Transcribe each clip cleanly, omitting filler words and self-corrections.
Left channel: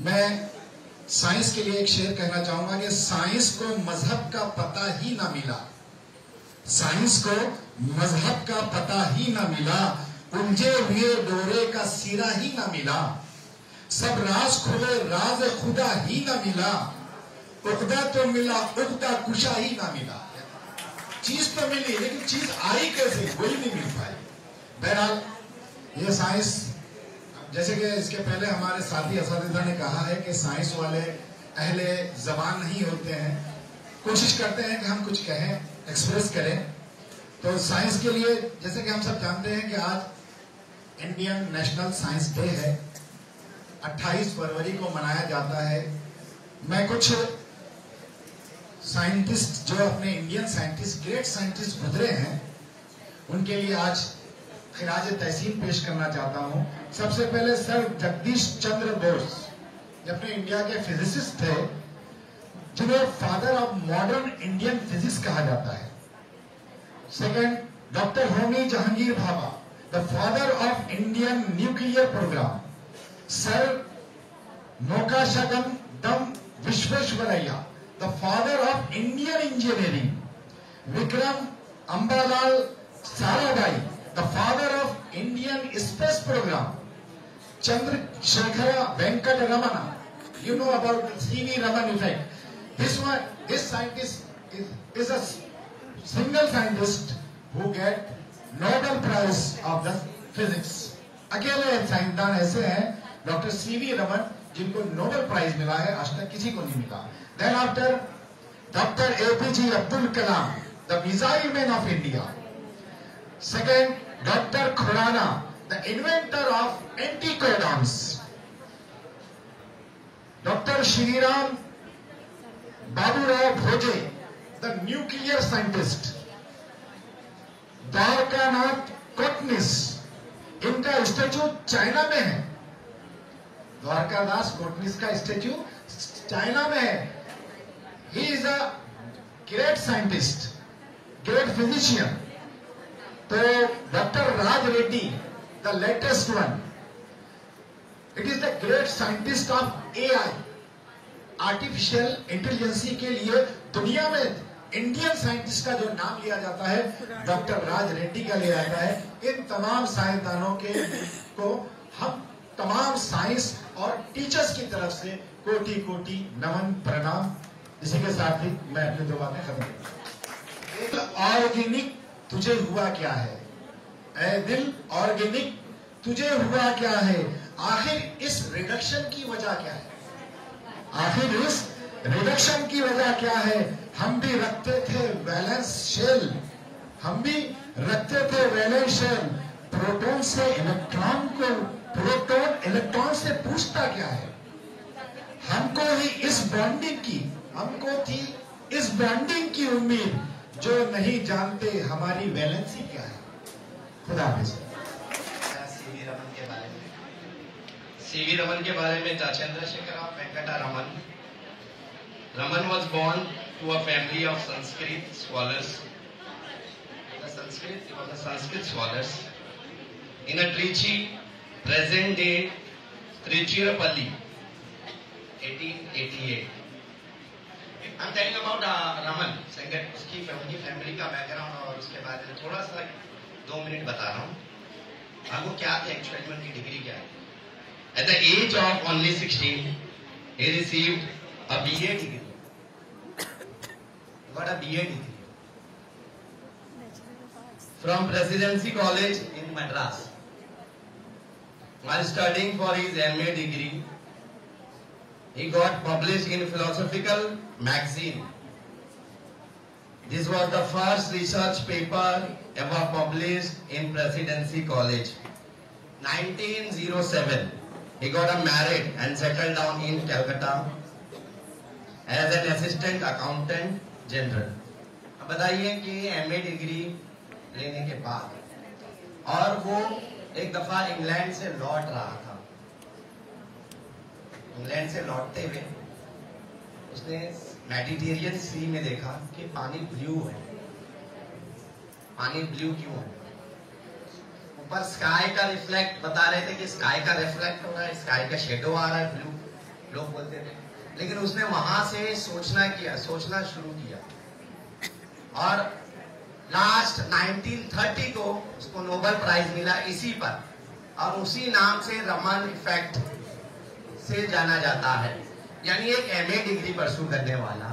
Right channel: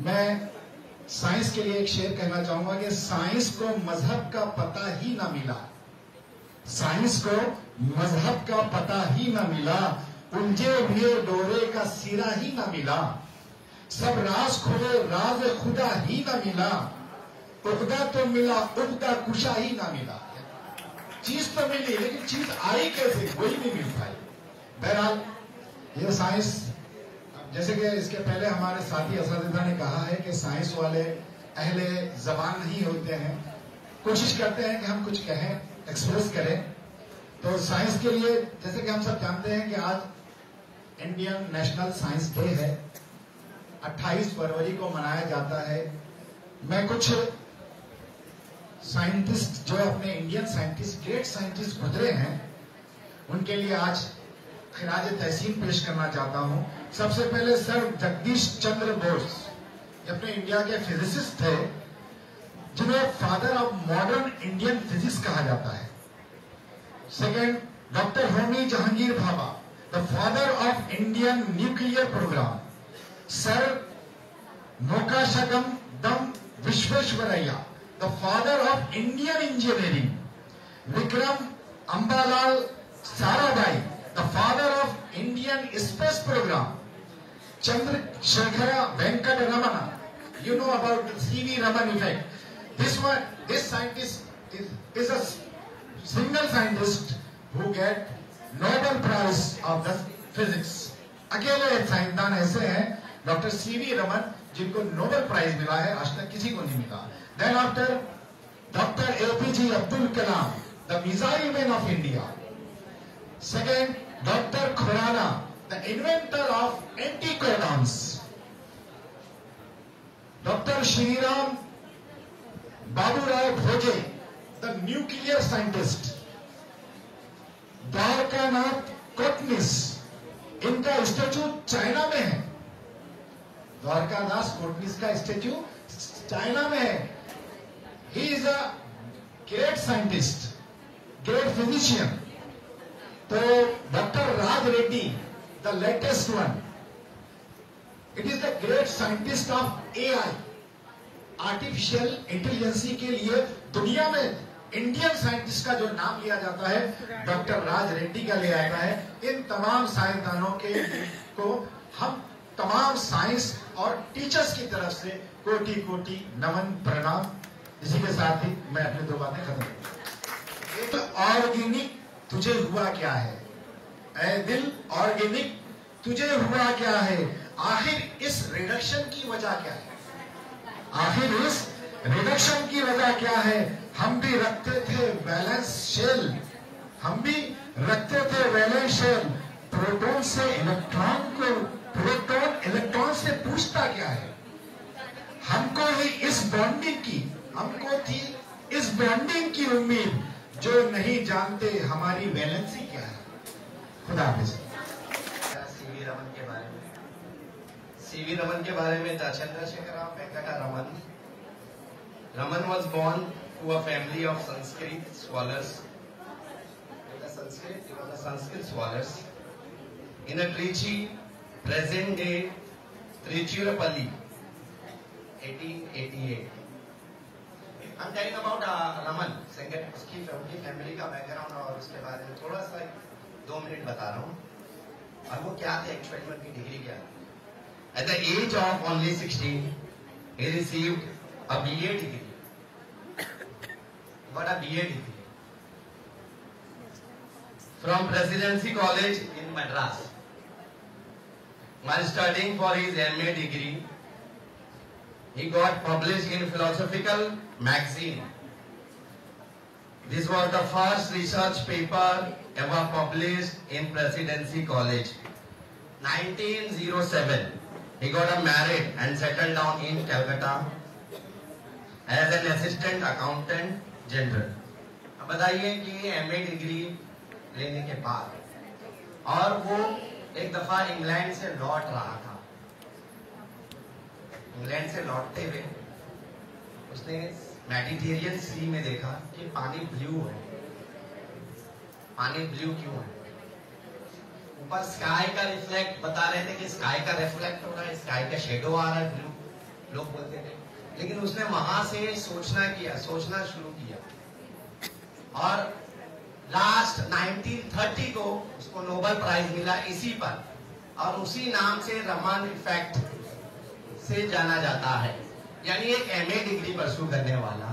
मैं साइंस के लिए एक शेर कहना चाहूंगा कि साइंस को मजहब का पता ही ना मिला, साइंस को मजहब का पता ही ना मिला, उलझे हुए डोरे का सिरा ही ना मिला, सब राज खुले राज खुदा ही ना मिला, उकदा तो मिला उकदा कुशा ही ना मिला। चीज तो मिली लेकिन चीज आई कैसे, वही नहीं मिल पाई। बहरहाल ये साइंस, जैसे कि इसके पहले हमारे साथी असातिज़ा ने कहा है कि साइंस वाले अहले जबान नहीं होते हैं, कोशिश करते हैं कि हम कुछ कहें, एक्सप्रेस करें। तो साइंस के लिए जैसे कि हम सब जानते हैं कि आज इंडियन नेशनल साइंस डे है, 28 फरवरी को मनाया जाता है। मैं कुछ साइंटिस्ट जो अपने इंडियन साइंटिस्ट, ग्रेट साइंटिस्ट गुजरे हैं, उनके लिए आज खिराज तहसीन पेश करना चाहता हूं। सबसे पहले सर जगदीश चंद्र बोस, ये अपने इंडिया के फिजिसिस्ट थे, जिन्हें father of modern Indian physics कहा जाता है। Second, doctor Homi Jehangir Bhabha, the father of Indian nuclear program. Sir Mokshagundam Visvesvaraya, the father of Indian engineering. Vikram Ambalal Sarabhai, the father of Indian space program. Chandrasekhara Venkata Ramana, you know about the C.V. Raman effect. This scientist is a single scientist who get Nobel Prize of the Physics. अकेले साइंसदान ऐसे हैं doctor C.V. Raman जिनको Nobel price मिला है, आज तक किसी को नहीं मिला। Then after doctor APJ Abdul Kalam, the missile man of India. Second, doctor Khurana, the inventor of anticoagulants. Dr. Shriram Baburao Bhoje, the nuclear scientist. Dwarkanath Kotnis, इनका स्टेच्यू चाइना में है। द्वारकादास कोटनिस का स्टेच्यू चाइना में है। He is a great scientist, great physician. तो doctor Raj Reddy, the latest one, it is the great scientist of AI, artificial intelligence के लिए दुनिया में इंडियन साइंटिस्ट का जो नाम लिया जाता है डॉक्टर राज रेड्डी का लिया जाता है। इन तमाम साइंसदानों को हम तमाम साइंस और टीचर्स की तरफ से कोटि कोटि नमन प्रणाम। इसी के साथ ही मैं अपनी दो बातें खत्म करता हूं। तो ऑर्गेनिक तुझे हुआ क्या है, ऐ दिल ऑर्गेनिक तुझे हुआ क्या है, आखिर इस रिडक्शन की वजह क्या है, आखिर इस रिडक्शन की वजह क्या है। हम भी रखते थे वैलेंस शेल, हम भी रखते थे वैलेंस शेल। प्रोटॉन से इलेक्ट्रॉन को, प्रोटॉन इलेक्ट्रॉन से पूछता क्या है। हमको ही इस बॉन्डिंग की, हमको थी इस बॉन्डिंग की उम्मीद, जो नहीं जानते हमारी वैलेंसी क्या है। खुदा हाफिज़। C.V. Raman के बारे में, Chandrasekhara Venkata Raman. Raman was born to a family of Sanskrit scholars. He was a Sanskrit scholars in a Trichy, present day Tiruchirappalli, 1888. I'm telling about Raman, उसकी फैमिली का background और उसके बारे में थोड़ा सा 2 मिनट बता रहा हूँ। और वो क्या थी एक्चुअली, उनकी डिग्री क्या है। At the age of only 16, he received a BA degree. What a BA degree from Presidency College in Madras. While studying for his MA degree, he got published in Philosophical Magazine. This was the first research paper ever published in Presidency College. 1907. He got married and settled down in Calcutta as an assistant accountant general. अब बताइए कि MA degree लेने के बाद और वो एक दफा England से लौट रहा था। इंग्लैंड से लौटते हुए उसने मेडिटेरियन सी में देखा कि पानी ब्लू है। पानी ब्लू क्यों है? ऊपर स्काई का रिफ्लेक्ट बता रहे थे कि स्काई का रिफ्लेक्ट हो रहा है, स्काई का शेडो आ रहा है ब्लू। लोग बोलते थे, लेकिन उसने वहां से सोचना शुरू किया और लास्ट 1930 को उसको नोबेल प्राइज मिला इसी पर, और उसी नाम से रमन इफेक्ट से जाना जाता है। यानी एक एमए डिग्री परस्यू करने वाला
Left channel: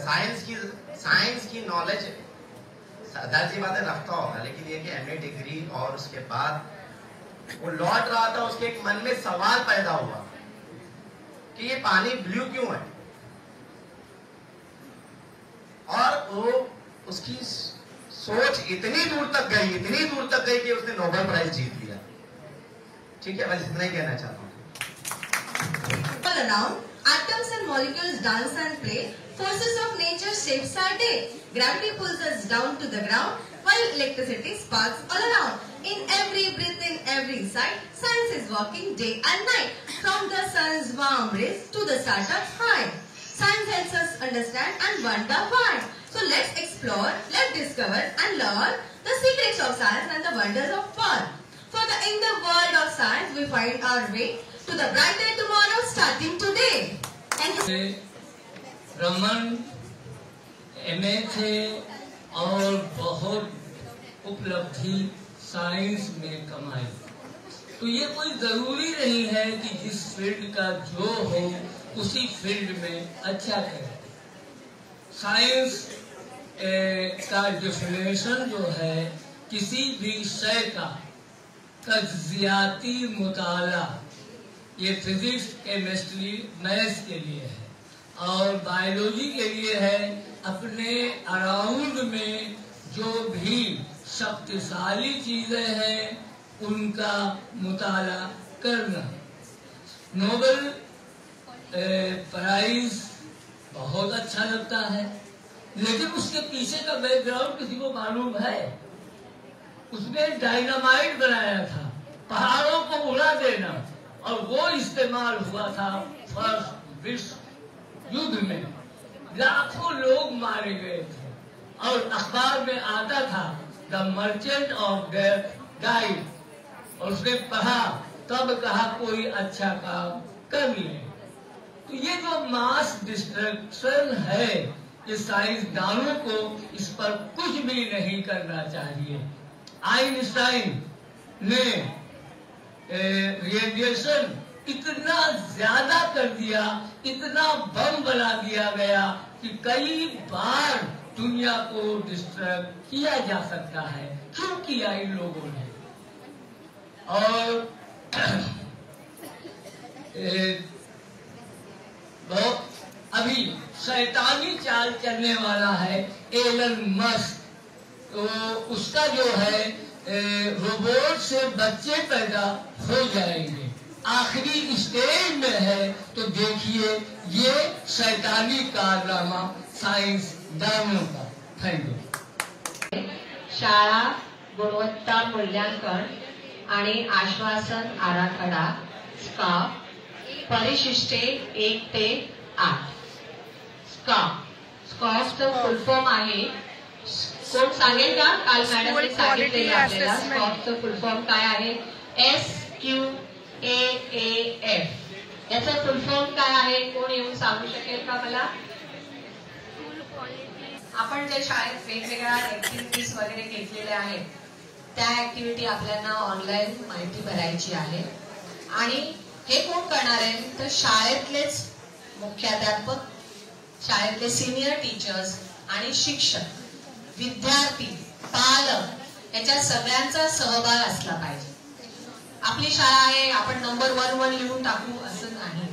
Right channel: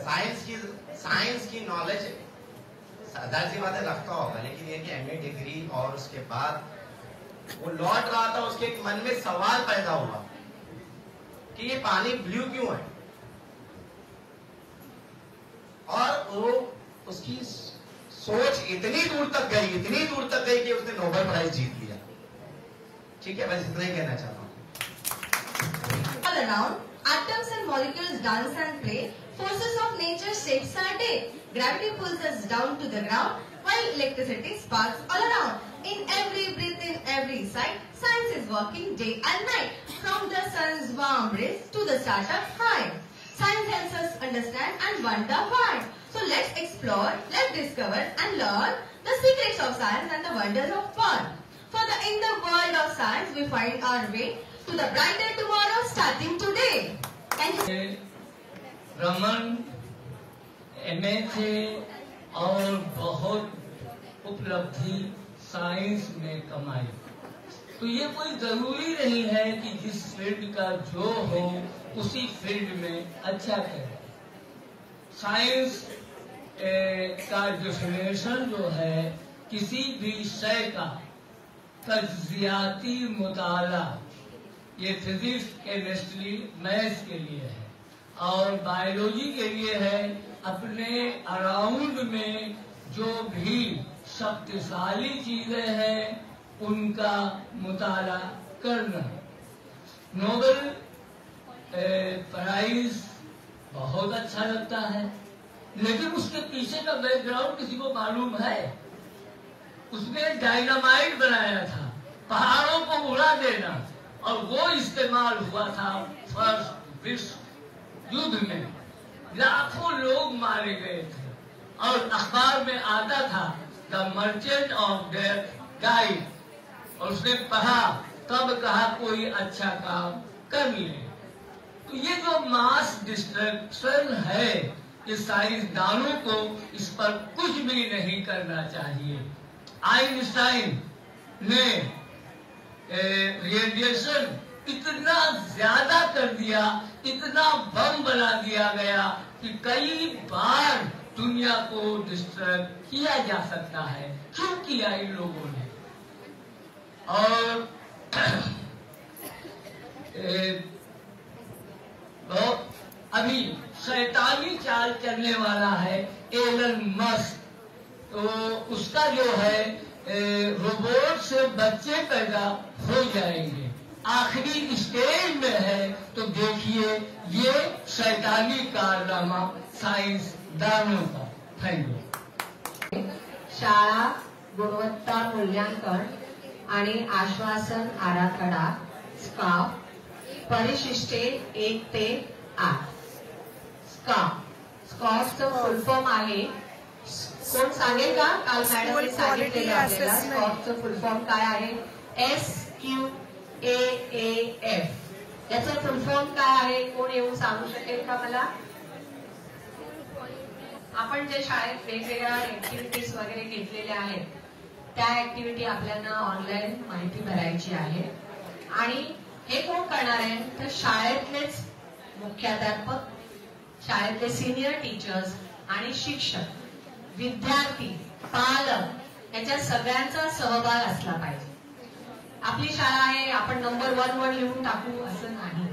साइंस की नॉलेज जाहिर सी बातें रखता होगा, लेकिन एक एमए डिग्री और उसके बाद वो लौट रहा था, उसके एक मन में सवाल पैदा हुआ कि ये पानी ब्लू क्यों है, और वो उसकी सोच इतनी दूर तक गई कि उसने नोबेल प्राइज जीत लिया। ठीक है, बस इतना ही कहना चाहता हूँ। All around, atoms and molecules dance and play. Forces of nature shapes our day. Gravity pulls us down to the ground, while electricity sparks all around. In every breath, in every sight, science is working day and night. From the sun's warm rays to the stars up high, science helps us understand and wonder why. So let's explore, let's discover and learn the secrets of science and the wonders of world. In the world of science, we find our way to the brighter tomorrow starting today. And Raman MA थे और बहुत उपलब्धि science में कमाई। तो ये कोई जरूरी नहीं है कि जिस फील्ड का जो हो उसी फील्ड में अच्छा करे। साइंस का डेफिनेशन जो है किसी भी शय का तज्जियाती मुताला, ये फिजिक्स, केमिस्ट्री, मैथ्स के लिए है और बायोलॉजी के लिए है अपने अराउंड में जो भी शक्तिशाली चीजें हैं उनका मुताला करना। नोबेल प्राइज बहुत अच्छा लगता है, लेकिन उसके पीछे का बैकग्राउंड किसी को मालूम है? उसने डायनामाइट बनाया था, पहाड़ों को उड़ा देना, और वो इस्तेमाल हुआ था फर्स्ट विश्व युद्ध में। लाखों लोग मारे गए थे और अखबार में आता था the merchant of death died, और उसने पढ़ा तब कहा कोई अच्छा काम कर ले। तो ये जो मास डिस्ट्रक्शन है, ये साइंसदानों को इस पर कुछ भी नहीं करना चाहिए। आइंस्टाइन ने रेडिएशन इतना ज्यादा कर दिया, इतना बम बना दिया गया कि कई बार दुनिया को डिस्ट्रक्ट किया जा सकता है। क्यों किया इन लोगों ने? और तो अभी शैतानी चाल चलने वाला है एलन मस्क, तो उसका जो है रोबोट से बच्चे पैदा हो जाएंगे, आखिरी स्टेज में है। तो देखिए ये शैतानी कारनामा साइंसदानों का। Thank you. शाळा गुणवत्ता मूल्यांकन आणि आश्वासन आराखडा स्काफ परिशिष्टे 1 ते 8। स्कॉफचं फुल फॉर्म आहे, कोण सांगेल का? काल मॅडमने सांगितलेलं आपल्याला स्कॉफचं फुल फॉर्म काय आहे? SQAAF। याचं फुल फॉर्म काय आहे? कोण येऊन सांगू शकेल का मला? आपण जे शाळेत वेगवेगळ्या ऍक्टिव्हिटीज वगैरे घेतलेल्या आहेत त्या ऍक्टिव्हिटी आपल्याला ऑनलाईन माहिती भरायची आहे, आणि हे कोण करणार आहे? तर शाळेतलेच मुख्याध्यापक, शाळेतले सिनियर टीचर्स आणि शिक्षक, विद्यार्थी, पालक याच्या सगळ्यांचा सहभाग असला पाहिजे। आपली शाळा आहे, आपण नंबर 1 लिहून टाकू असं नाही,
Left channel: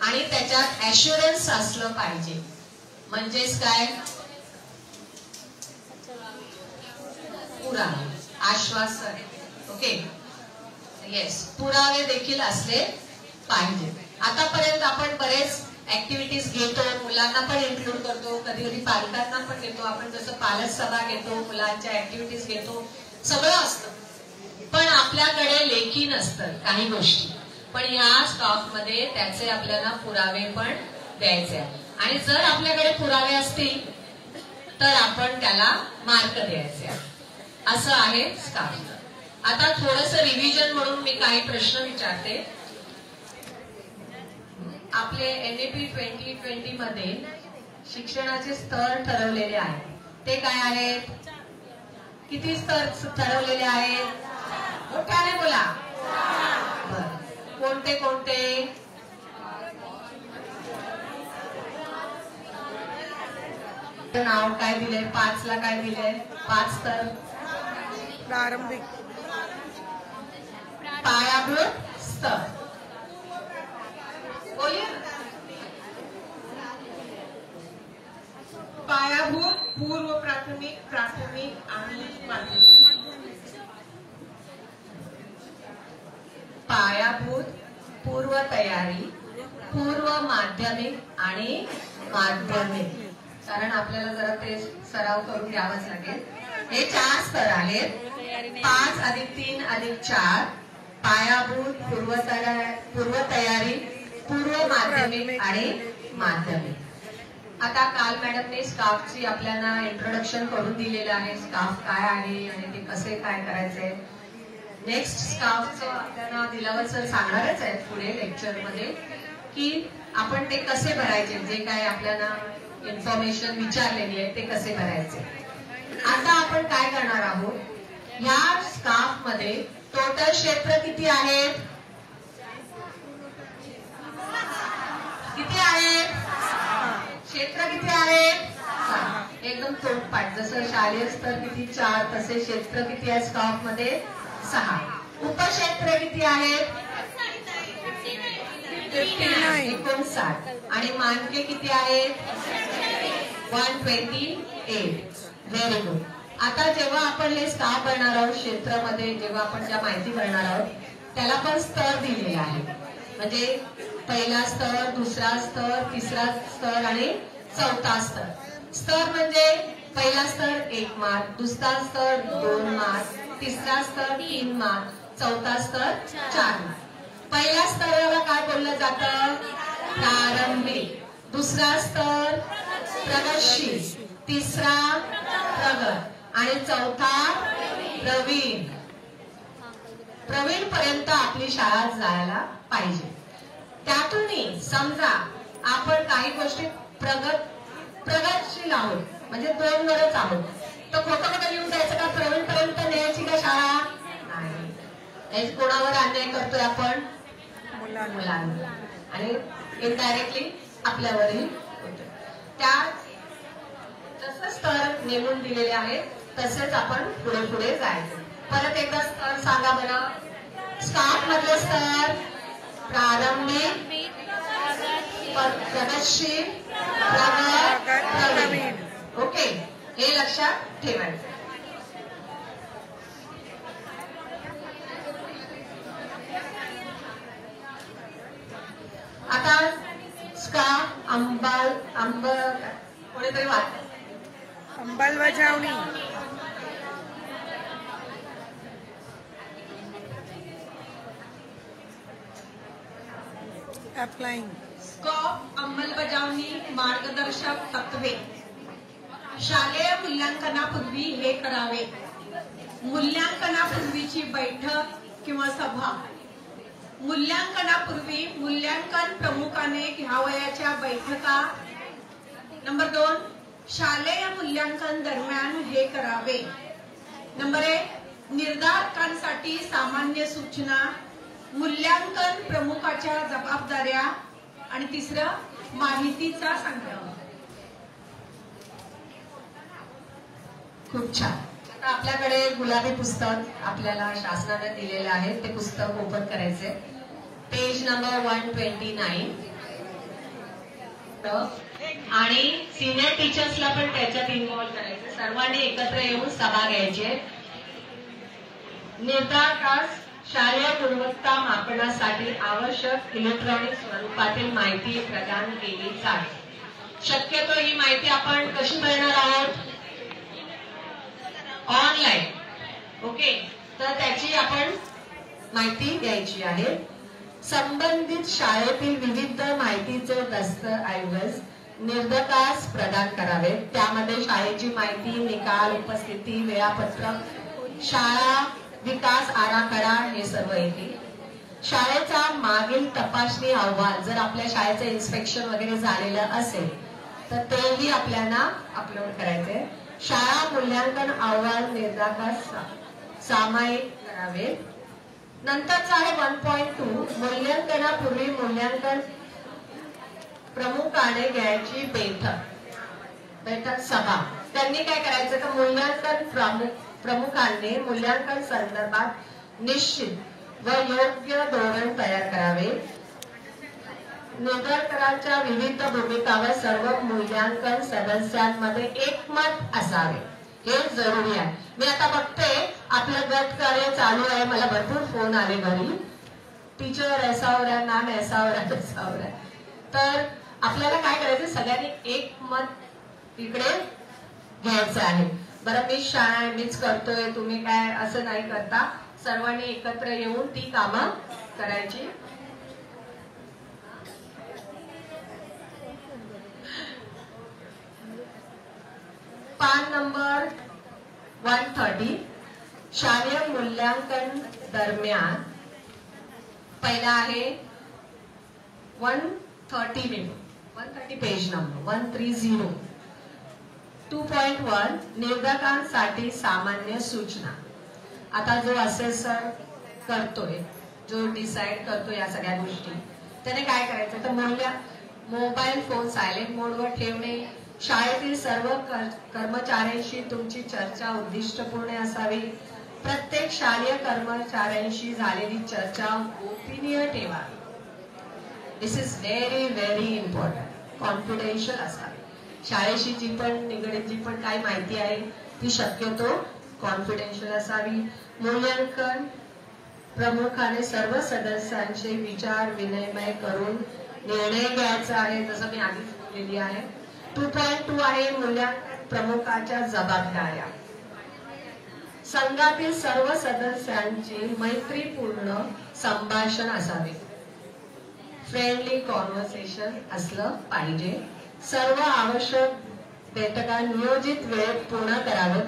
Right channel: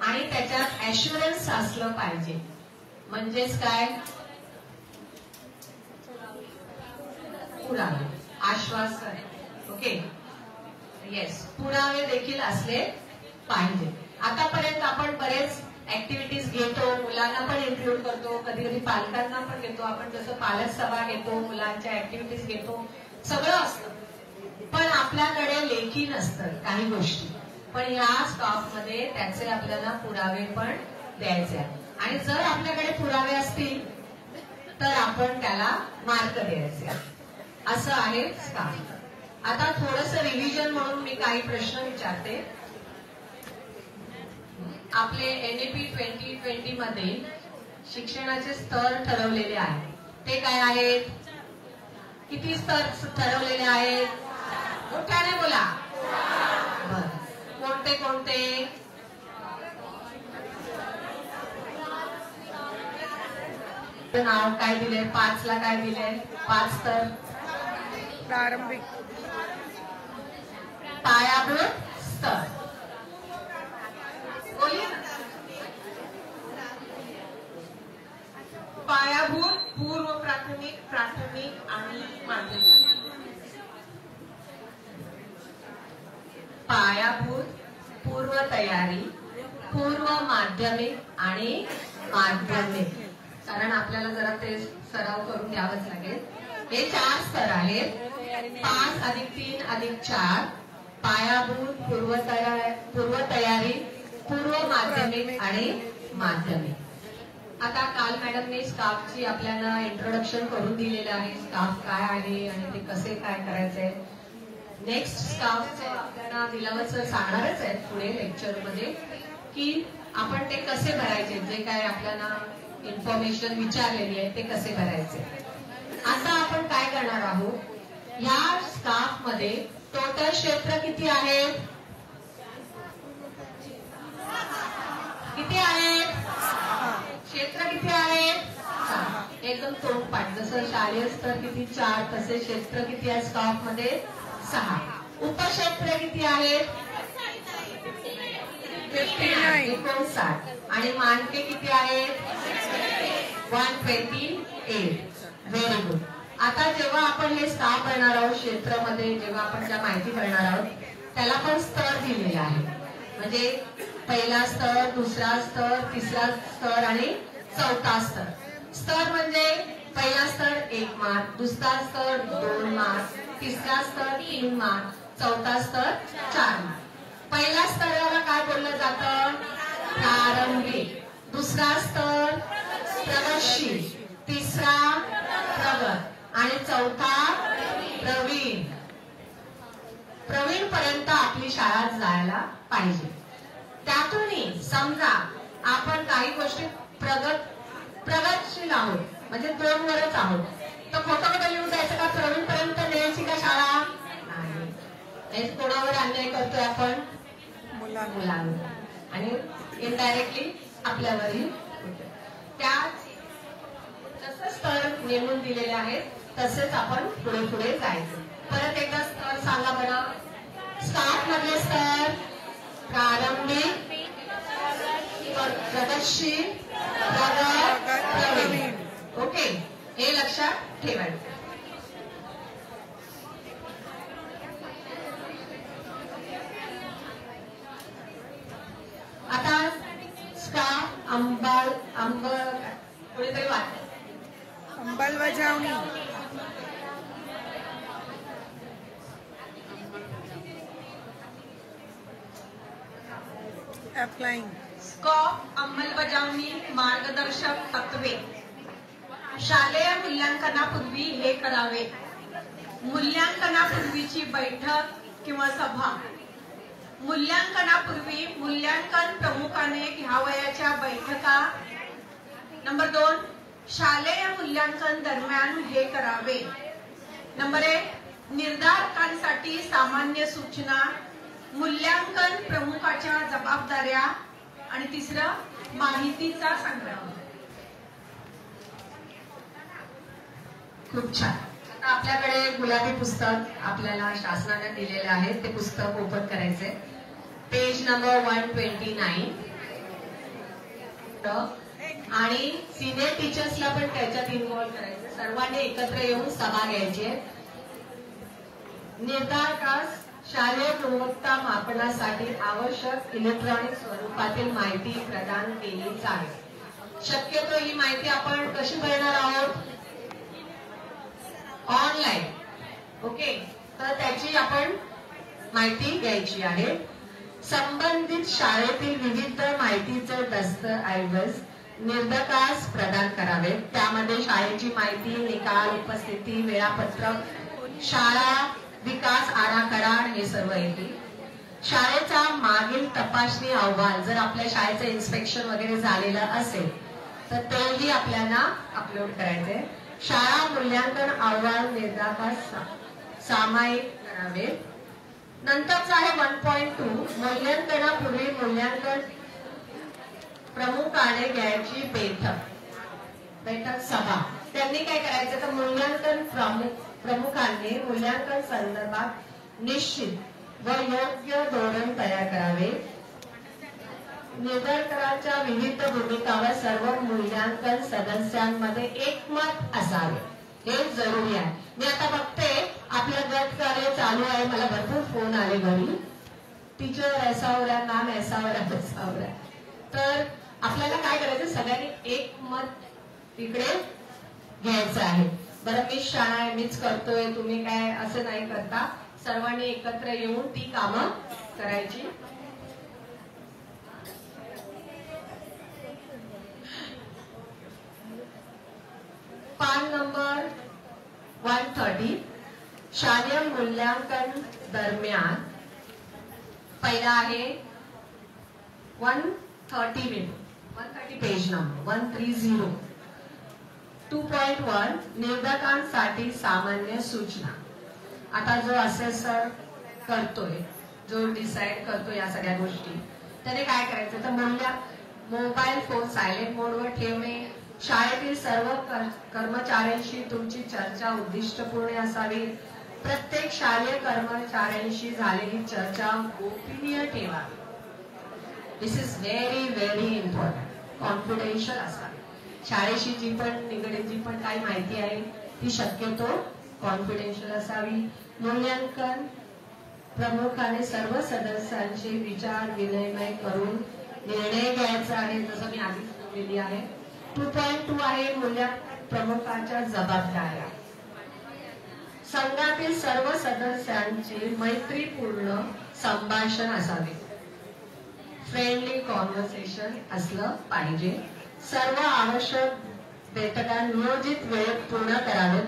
आणि त्याच्यात ऍश्युरन्स असलं पाहिजे। म्हणजेच काय? पुरावे, आश्वासन, ओके, येस, पुरावे देखील असले पाहिजे। आतापर्यंत आपण बरेच ऍक्टिव्हिटीज घेतो, मुलांना पण इन्क्लूड करतो, कधी कधी पालकांना पण घेतो। आपण जसं पालक सभा घेतो, मुलांच्या ऍक्टिव्हिटीज घेतो, सगळं असतं, पण आपल्याकडे लेखी नसतं काही गोष्टी। पण या स्टॉक मध्ये त्याचे आपल्याला पुरावे पण द्यायचे आहेत, आणि जर आपल्याकडे पुरावे असतील तर आपण त्याला मार्क द्यायचे आहेत। असं आहे स्टाफ। आता थोडस रिव्हिजन म्हणून मी काही प्रश्न विचारते. आपले NEP 2020 मध्ये शिक्षणाचे स्तर ठरवलेले आहेत. ते काय आहेत? किती स्तर ठरवलेले आहेत? मोठ्याने बोला. बरं, कोणते कोणते? नाव काय दिलंय? 5 ला काय दिलंय? 5 स्तर. प्रारंभिक, पायाभूत स्तर. बोलिए ना. पायाभूत, पूर्व प्राथमिक, प्राथमिक आणि माध्यमिक. पायाभूत, पूर्व तयारी, पूर्व माध्यमिक आणि माध्यमिक. कारण आपल्याला जरा ते सराव करून घ्यावंच लागेल. हे 4 स्तर आहेत. 5 + 3 + 4. पायाभूत, पूर्व तयारी, पूर्व माध्यमिक आणि माध्यमिक. आता काल मॅडमने स्काफची आपल्याला इंट्रोडक्शन करून दिलेलं आहे. स्काफ काय आहे आणि ते कसे काय करायचंय. नेक्स्ट स्काफचं आपल्याला दिलावर सर सांगणारच आहे पुढे लेक्चरमध्ये की आपण ते कसे भरायचे. जे काय आपल्याला इन्फॉर्मेशन विचारलेली आहे ते कसे भरायचे. आता आपण काय करणार आहोत, या स्काफ मध्ये टोटल क्षेत्र किती आहेत? किती आहेत? क्षेत्र किती आहेत? एकदम तोंडपाठ. जसं शालेय स्तर किती 4, तसे क्षेत्र किती आहे स्काफ मध्ये? 6. उपक्षेत्र किती आहेत? 59. आणि मानके किती आहेत? 128. Very good. आता जेव्हा आपण हे स्काफ भरणार आहोत क्षेत्रामध्ये, जेव्हा आपण ज्या माहिती भरणार आहोत त्याला पण स्तर दिलेले आहे. म्हणजे पहिला स्तर, दुसरा स्तर, तिसरा स्तर आणि चौथा स्तर. स्तर म्हणजे पहिला स्तर 1 मार्क, दुसरा स्तर 2 मार्क, तिसरा स्तर 3 मार्क, चौथा स्तर 4 मार्क. पहिल्या स्तराला काय बोललं जातं? प्रारंभिक. दुसरा स्तर प्रगतशील, तिसरा प्रगत आणि चौथा प्रवीण. प्रवीण पर्यंत आपली शाळा जायला पाहिजे. त्यातूनही समजा आपण काही गोष्टी प्रगतशील आहोत, म्हणजे 2 वरच आहोत, तर खोटं येऊन जायचं का? प्रवीण पर्यंत न्यायची का शाळा? नाही. कोणावर अन्याय करतोय आपण? मुलांवर. आणि इनडायरेक्टली आपल्यावरही होतोय. त्या जसं स्तर नेमून दिलेले आहेत तसेच आपण पुढे पुढे जायचं. परत एकदा स्तर सांगा बरं. स्काफ मधले स्तर प्रारंभिक, प्रगतशील, प्रगत, प्रवीण. ओके, हे लक्षात ठेवायचं. आता स्काफ कोणीतरी वाच. अंमलबजावणी, अप्लाइंग. स्काफ अंमलबजावणी मार्गदर्शक तत्वे. शालेय मूल्यांकनापूर्वी हे करावे. मूल्यांकनापूर्वीची बैठक किंवा सभा. मूल्यांकनापूर्वी मूल्यांकन प्रमुखाने घ्यावयाच्या बैठका. नंबर 2, शालेय मूल्यांकन दरम्यान हे करावे. नंबर 1, निर्धारकांसाठी सामान्य सूचना, मूल्यांकन प्रमुखाच्या जबाबदाऱ्या आणि 3, माहितीचा संग्रह. खूप छान. आता आपल्याकडे गुलाबी पुस्तक आपल्याला शासनाने दिलेलं आहे. ते पुस्तक ओपन करायचंय. Page number 129. आणि सिनियर टीचर्सला पण त्याच्यात इन्व्हॉल्व करायचं. सर्वांनी एकत्र येऊन सभा घ्यायची. निर्धारकास शालेय गुणवत्ता मापनासाठी आवश्यक इलेक्ट्रॉनिक स्वरूपातील माहिती प्रदान केली जावी. शक्यतो ही माहिती आपण कशी भरणार आहोत? ऑनलाईन. ओके, तर त्याची आपण माहिती द्यायची आहे. संबंधित शाळेतील विविध माहितीचे दस्तऐवज निर्धारकास प्रदान करावे. त्यामध्ये शाळेची माहिती, निकाल, उपस्थिती, वेळापत्रक, शाळा विकास आराखडा हे सर्व येते. शाळेचा मागील तपासणी अहवाल जर आपल्या शाळेचं इन्स्पेक्शन वगैरे झालेलं असेल तर तेही आपल्याला अपलोड करायचे. शाळा मूल्यांकन अहवाल निर्धारक सामायिक करावे. नंतरचं आहे 1.2 मूल्यांकनापूर्वी मूल्यांकन प्रमुखाने घ्यायची बैठक सभा. त्यांनी काय करायचं तर मूल्यांकन प्रमुखांनी मूल्यांकन संदर्भात निश्चित व योग्य धोरण तयार करावे. निर्धारकांच्या विविध भूमिकावर सर्व मूल्यांकन सदस्यांमध्ये एकमत असावे हे जरुरी आहे. मी आता बघते आपलं गट कार्य चालू आहे. मला भरपूर फोन आले घरी, टीचर ऐसा हो रहा है, नाम ऐसा हो रहा है, तसा हो रहा है. तर आपल्याला काय करायचं सगळ्यांनी एक मत तिकडे घ्यायचं आहे. बरं मी शाळा आहे मीच करतोय तुम्ही काय असं नाही करता. सर्वांनी एकत्र येऊन ती कामं करायची. पान नंबर 130 शालेय मूल्यांकन दरम्यान पहिला आहे 130 पेज नंबर 130. 2.1 निर्धारकांसाठी सामान्य सूचना. आता जो असेसर करतोय जो डिसाइड करतो या सगळ्या गोष्टी त्याने काय करायचं तर मोबाईल फोन सायलेंट मोडवर ठेवणे. शाळेतील सर्व कर्मचाऱ्यांशी तुमची चर्चा उद्दिष्टपूर्ण असावी. प्रत्येक शालेय कर्मचाऱ्यांशी झालेली चर्चा गोपनीय ठेवा. This is very very important. Confidential असावी. शाळेशी जी पण निगडीत जी पण काही माहिती आहे ती शक्यतो कॉन्फिडेन्शियल असावी. मूल्यांकन प्रमुखाने सर्व सदस्यांचे विचार विनिमय करून निर्णय घ्यायचा आहे जसं मी आधीच बोललेली आहे. 2.2 आहे मूल्यांकन प्रमुखाच्या जबाबदाऱ्या. संघातील सर्व सदस्यांचे मैत्रीपूर्ण संभाषण असावे. फ्रेंडली कॉन्व्हर्सेशन असलं पाहिजे. सर्व आवश्यक बैठका नियोजित वेळेत पूर्ण करावेत.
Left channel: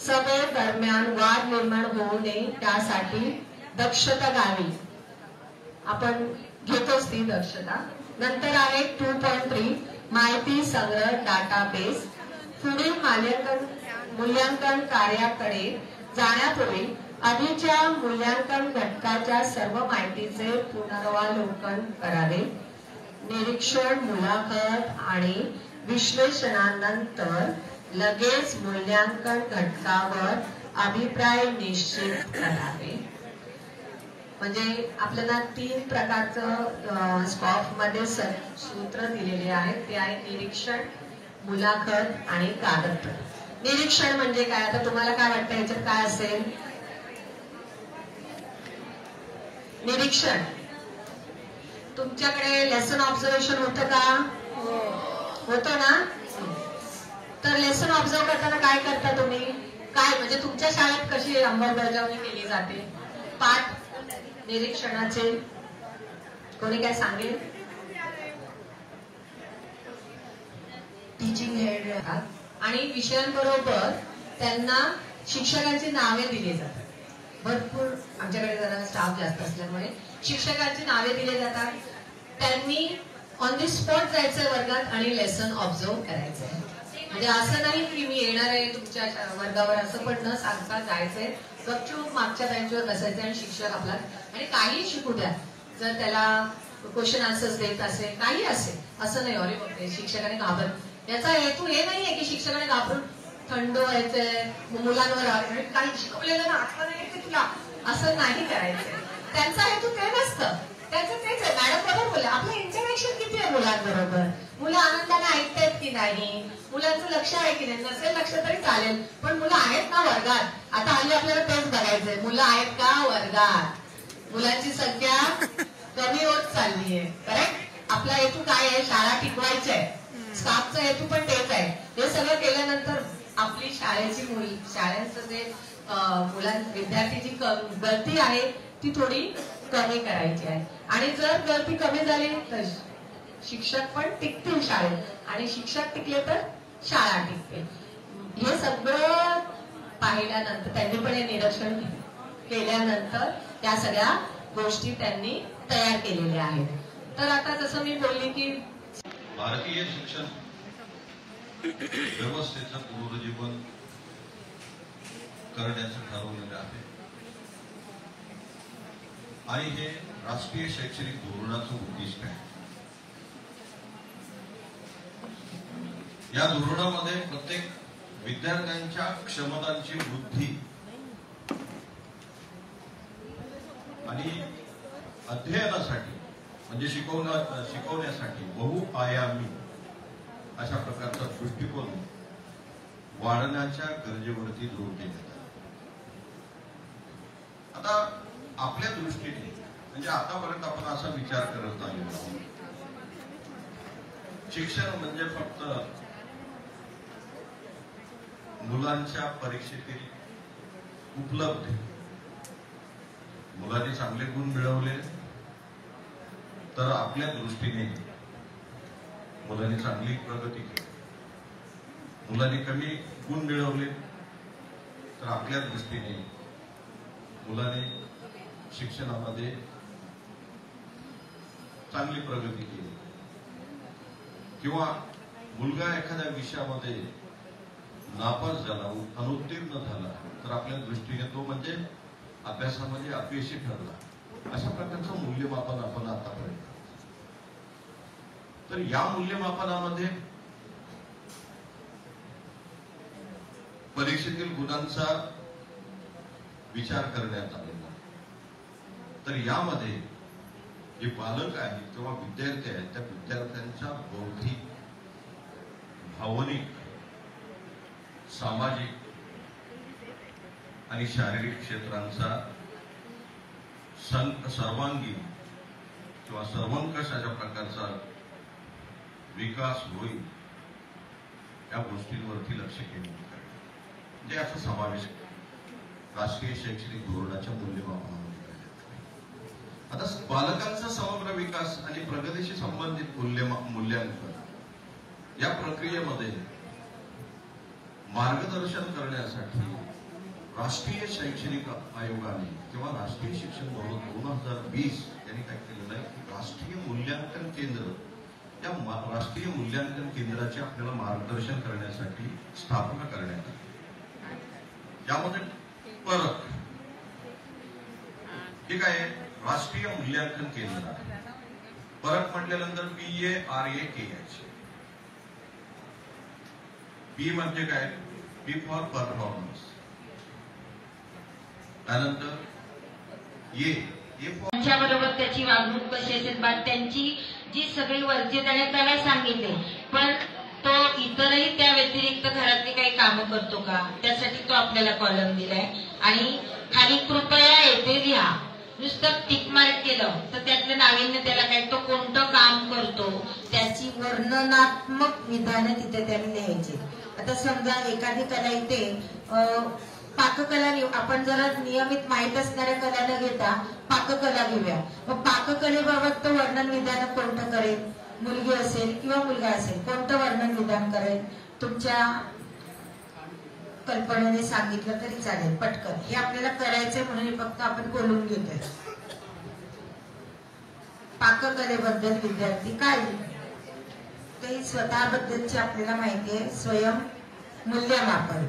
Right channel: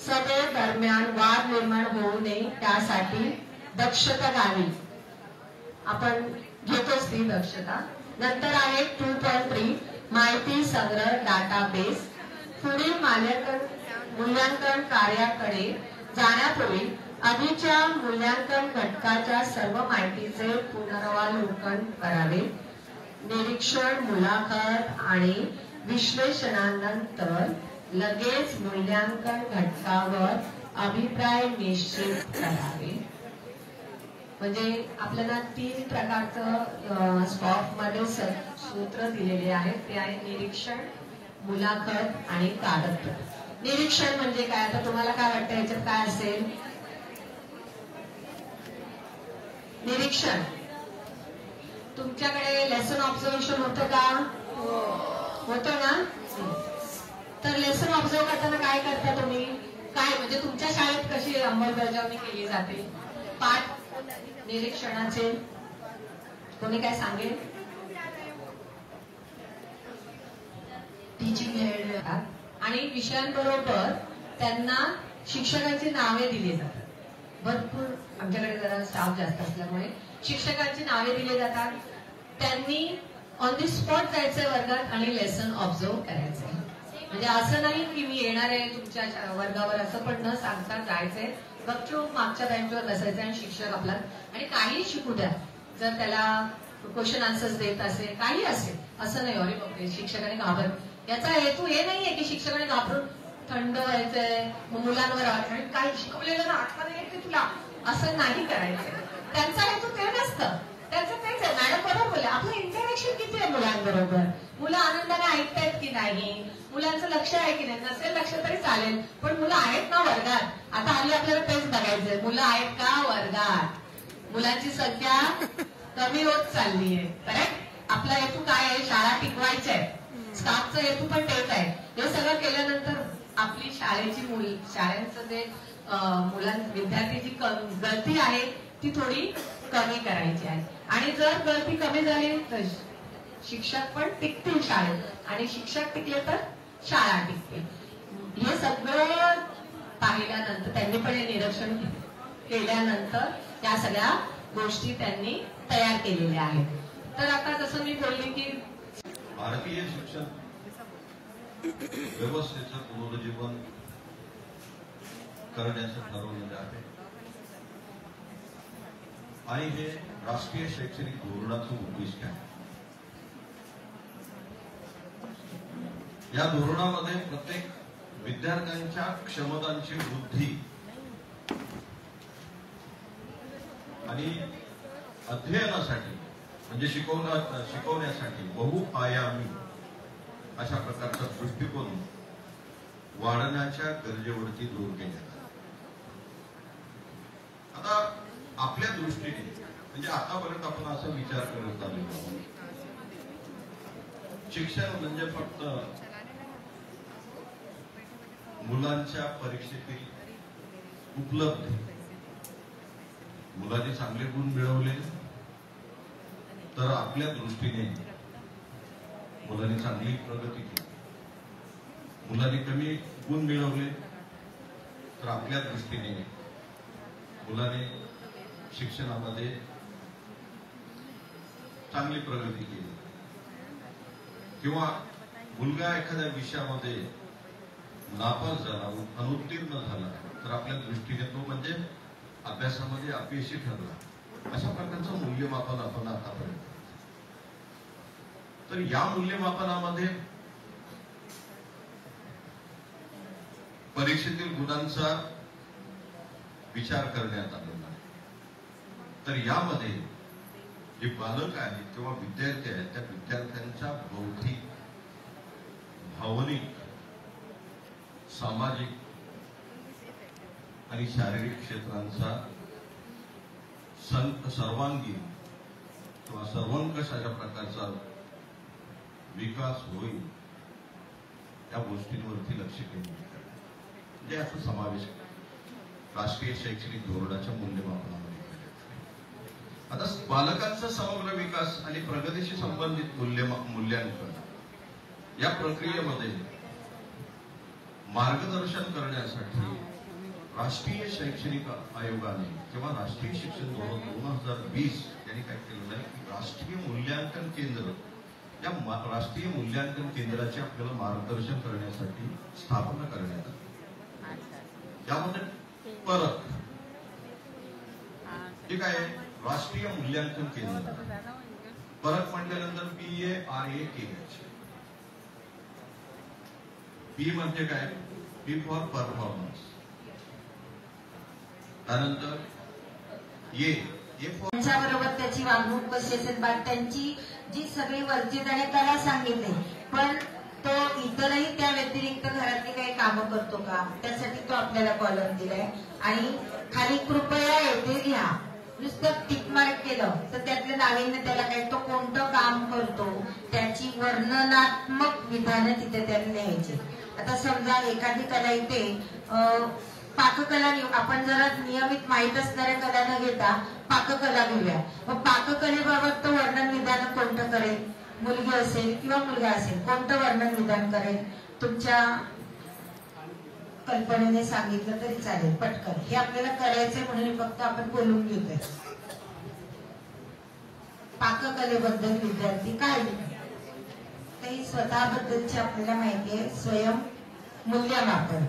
सभे दरम्यान वाद निर्माण होऊ नये त्यासाठी दक्षता घ्यावी. आपण घेतोच ती दक्षता. नंतर आहे 2.3 माहिती संग्रह डाटाबेस. पुढील मूल्यांकन कार्याकडे जाण्यापूर्वी आधीच्या मूल्यांकन घटकाच्या सर्व माहितीचे पुनरावलोकन करावे. निरीक्षण मुलाखत आणि विश्लेषणानंतर लगेच मूल्यांकन घटकावर अभिप्राय निश्चित करावे. म्हणजे आपल्याला 3 प्रकारचं स्कॉफ मध्ये सूत्र दिलेले आहेत. ते आहे निरीक्षण मुलाखत आणि कागदपत्र. निरीक्षण म्हणजे काय आता तुम्हाला काय वाटतं याच्यात काय असेल. निरीक्षण तुमच्याकडे लेसन ऑब्झर्वेशन होतं का होतं ना. तर लेसन ऑब्झर्व करताना काय करता तुम्ही काय म्हणजे तुमच्या शाळेत कशी अंमलबजावणी केली जाते. पाठ निरीक्षणाचे कोणी काय सांगेल. टीचिंग हेड येतात आणि विषयांबरोबर त्यांना शिक्षकांची नावे दिली जातात. भरपूर आमच्याकडे जरा स्टाफ जास्त असल्यामुळे शिक्षकांची नावे दिली जातात. त्यांनी ऑन द स्पॉट जायचं वर्गात आणि लेसन ऑब्झर्व करायचंय. म्हणजे असं नाही की मी येणार आहे तुमच्या वर्गावर असं पण न सांगता जायचंय. गपचूप मागच्या बेंचवर बसायचं आणि शिक्षक आपला आणि काही शिकू द्या. जर त्याला क्वेश्चन आन्सर्स देत असेल काही असेल असं नाही अरे बापरे शिक्षकाने घाबरत. याचा हेतू हे नाहीये की शिक्षकाने घाबरून थंड व्हायचंय मुलांवर काय शिकवलेलं ना आठवण येते तुला असं नाही करायचंय. त्यांचा हेतू ते नसतं. त्यांचं तेच आहे. मॅडम बरोबर बोलले आपलं इंटरॅक्शन किती आहे मुलांबरोबर. मुलं आनंदाने ऐकतायत की नाही. मुलांचं लक्ष आहे की नाही. नसेल लक्ष तरी चालेल पण मुलं आहेत ना वर्गात. आता हल्ली आपल्याला तेच बघायचंय मुलं आहेत का वर्गात. मुलांची संख्या कमी होत चालली आहे. करेक्ट. आपला हेतू काय आहे शाळा टिकवायची आहे. स्टाफचा हेतू पण तेच आहे. हे सगळं केल्यानंतर आपली शाळेचं जे विद्यार्थीची गळती आहे ती थोडी कमी करायची आहे. आणि जर गळती कमी झाली तर शिक्षक पण टिकतील शाळेत आणि शिक्षक टिकले तर शाळा टिकते. हे सगळं पाहिल्यानंतर त्यांनी पण हे निरीक्षण केल्यानंतर या सगळ्या गोष्टी त्यांनी तयार केलेल्या आहेत. तर आता जसं मी बोलले की भारतीय शिक्षण व्यवस्थेचं पुनरुज्जीवन करण्याचं ठरवलेलं आहे आणि हे राष्ट्रीय शैक्षणिक धोरणाचं उद्दिष्ट आहे. या धोरणामध्ये प्रत्येक विद्यार्थ्यांच्या क्षमतांची वृद्धी आणि अध्ययनासाठी म्हणजे शिकवण्यासाठी बहुआयामी अशा प्रकारचा दृष्टिकोन वाढण्याच्या गरजेवरती जोर देण्यात आला. आता आपल्या दृष्टीने म्हणजे आतापर्यंत आपण असा विचार करत आलेलो आहोत, शिक्षण म्हणजे फक्त मुलांच्या परीक्षेतील उपलब्धी, मुलांनी चांगले गुण मिळवले तर आपल्या दृष्टीने मुलांनी चांगली प्रगती केली, मुलांनी कमी गुण मिळवले तर आपल्या दृष्टीने मुलाने शिक्षणामध्ये चांगली प्रगती केली, किंवा मुलगा एखाद्या विषयामध्ये नापास झाला, अनुत्तीर्ण झाला तर आपल्या दृष्टीने तो म्हणजे अभ्यासामध्ये अपयशी ठरला. अशा प्रकारचं मूल्यमापन आपण आतापर्यंत. तर या मूल्यमापनामध्ये परीक्षेतील गुणांचा विचार करण्यात आलेला. तर यामध्ये जे पालक आहेत किंवा विद्यार्थी आहेत त्या विद्यार्थ्यांच्या बौद्धिक, भावनिक, सामाजिक आणि शारीरिक क्षेत्रांचा सर्वांगीण किंवा सर्वंकष अशा प्रकारचा विकास होईल या गोष्टींवरती लक्ष केंद्रित करणे म्हणजे असा समावेश राष्ट्रीय शैक्षणिक धोरणाच्या मूल्यमापनामध्ये करण्यात आले. आता बालकांचा समग्र विकास आणि प्रगतीशी संबंधित मूल्यांकन या प्रक्रियेमध्ये मार्गदर्शन करण्यासाठी राष्ट्रीय शैक्षणिक आयोगाने किंवा राष्ट्रीय शिक्षण धोरण 2020 यांनी काय केलेलं आहे, राष्ट्रीय मूल्यांकन केंद्र, या राष्ट्रीय मूल्यांकन केंद्राचे आपल्याला मार्गदर्शन करण्यासाठी स्थापना करण्यात आली. यामध्ये परख ठीक आहे, राष्ट्रीय मूल्यांकन केंद्र. परख म्हटल्यानंतर PARAKH. पी म्हणजे काय, पी फॉर परफॉर्मन्स. त्यानंतर त्यांच्याबरोबर त्याची वागणूक कशी असेल, त्यांची जी सगळी वर्ज्य त्याने त्याला सांगितले, पण तो इतरही त्या व्यतिरिक्त घरातली काही कामं करतो का, त्यासाठी तो आपल्याला कॉलम दिलाय. आणि खाली कृपया येथे लिहा. नुसतं टिक मार्क केलं तर त्यातलं नाविन्य त्याला काय, तो कोणतं काम करतो त्याची वर्णनात्मक विधानं तिथे त्याने लिहायची. आता समजा एखादी कला इथे पाककला, आपण जरा नियमित माहीत असणाऱ्या कला न घेता पाककला घेऊया. मग पाककलेबाबत तो वर्णन विधान कोणतं करेल, मुलगी असेल किंवा मुलगा असेल, कोणतं वर्णन विधान करेल, तुमच्या कल्पनेने सांगितलं तरी चालेल पटकन. हे आपल्याला करायचंय म्हणून फक्त आपण बोलून घेतोय. पाककलेबद्दल विद्यार्थी काय, तर ही स्वतःबद्दलची आपल्याला माहिती आहे. स्वयं मूल्यमापन.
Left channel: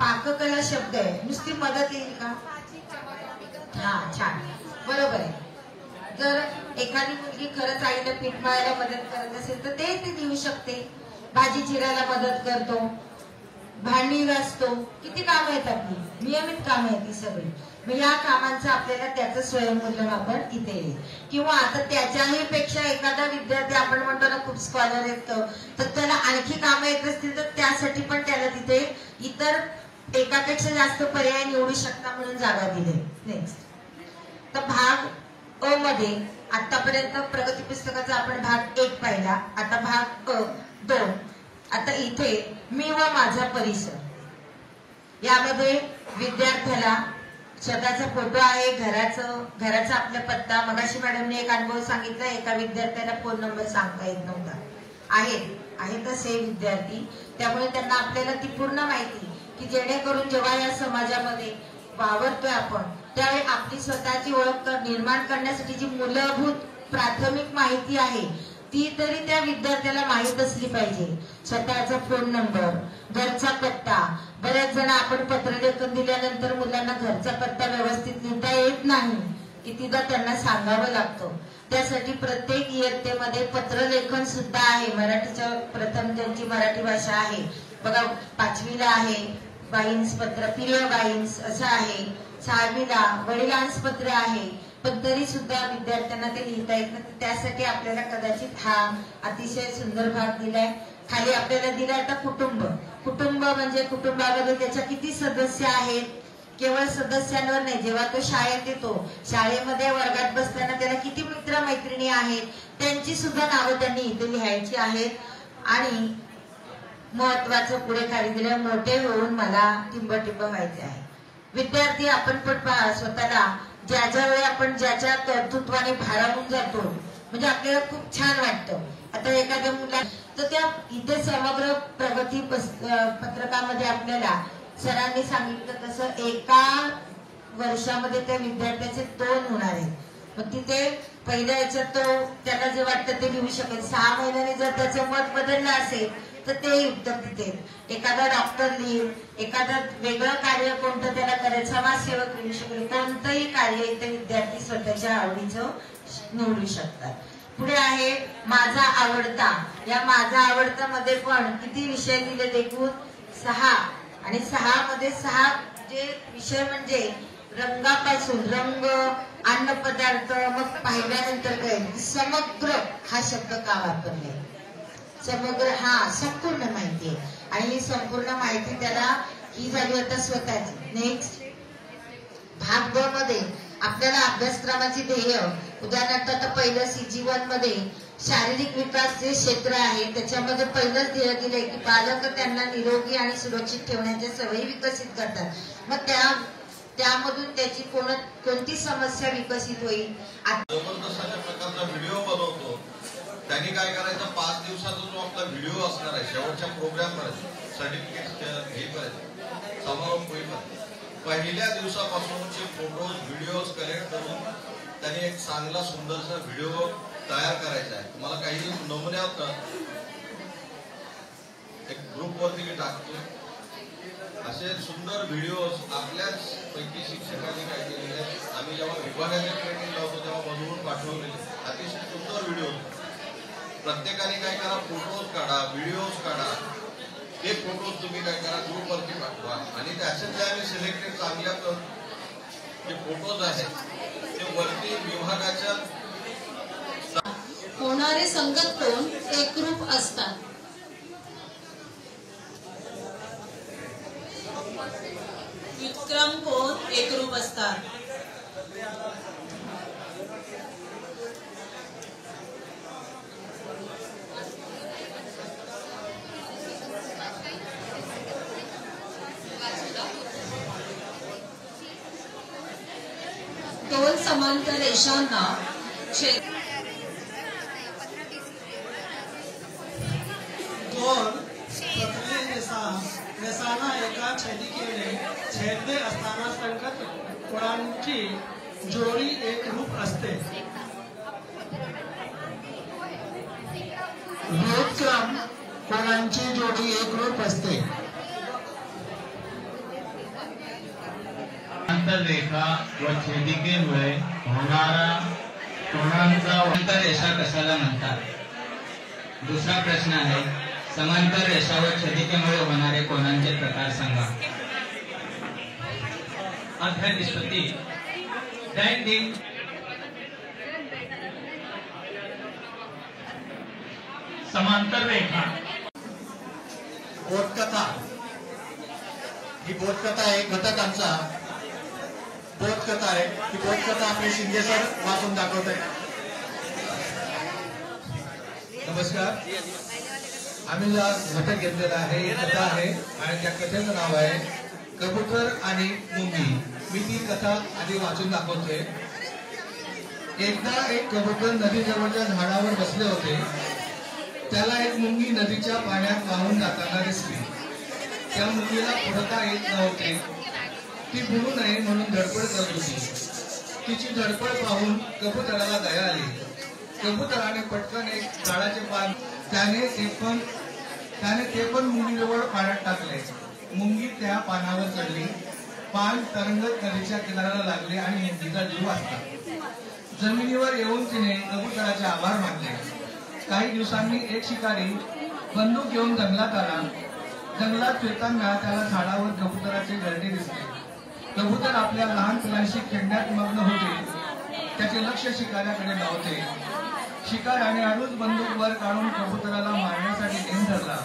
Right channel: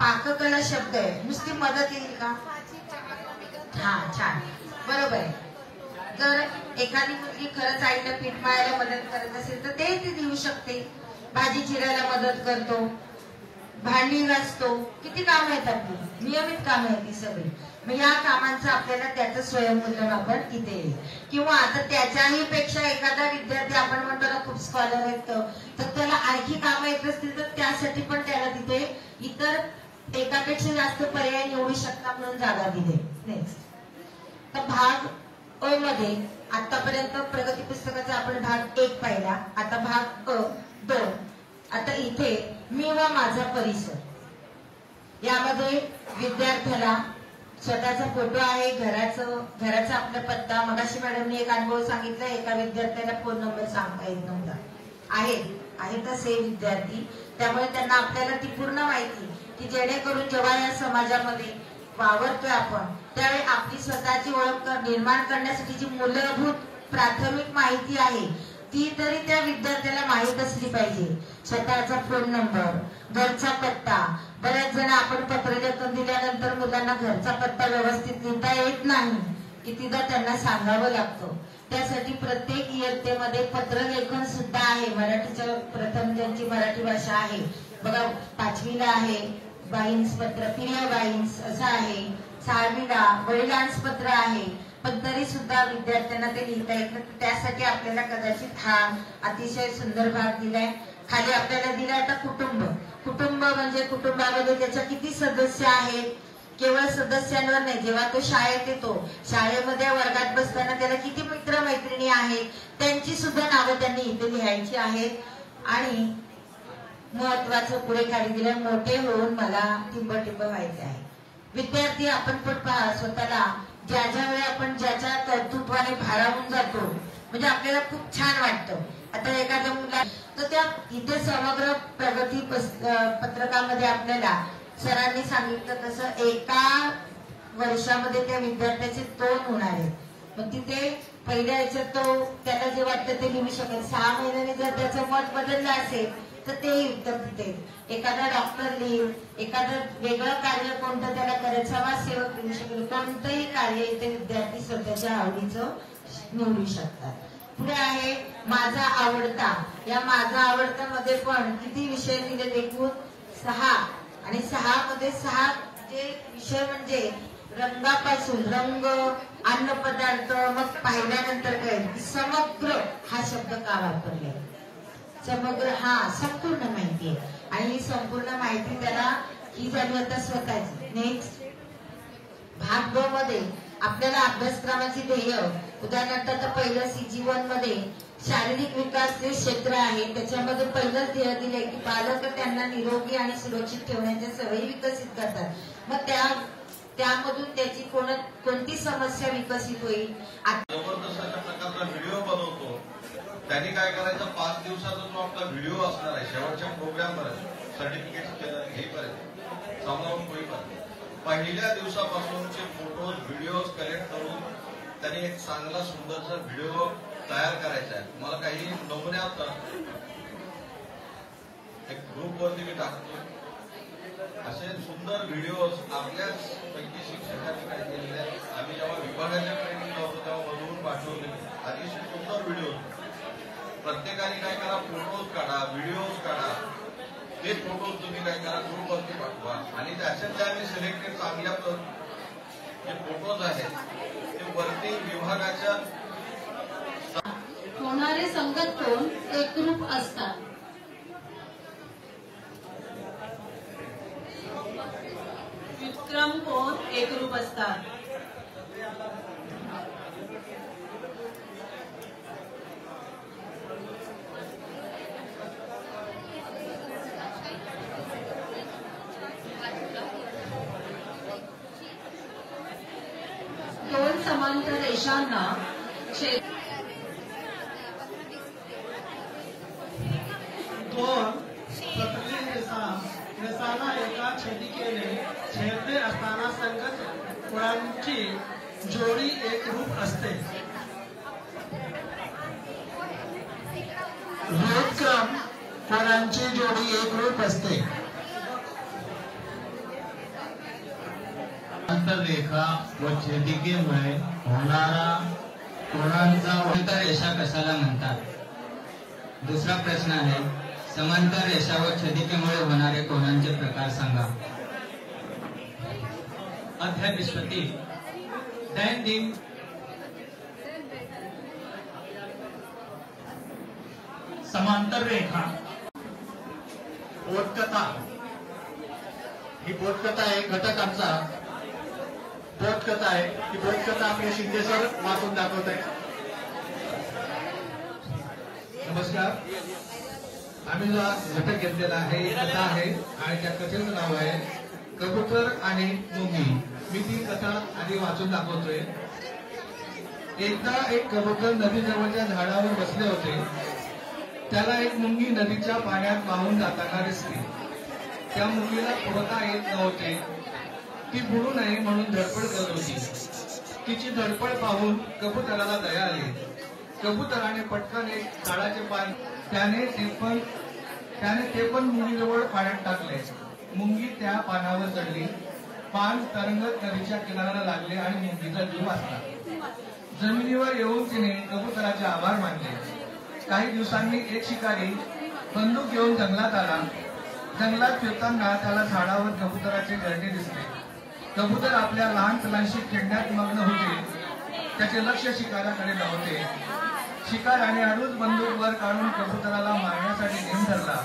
पाककला शब्द आहे, नुसती मदत येईल का? हा, छान, बरोबर आहे. तर एखादी मुलगी खरंच आईला पीठ मळायला मदत करत असेल तर ते देऊ शकते. भाजी चिरायला मदत करतो, भांडी घासतो, किती कामं आहेत आपली, नियमित कामं आहेत ती सगळी. मग या कामांचं आपल्याला त्याचं स्वयंमूल्यमापन इथे येईल. किंवा आता त्याच्याही पेक्षा एखादा विद्यार्थी आपण म्हणतो ना खूप स्कॉलर येतो, तर त्याला आणखी कामं येत असतील तर त्यासाठी पण त्याला तिथे इतर एकापेक्षा जास्त पर्याय निवडू शकता म्हणून जागा दिली. नेक्स्ट. तर भाग अ मध्ये आतापर्यंत प्रगती पुस्तकाचा आपण भाग 1 पाहिला, आता भाग अ 2. आता इथे मी व माझा परिसर यामध्ये विद्यार्थ्याला स्वतःचा फोटो आहे, घराचा आपला पत्ता. मगाशी मॅडमने एक अनुभव सांगितला, एका विद्यार्थ्याला फोन नंबर सांगता येत नव्हता आहे. आहेत असे विद्यार्थी, त्यामुळे त्यांना आपल्याला ती पूर्ण माहिती की जेणेकरून जेव्हा या समाजामध्ये वावरतोय आपण त्यावेळी आपली स्वतःची ओळख निर्माण करण्यासाठी जी मूलभूत प्राथमिक माहिती आहे ती तरी त्या विद्यार्थ्याला माहीत असली पाहिजे. स्वतःचा फोन नंबर, घरचा पत्ता. बरेच जण आपण पत्रलेखन दिल्यानंतर मुलांना घरचा पत्ता व्यवस्थित लिहिता येत नाही, कितीदा त्यांना सांगावं लागतं. त्यासाठी प्रत्येक इयत्तेमध्ये पत्रलेखन सुद्धा आहे. मराठीच्या प्रथम ज्यांची मराठी भाषा आहे बघा, 5वीला आहे बाईन्स पत्र, प्रिय बाईन्स असं आहे, 6वीला वडिलांस पत्र आहे. पण तरी सुद्धा विद्यार्थ्यांना ते लिहिता येत नाही. त्यासाठी आपल्याला कदाचित हा अतिशय सुंदर भाग दिलाय. खाली आपल्याला दिलाय आता कुटुंब. कुटुंब म्हणजे कुटुंबामध्ये त्याच्या किती सदस्य आहेत, केवळ सदस्यांवर नाही. जेव्हा तो शाळेत येतो, शाळेमध्ये वर्गात बसताना त्याला किती मित्र मैत्रिणी आहेत त्यांची सुद्धा नावं त्यांनी इथे लिहायची आहेत. आणि महत्वाचं पुढे खाली दिलं, मोठे होऊन मला टिंबटिंब व्हायचे आहे. विद्यार्थी आपण पण स्वतःला ज्या ज्या वेळी आपण ज्याच्या कर्तृत्वाने भारावून जातो म्हणजे आपल्याला खूप छान वाटतं. आता एखाद्या मुला तर त्या इथे समग्र प्रगती पत्रकामध्ये आपल्याला सरांनी सांगितलं तसं एका वर्षामध्ये त्या विद्यार्थ्याचे 2 होणार आहेत. मग तिथे पहिल्या याच्यात तो त्याला जे वाटतं ते लिहू शकेल. 6 महिन्याने जर त्याचं मत बदललं असेल तर तेही उत्तर तिथे. एखादा डॉक्टर लिहून, एखादं वेगळं कार्य कोणतं त्याला करायचं, समाजसेवक लिहू शकेल. कोणतंही कार्य इथे विद्यार्थी स्वतःच्या आवडीचं निवडू शकतात. पुढे आहे माझा आवडता. या माझा आवडता मध्ये पण किती विषय दिले एकूण 6 आणि 6 मध्ये 6 जे विषय म्हणजे रंगापासून रंग, अन्न पदार्थ, मग पाहिल्यानंतर काय समग्र हा शब्द का वापरलाय. समग्र हा संपूर्ण माहिती आहे आणि ही संपूर्ण माहिती त्याला ही झाली आता स्वतःची. नेक्स्ट भाग 2 मध्ये आपल्याला अभ्यासक्रमाची ध्येय, उदाहरणार्थ आता पहिलं CG1 मध्ये शारीरिक विकास जे क्षेत्र आहे त्याच्यामध्ये पहिलंच ध्येय दिलंय की पालक त्यांना निरोगी आणि सुरक्षित ठेवण्याच्या सवयी विकसित करतात. मग त्यामधून त्याची कोणती समस्या विकसित होईल. जबरदस्त अशा प्रकारचा व्हिडिओ बनवतो. त्यांनी काय करायचं, 5 दिवसाचा जो आपला व्हिडिओ असणार आहे शेवटच्या प्रोग्राम पर्यंत, सर्टिफिकेट घेईपर्यंत, समारोप होईपर्यंत पहिल्या दिवसापासूनचे फोटोज व्हिडिओज कलेक्ट करून त्यांनी एक चांगला सुंदरसा व्हिडिओ तयार करायचा आहे. मला काही नमुने एक ग्रुपवरती मी टाकतो. असे सुंदर व्हिडिओज आपल्याच पैकी शिक्षकांनी काय केलेले. आम्ही जेव्हा विभागाच्या ट्रेनिंग लावतो तेव्हा बघून पाठवलेले अतिशय सुंदर व्हिडिओ. प्रत्येकाने काय करा, फोटोज काढा, व्हिडिओज काढा. हे फोटोज तुम्ही काय करा, ग्रुपवरती पाठवा आणि त्याच्यातले आम्ही सिलेक्टेड चांगल्या जे फोटोज आहेत ते वरती विभागाच्या होणारे संगत कोण एकरूप असतात. व्युत्क्रम कोण एकरूप असतात. दोन समांतर रेषांना दोन प्रतले रेषांना एका छेदिकेने छेदले असताना संगत कोणांची जोडी एकरूप असते. व्युत्क्रम कोणांची जोडी एकरूप असते. रेखा व छेदिकेमुळे होणारा कोणांचा समांतर रेषा कशाला म्हणतात. दुसरा प्रश्न आहे, समांतर रेषा व छेदिकेमुळे होणारे कोणांचे प्रकार सांगा. अध्याय निष्पत्ती. दैनंदिन समांतर रेखा. बोधकथा. ही बोधकथा आहे घटकांचा बोधकथा आहे. ही बोधकथा आपले शिंदे सर वाचून दाखवत आहे. नमस्कार. आम्ही जो घटक घेतलेला आहे कथा आहे आणि त्या कथेचं नाव आहे कबूतर आणि मुंगी. मी ती कथा आधी वाचून दाखवतोय. एकदा एक कबूतर नदीजवळच्या झाडावर बसले होते. त्याला एक मुंगी नदीच्या पाण्यात वाहून जाताना दिसली. त्या मुंगीला बुडता येत नव्हते. ती बुडू नये म्हणून धडपड करत होती. तिची धडपड पाहून कबुतराला दया आली. कबुतराने पटकन एक झाडाचे पान त्याने ते पण मुंगीजवळ पाण्यात टाकले. मुंगी त्या पानावर चढली. पान तरंगत नदीच्या किनाऱ्याला लागले आणि मुंगीचा जीव वाचला. जमिनीवर येऊन तिने कबुतराचे आभार मानले. काही दिवसांनी एक शिकारी बंदूक घेऊन जंगलात आला. जंगलात फिरताना त्याला झाडावर कबुतराचे घरटे दिसले. कबूतर आपल्या लहान मुलांशी खेळण्यात मग्न होते. त्याचे लक्ष शिकाऱ्याकडे नव्हते. शिकाऱ्याने हळूच बंदूक वर काढून कबुतराला मारण्यासाठी नेम धरला.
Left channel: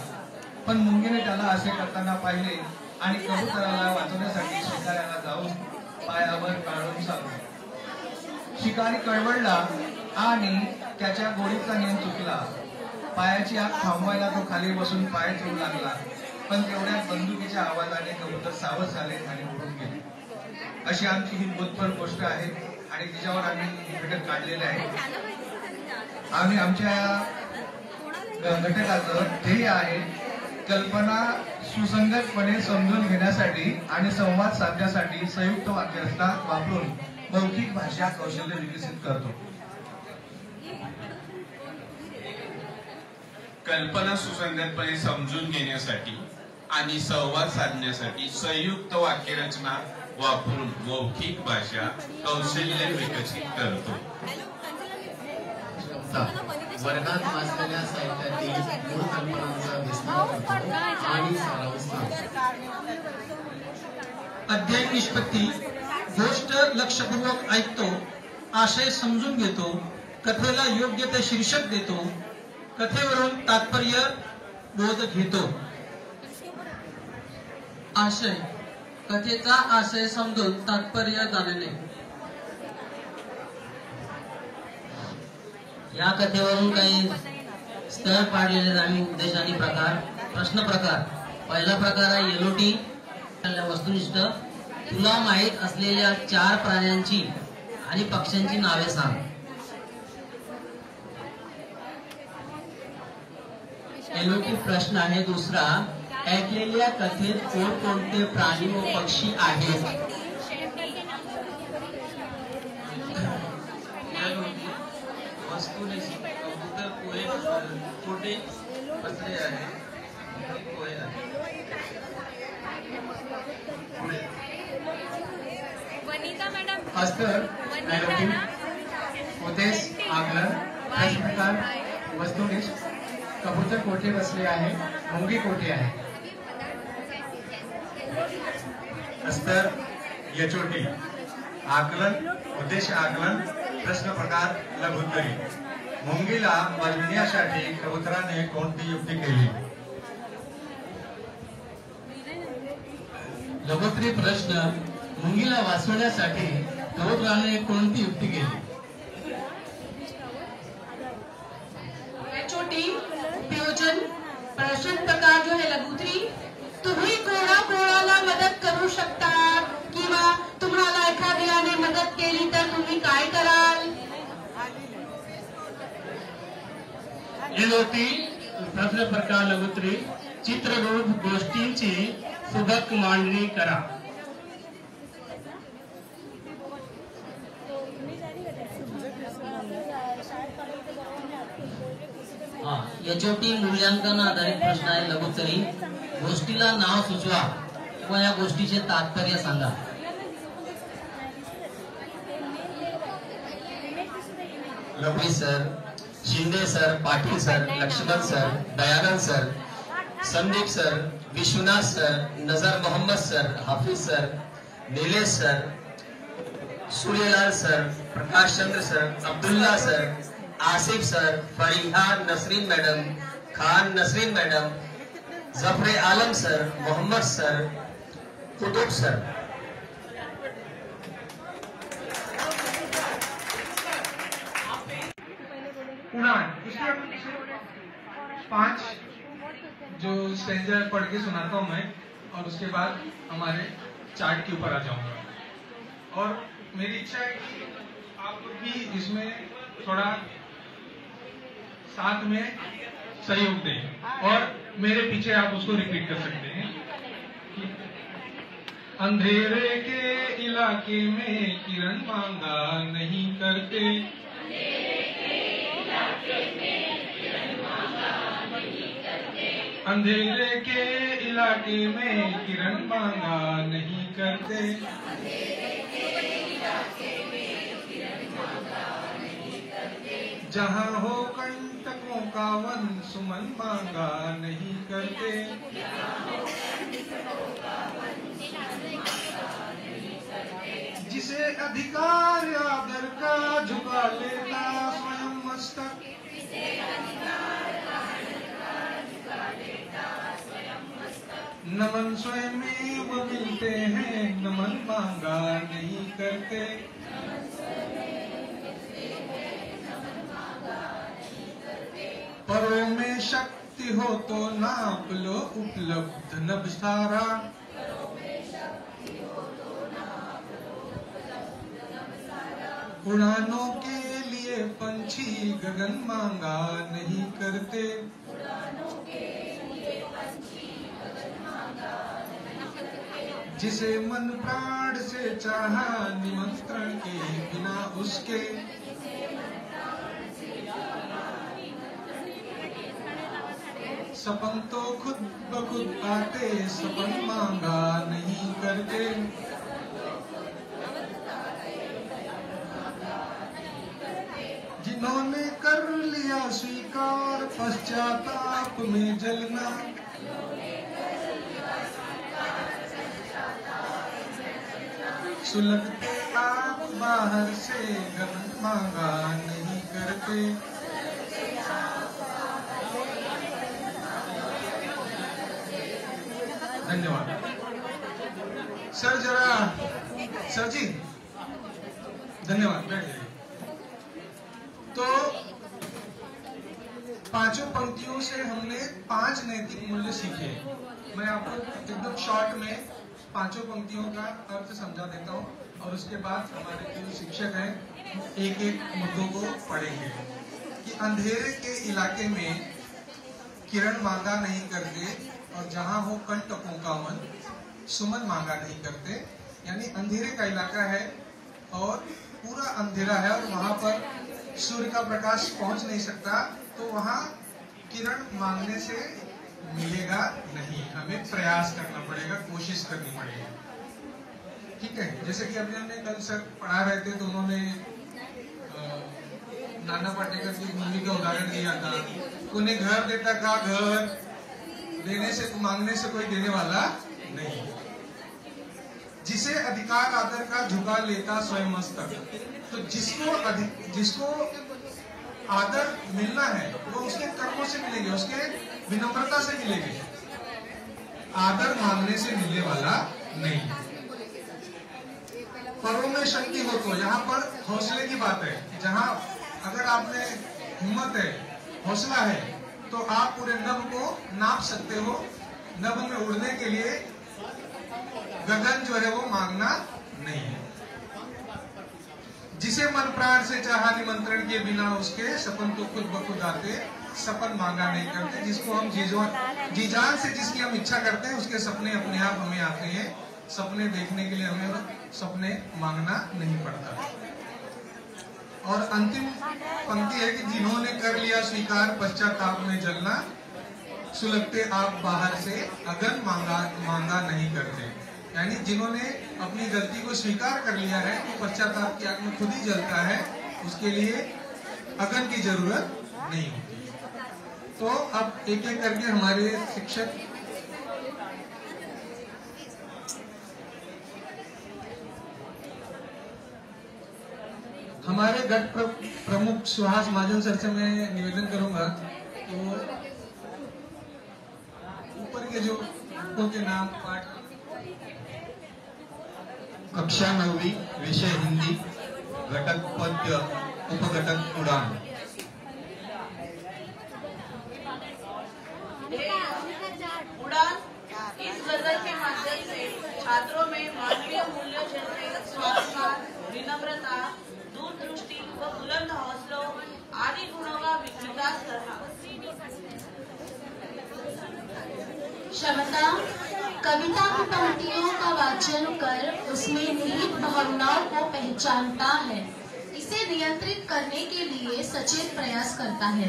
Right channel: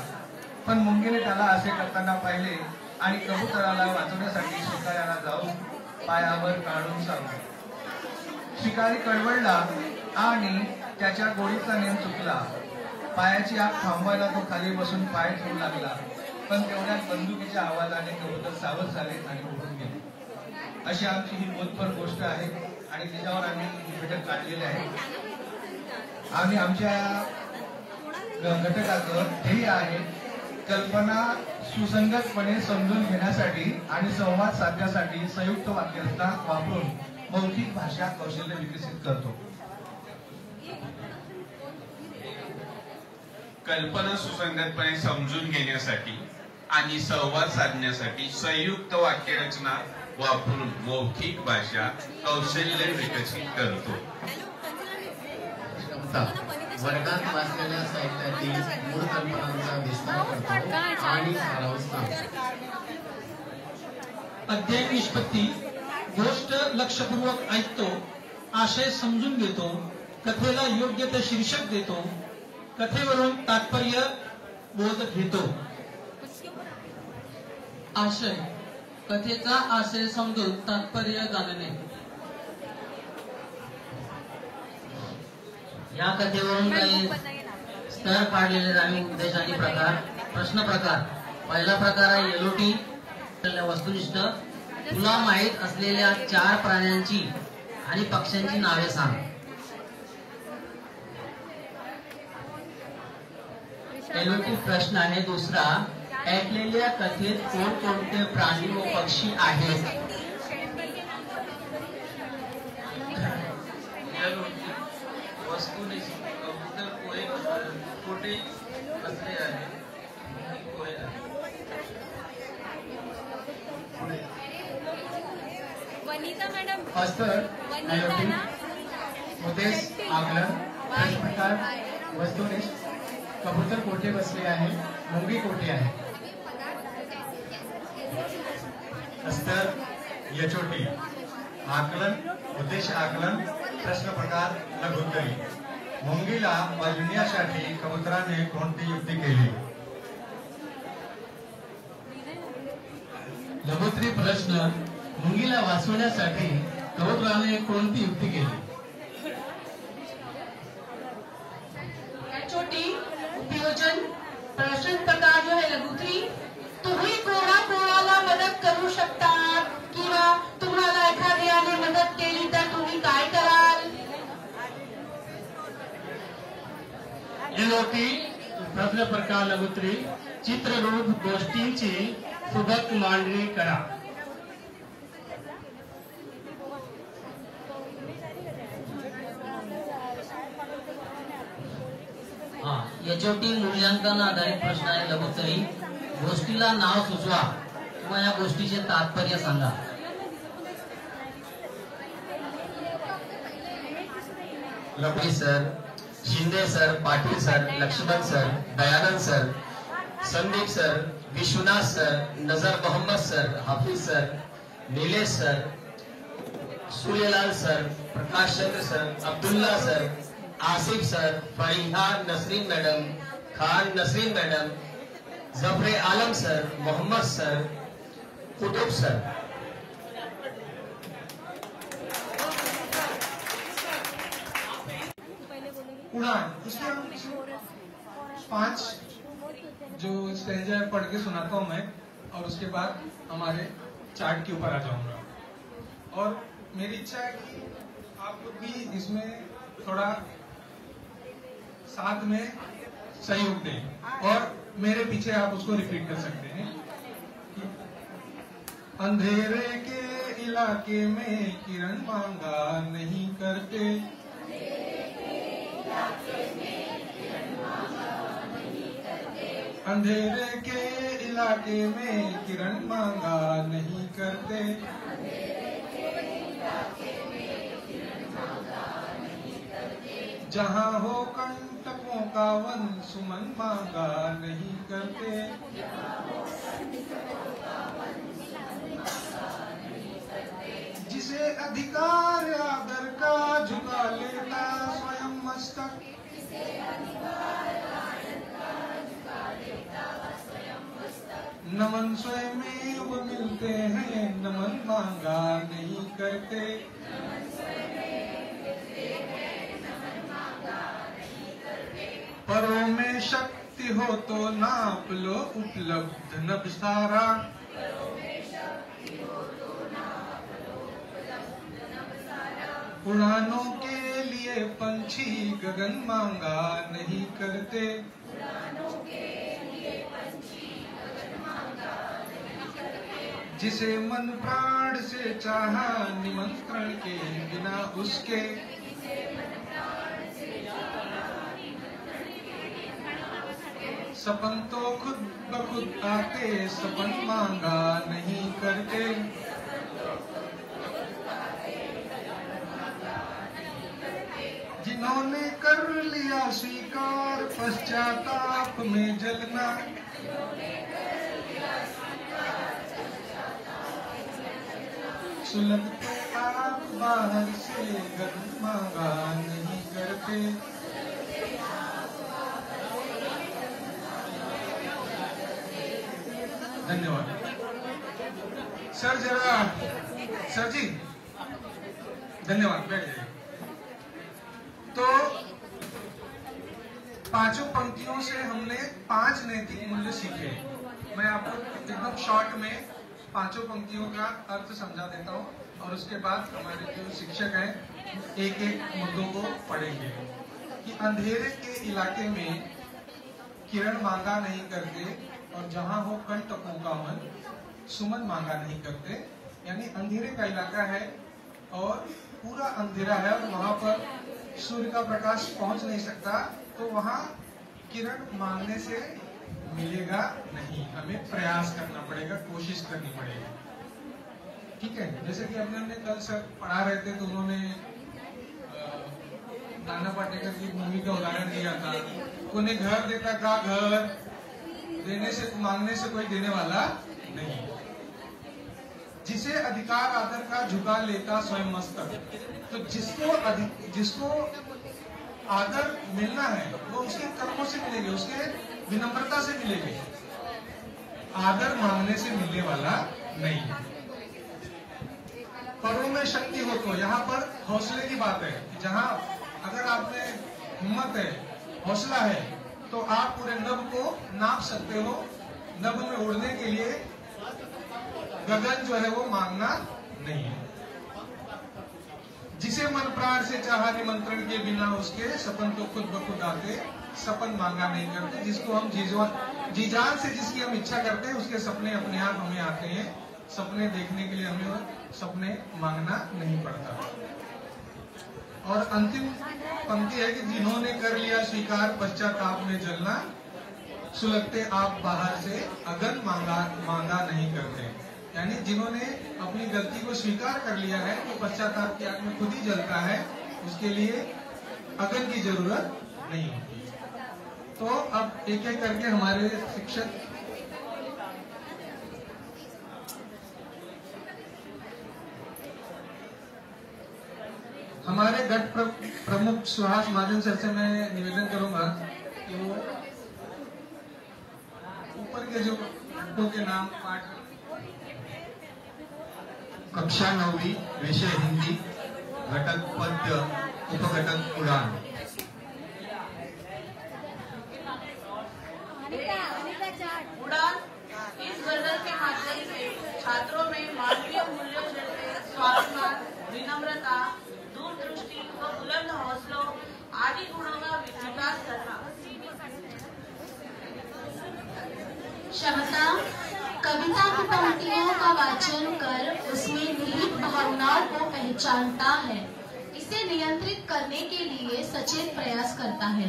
पण मुंगीने त्याला असे करताना पाहिले आणि कबुतराला वाचवण्यासाठी शिकाऱ्याला जाऊन पायावर काढून चालवले. शिकारी कळवळला आणि त्याच्या गोळीचा नेम चुकला. पायाची आग थांबवायला तो खाली बसून पाय ठेवू लागला. पण तेवढ्यात बंदुकीच्या आवाजाने कबूतर सावध झाले आणि उडून गेले. अशी आमची ही बोधपर गोष्ट आहे आणि तिच्यावर आम्ही घटक काढलेले आहे. आम्ही आमच्या घटकाचं ध्येय आहे कल्पना सुसंगतपणे समजून घेण्यासाठी आणि संवाद साधण्यासाठी संयुक्त वाक्यरचना वापरून मौखिक भाषा कौशल्य विकसित करतो. कल्पना सुसंगतपणे समजून घेण्यासाठी आणि संवाद साधण्यासाठी संयुक्त वाक्यरचना वापरून मौखिक भाषा कौशल्य विकसित करतो. वर्गात वाचलेल्या साहित्यातील मूळ कल्पनांचा विस्तार करतो आणि सारांश लावतो. अध्ययन निष्पत्ती गोष्ट लक्षपूर्वक ऐकतो, आशय समजून घेतो, कथेला योग्य ते शीर्षक देतो, कथेवरून तात्पर्य बोध घेतो. आशय कथेचा आशय समजून तात्पर्य जाणणे. या कथेवरून काही स्तर काढलेले आम्ही उद्देश आणि प्रकार. प्रश्न प्रकार. पहिला प्रकार आहे LOT वस्तुनिष्ठ. तुला माहीत असलेल्या 4 प्राण्यांची आणि पक्ष्यांची नावे सांग. LOT प्रश्न आहे. दुसरा, ऐकलेल्या कथेत कोणकोणते प्राणी व पक्षी आहेत. वस्तुनिष्ठ कबूतर कुठे बसले आहे. अस्तर LOT उद्देश आकलन. प्रश्न प्रकार वस्तुनिष्ठ कबूतर कोठे बसले आहे, मुंगी कोठे आहे. अस्तर यचोटी आकलन उद्देश आकलन. प्रश्न प्रकार लघुत्तरी. मुंगीला वाचविण्यासाठी कबुतराने कोणती युक्ती केली. लघुत्तरी प्रश्न. मुंगीला वाचवण्यासाठी कबुतराने कोणती युक्ती केली. छोटी उपयोजन. प्रश्न प्रकार जो है लघुत्तरी. तुम्ही कोणाकोणाला मदत करू शकता किंवा तुम्हाला एखाद्याने मदत केली तर तुम्ही काय कराल. LOT प्रश्न प्रकार लघुत्तरी. चित्ररूप गोष्टींची सुबक मांडणी करा. HOT मूल्यांकन आधारित प्रश्न आहे लघुत्तरी. गोष्टीला नाव सुचवा व या गोष्टीचे तात्पर्य सांगा. Lovely sir, Shinde sir, Patil sir, Laxman sir, Dayanand sir, Sandeep sir, Vishwanath sir, Nazar Mohammed sir, Hafiz sir, Nilesh sir, Suryalal sir, Prakash Chandra sir, Abdullah sir, Asif sir, Fariha Nasreen madam, Khan Nasreen madam, Zafar Alam sir, Mohammed sir, Qutub sir. उड़ान इसमें 5 जो स्ट्रेंजर पढ़ के सुनाता हूँ मैं और उसके बाद हमारे चार्ट के ऊपर आ जाऊंगा. और मेरी इच्छा है कि आप लोग भी इसमें थोड़ा साथ में सहयोग दें। और मेरे पीछे आप उसको रिपीट कर सकते हैं। अंधेरे के इलाके में किरण मांगा नहीं करते, अंधेरे के इलाके में किरण मांगा नहीं करते, जहाँ हो कंटकों का वन सुमन मांगा नहीं करते, जिसे अधिकार आदर का झुका लेता स्वयं मस्तक, नमन स्वयं में मिलते हैं, नमन मांगा नहीं करते, परों में शक्ति हो तो नाप लो उपलब्ध नभ सारा, उड़ानों के लिए पंछी गगन मांगा नहीं करते, जिसे मन प्राण से चाहा निमंत्रण के बिना उसके, सपन तो खुद ब खुद आते, सपन मांगा नहीं करते, जिन्होंने कर लिया स्वीकार पश्चाताप में जलना, सुलगते आप बाहर से गगन मांगा नहीं करते, धन्यवाद। सर जरा, सर जी धन्यवाद, बैठ जाइए। तो पांचों पंक्तियों से हमने 5 नैतिक मूल्य सीखे। मैं आपको एकदम शॉर्ट में पांचों पंक्तियों का अर्थ समझा देता हूँ और उसके बाद हमारे जो शिक्षक हैं एक एक मुद्दों को पढ़ेंगे। कि अंधेरे के इलाके में किरण मांगा नहीं करते और जहाँ हो कंटकों का मन सुमन मांगा नहीं करते। यानी अंधेरे का इलाका है और पूरा अंधेरा है और वहां पर सूर्य का प्रकाश पहुंच नहीं सकता, तो वहां किरण मांगने से मिलेगा नहीं, हमें प्रयास करना पड़ेगा, कोशिश करनी पड़ेगी। ठीक है, जैसे कि अभी हमने कल सर पढ़ा रहे थे तो उन्होंने नाना पाटेकर की मूवी का उदाहरण दिया था। उन्हें घर देता का घर देने से, मांगने से कोई देने वाला नहीं। जिसे अधिकार आदर का झुका लेता स्वयं मस्तक। तो जिसको आदर मिलना है वो उसके कर्मों से मिलेगी, उसके विनम्रता से मिलेगी, आदर मांगने से मिलने वाला नहीं। परों में शक्ति हो तो, यहाँ पर हौसले की बात है। जहाँ अगर आप में हिम्मत है, हौसला है, तो आप पूरे नभ को नाप सकते हो। नभ में उड़ने के लिए गगन जो है वो मांगना नहीं है। जिसे मन प्राण से चाहा निमंत्रण के बिना उसके, सपन तो खुद ब खुद आते, सपन मांगा नहीं करते। जिसको हम जी जान से जिसकी हम इच्छा करते हैं उसके सपने अपने आप हमें आते हैं। सपने देखने के लिए हमें सपने मांगना नहीं पड़ता। और अंतिम पंक्ति है कि जिन्होंने कर लिया स्वीकार पश्चाताप में जलना, सुलगते आप बाहर से अगन मांगा नहीं करते। यानी जिन्होंने अपनी गलती को स्वीकार कर लिया है वो पश्चाताप की आग में खुद ही जलता है, उसके लिए अगन की जरूरत नहीं होती। तो अब एक एक करके हमारे शिक्षक हमारे गट प्रमुख सुहास महाजन सर से मैं निवेदन करूंगा कि वो ऊपर के जो घटकों के नाम पाठ। कक्षा 9वीं, विषय हिंदी, घटक पद्य, उपघटक उड़ान। उड़ान इस गजल के माध्यम से छात्रों में मानवीय मूल्यों जैसे स्वाभिमान, विनम्रता, दूरदृष्टि व बुलंद हौसलों आदि गुणों का विकास करना। क्षमता, कविता की पंक्तियों का वाचन कर उसमें निहित भावनाओं को पहचानता है, इसे नियंत्रित करने के लिए सचेत प्रयास करता है।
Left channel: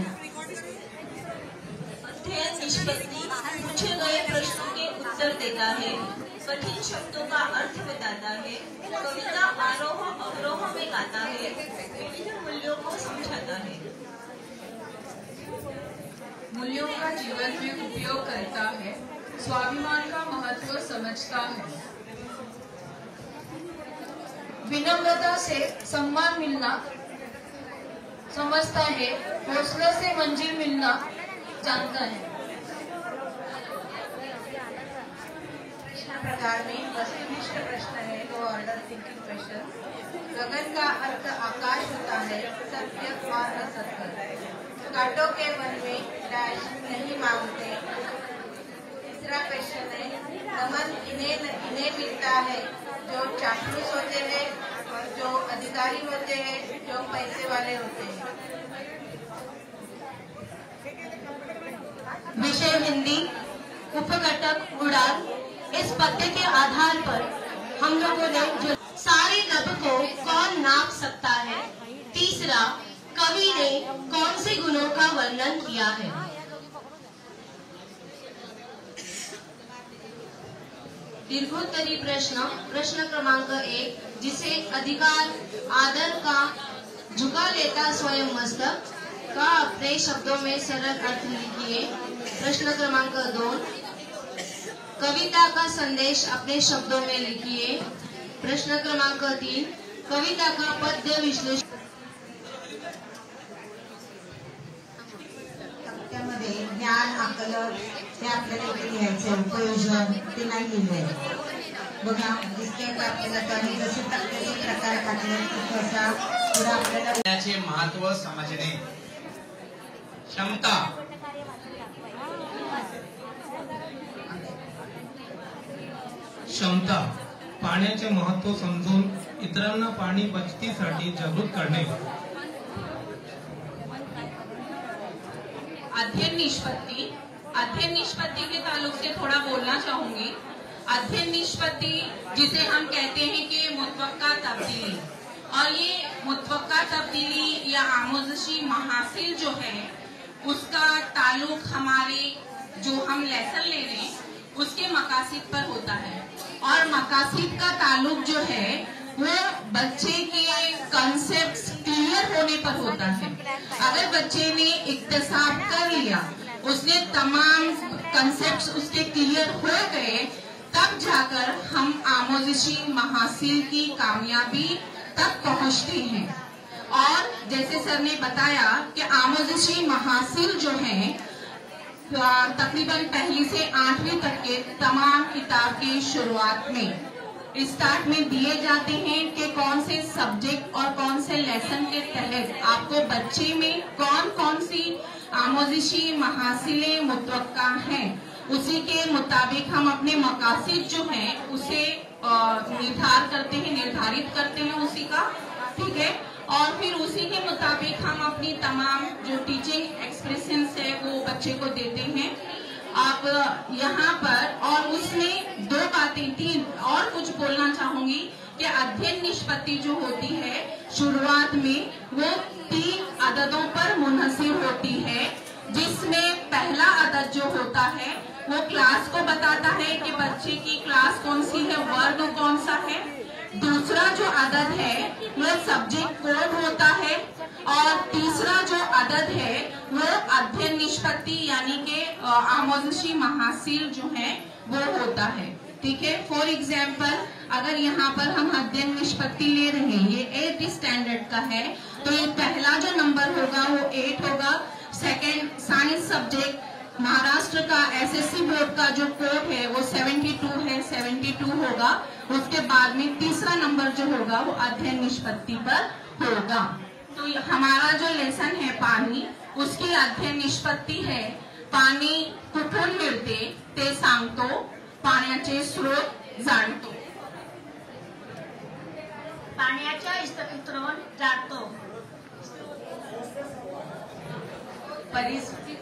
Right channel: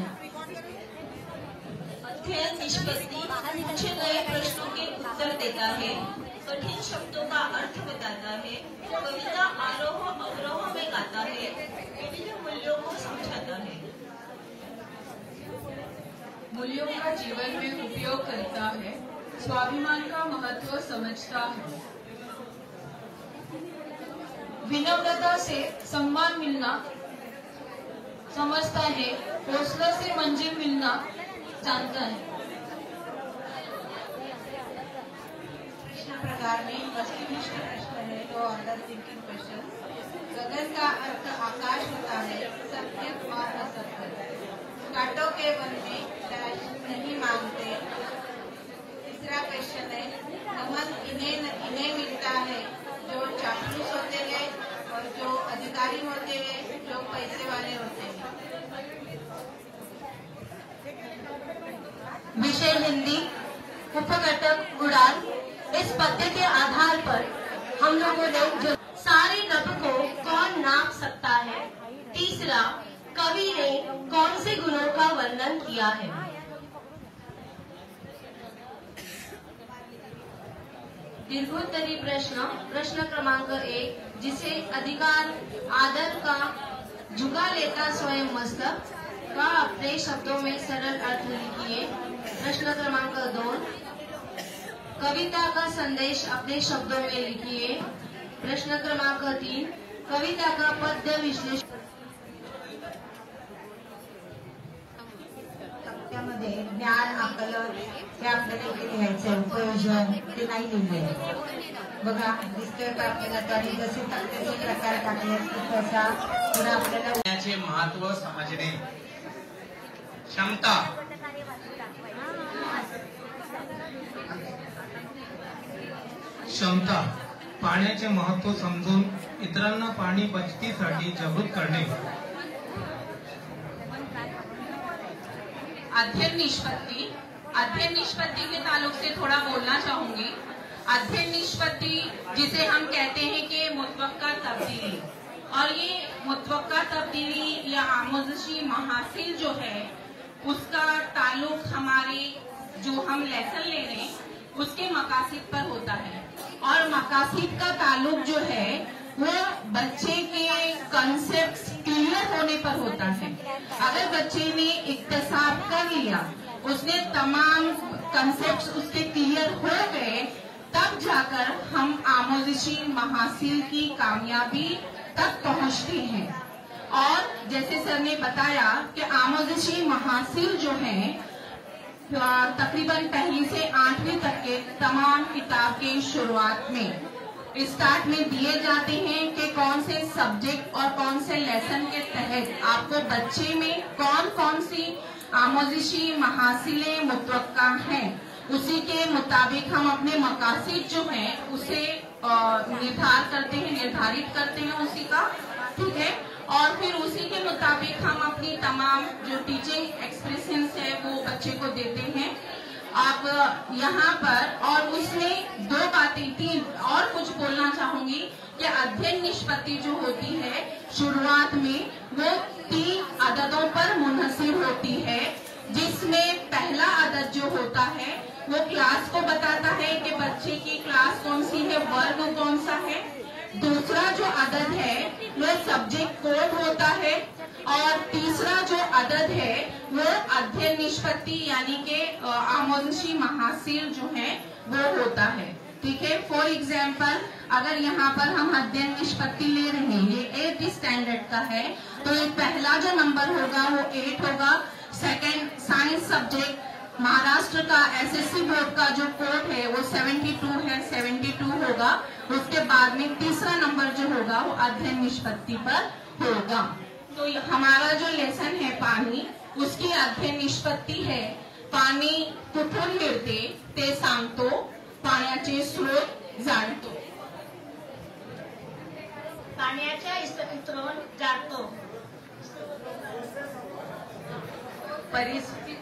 अध्ययन निष्पत्ति पूछे गए प्रश्नों के उत्तर देता है, कठिन शब्दों का अर्थ बताता है, कविता आरोह अवरोह में गाता है, विभिन्न मूल्यों को समझाता है। मूल्यों का जीवन में उपयोग करता है, स्वाभिमान का महत्व समझता है। विनम्रता से सम्मान मिलना समझता है, हौसले से मंजिल मिलना जानता है। प्रश्न प्रकार में वस्तुनिष्ठ प्रश्न है, तो ऑर्डर थिंकिंग क्वेश्चन। गगन का अर्थ आकाश होता है, सत्य और असत्य। कांटों के वन में डैश नहीं मांगते। तीसरा क्वेश्चन है, नमन इन्हें मिलता है जो चापलूस होते हैं और जो अधिकारी होते हैं, जो पैसे वाले होते हैं। विषय हिंदी, उपघटक उड़ान। इस पद्य के आधार पर हम लोगों ने जो सारे लब को कौन नाप सकता है। तीसरा, कवि ने कौन से गुणों का वर्णन किया है। दीर्घोत्तरी प्रश्न, प्रश्न क्रमांक 1, जिसे अधिकार आदर का झुका लेता स्वयं मस्तक का अपने शब्दों में सरल अर्थ लिखिए। प्रश्न क्रमांक 2, कविता का संदेश अपने शब्दों में लिखिए। प्रश्न क्रमांक 3, कविता का पद्य विश्लेषण। त्यामध्ये ज्ञान, आकलन हे आपल्याला इथे लिहायचं, उपयोजन ते नाही लिहिलंय बघा, दिसते का आपल्याला? आणि जसे तसे प्रकार टाकले तसा पुढे आपल्याला महत्व समजणे। क्षमता, क्षमता, पाण्याचे महत्व समजून इतरांना पाणी बचतीसाठी जागृत करणे। अध्ययन निष्पत्ति, अध्ययन निष्पत्ति के ताल्लुक से थोड़ा बोलना चाहूंगी। अध्ययन निष्पत्ति जिसे हम कहते हैं कि मुतवक्का तब्दीली, और ये मुतवक्का तब्दीली या आमोजशी महासिल जो है उसका ताल्लुक हमारे जो हम लेसन ले रहे हैं उसके मकासिद पर होता है, और मकासिद का ताल्लुक जो है वो बच्चे के कंसेप्ट क्लियर होने पर होता है। अगर बच्चे ने इक्तसाब कर लिया, उसने तमाम कंसेप्ट उसके क्लियर हो गए, तब जाकर हम आमोजशी महासिल की कामयाबी तक पहुंचते हैं। और जैसे सर ने बताया कि आमोजशी महासिल जो है तकरीबन 1 से 8वीं तक के तमाम किताब के शुरुआत में स्टार्ट में दिए जाते हैं कि कौन से सब्जेक्ट और कौन से लेसन के तहत आपको बच्चे में कौन कौन सी आमोजशी महासिलें मुतवक्का हैं। उसी के मुताबिक हम अपने मकासिद जो हैं उसे निर्धारित करते हैं उसी का, ठीक है। और फिर उसी के मुताबिक हम अपनी तमाम जो टीचिंग एक्सप्रेशंस है वो बच्चे को देते हैं। आप यहाँ पर और उसमें 2 बातें 3 और कुछ बोलना चाहूंगी कि अध्ययन निष्पत्ति जो होती है शुरुआत में वो 3 अददों पर मुनहसिर होती है, जिसमें पहला अदद जो होता है वो क्लास को बताता है कि बच्चे की क्लास कौन सी है, वर्ग कौन सा है। दूसरा जो अदद है वो सब्जेक्ट कोड होता है, और तीसरा जो अदद है वो अध्ययन निष्पत्ति यानी कि आमोजशी महासिल जो है वो होता है, ठीक है। फॉर एग्जाम्पल अगर यहाँ पर हम अध्ययन निष्पत्ति ले रहे हैं, ये 8th स्टैंडर्ड का है, तो ये पहला जो नंबर होगा वो 8 होगा। सेकंड साइंस सब्जेक्ट महाराष्ट्र का एसएससी बोर्ड का जो कोड है वो 72 है, 72 होगा। उसके बाद में तीसरा नंबर जो होगा वो अध्ययन निष्पत्ति पर होगा। तो हमारा जो लेसन है पानी, उसकी अध्ययन निष्पत्ति है पाणी कुठून मिळते ते सांगतो, पाण्याचे स्रोत जाणतो। पाण्याच्या स्रोत जाणतो।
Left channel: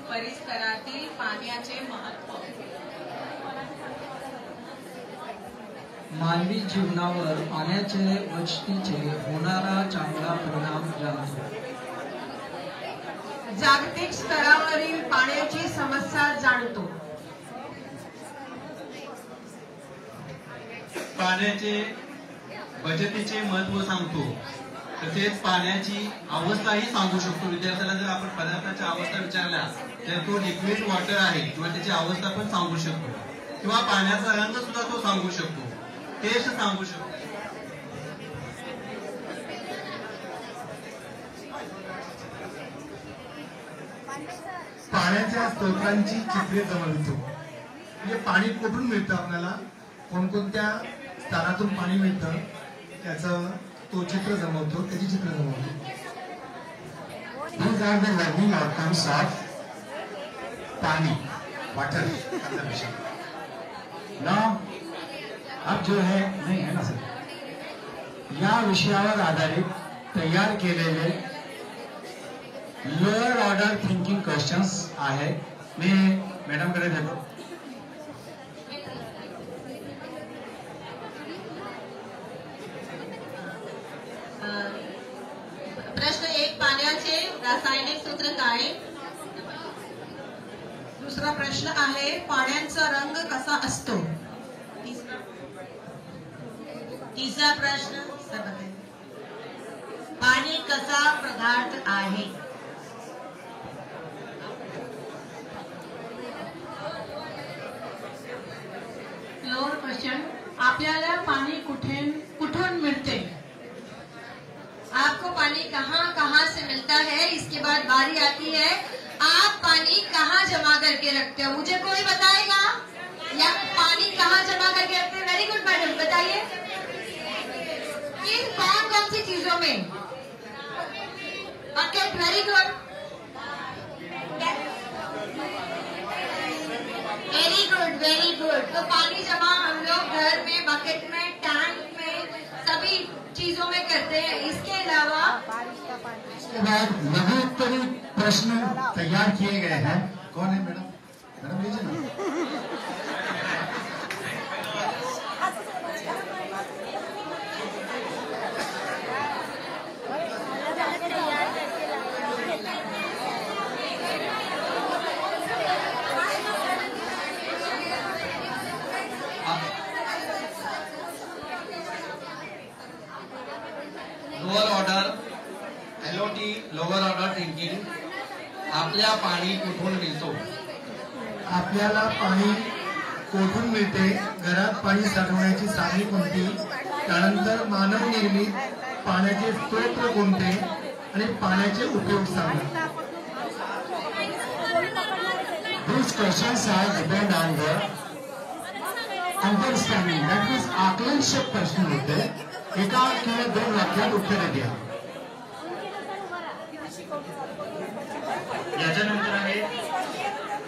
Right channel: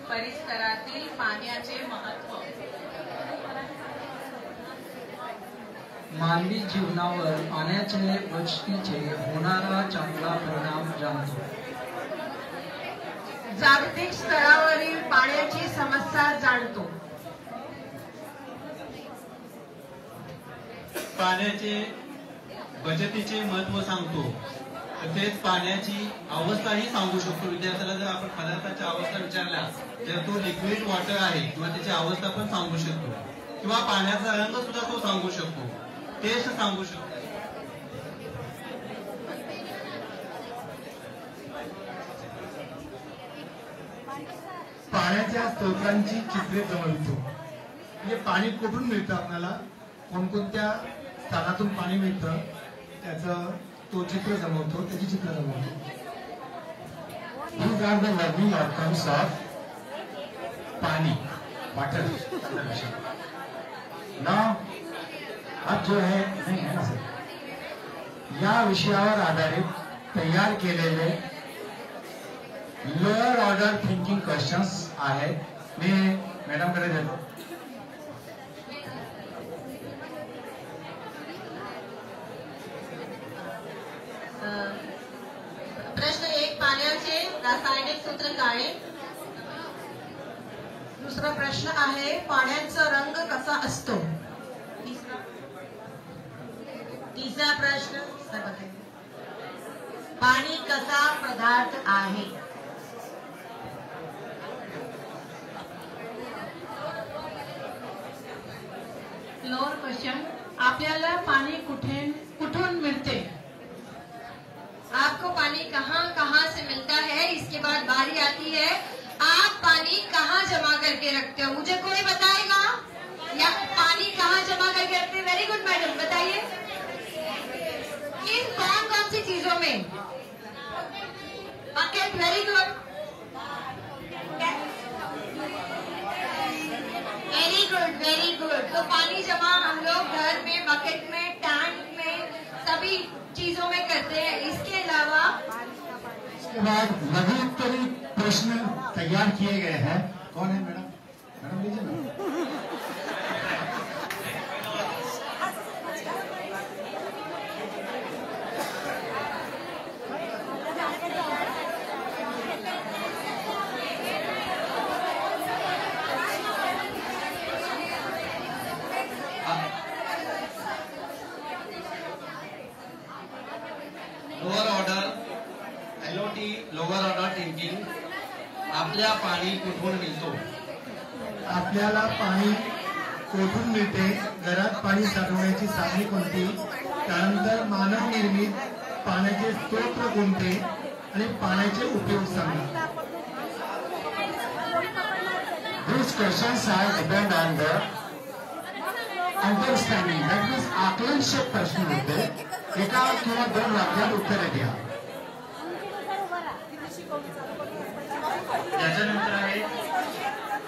परिसरातील पाण्याचे महत्व। मानवी जीवनावर पाण्याचे बचतीचे होणारा चांगला परिणाम जाणतो. जागतिक स्तरावरील पाण्याची समस्या जाणतो. पाण्याचे बचतीचे महत्व सांगतो. तसेच पाण्याची अवस्थाही सांगू शकतो. विद्यार्थ्याला जर आपण पदार्थाच्या अवस्था विचारल्या तर तो लिक्विड वॉटर आहे किंवा त्याची अवस्था पण सांगू शकतो, किंवा पाण्याचा रंग सुद्धा तो सांगू शकतो, टेस्ट सांगू शकतो. पाण्याच्या स्त्रोतांची चित्रे जमवितो. म्हणजे पाणी कुठून मिळतं, आपल्याला कोणकोणत्या स्थानातून पाणी मिळतं त्याचं तो चित्र जमवतो, त्याची चित्र जमवतो. These are the learning outcomes of पानी, वाटर कंजर्वेशन. नाउ अब जो है नहीं है ना सर, या विषयावर आधारित तयार केलेले लोअर ऑर्डर थिंकिंग क्वेश्चन्स आहेत. मी मॅडमकडे देतो. प्रश्न 1, पाण्याचे रासायनिक सूत्र काय? दुसरा प्रश्न आहे, पाण्याचा रंग कसा असतो? तीसरा प्रश्न, पानी कसा पदार्थ आहे? लोअर क्वेश्चन, आपल्याला पाणी कुठून मिळते? आपको पानी कहाँ कहाँ से मिलता है? इसके बाद बारी आती है, आप पानी कहाँ जमा करके रखते हो? मुझे कोई बताएगा या पानी कहाँ जमा करके रखते हैं? वेरी गुड मैडम, बताइए किन कौन कौन सी चीजों में? Bucket, very good, very good, very good. तो पानी जमा हम लोग घर में, बकेट में, टैंक में, सभी चीजों में करते हैं. इसके अलावा इसके बाद लघु उत्तरी प्रश्न तैयार किए गए हैं. कौन है मैडम? मैडम लीजिए ना. Lower order LOT, lower order thinking. आपल्या पाणी कुठून मिळतो? आपल्याला पाणी कोठून मिळते? घरात पाणी साठवण्याची साधने कोणती? त्यानंतर मानव निर्मित पाण्याचे स्रोत कोणते आणि पाण्याचे उपयोग सांगा. These questions are depend on the understanding. That means आकलनशील प्रश्न होते. एका किंवा 2 वाक्यात उत्तरे द्या. याच्यानंतर आहे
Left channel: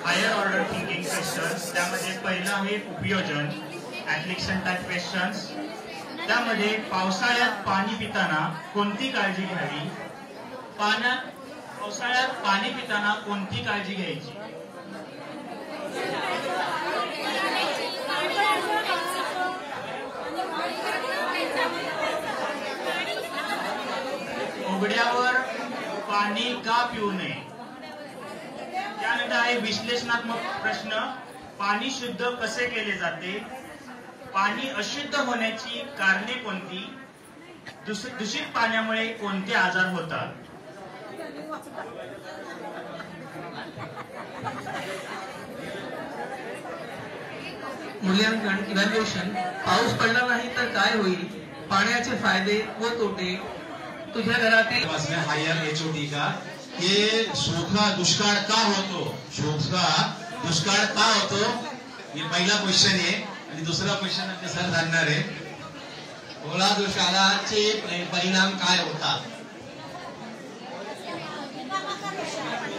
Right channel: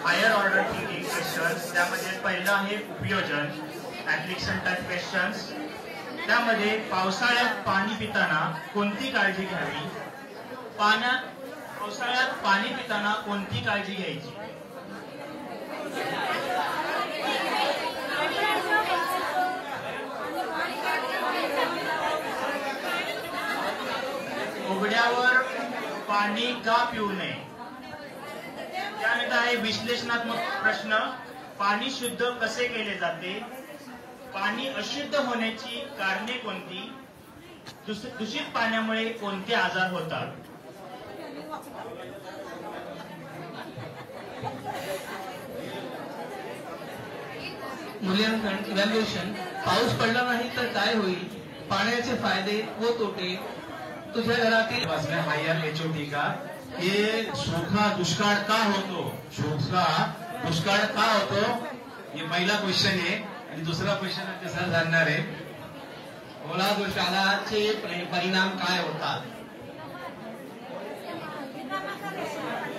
हायर ऑर्डर थिंकिंग क्वेश्चन्स. त्यामध्ये पहिलं आहे उपयोजन, ऍप्लिकेशन टाइप क्वेश्चन्स. त्यामध्ये पावसाळ्यात पाणी पिताना कोणती काळजी घ्यावी? पावसाळ्यात पाणी पिताना कोणती काळजी घ्यायची? उघड्यावर पाणी का पिऊ नये? त्यानंतर आहे विश्लेषणात्मक प्रश्न. पाणी शुद्ध कसे केले जाते? पाणी अशुद्ध होण्याची कारणे कोणती? दूषित पाण्यामुळे कोणते आजार होतात? मूल्यांकन, इव्हॅल्युएशन. पाऊस पडला नाही तर काय होईल? पाण्याचे फायदे व तोटे. तुझ्या घरातील हायर HOT का ये सूखा दुष्काळ का होतो? सूखा दुष्काळ का होतो? ये पहिला क्वेश्चन आहे. आणि दुसरा क्वेश्चन सर सांगणार आहे, ओला दुष्काळाचे परिणाम काय होतात?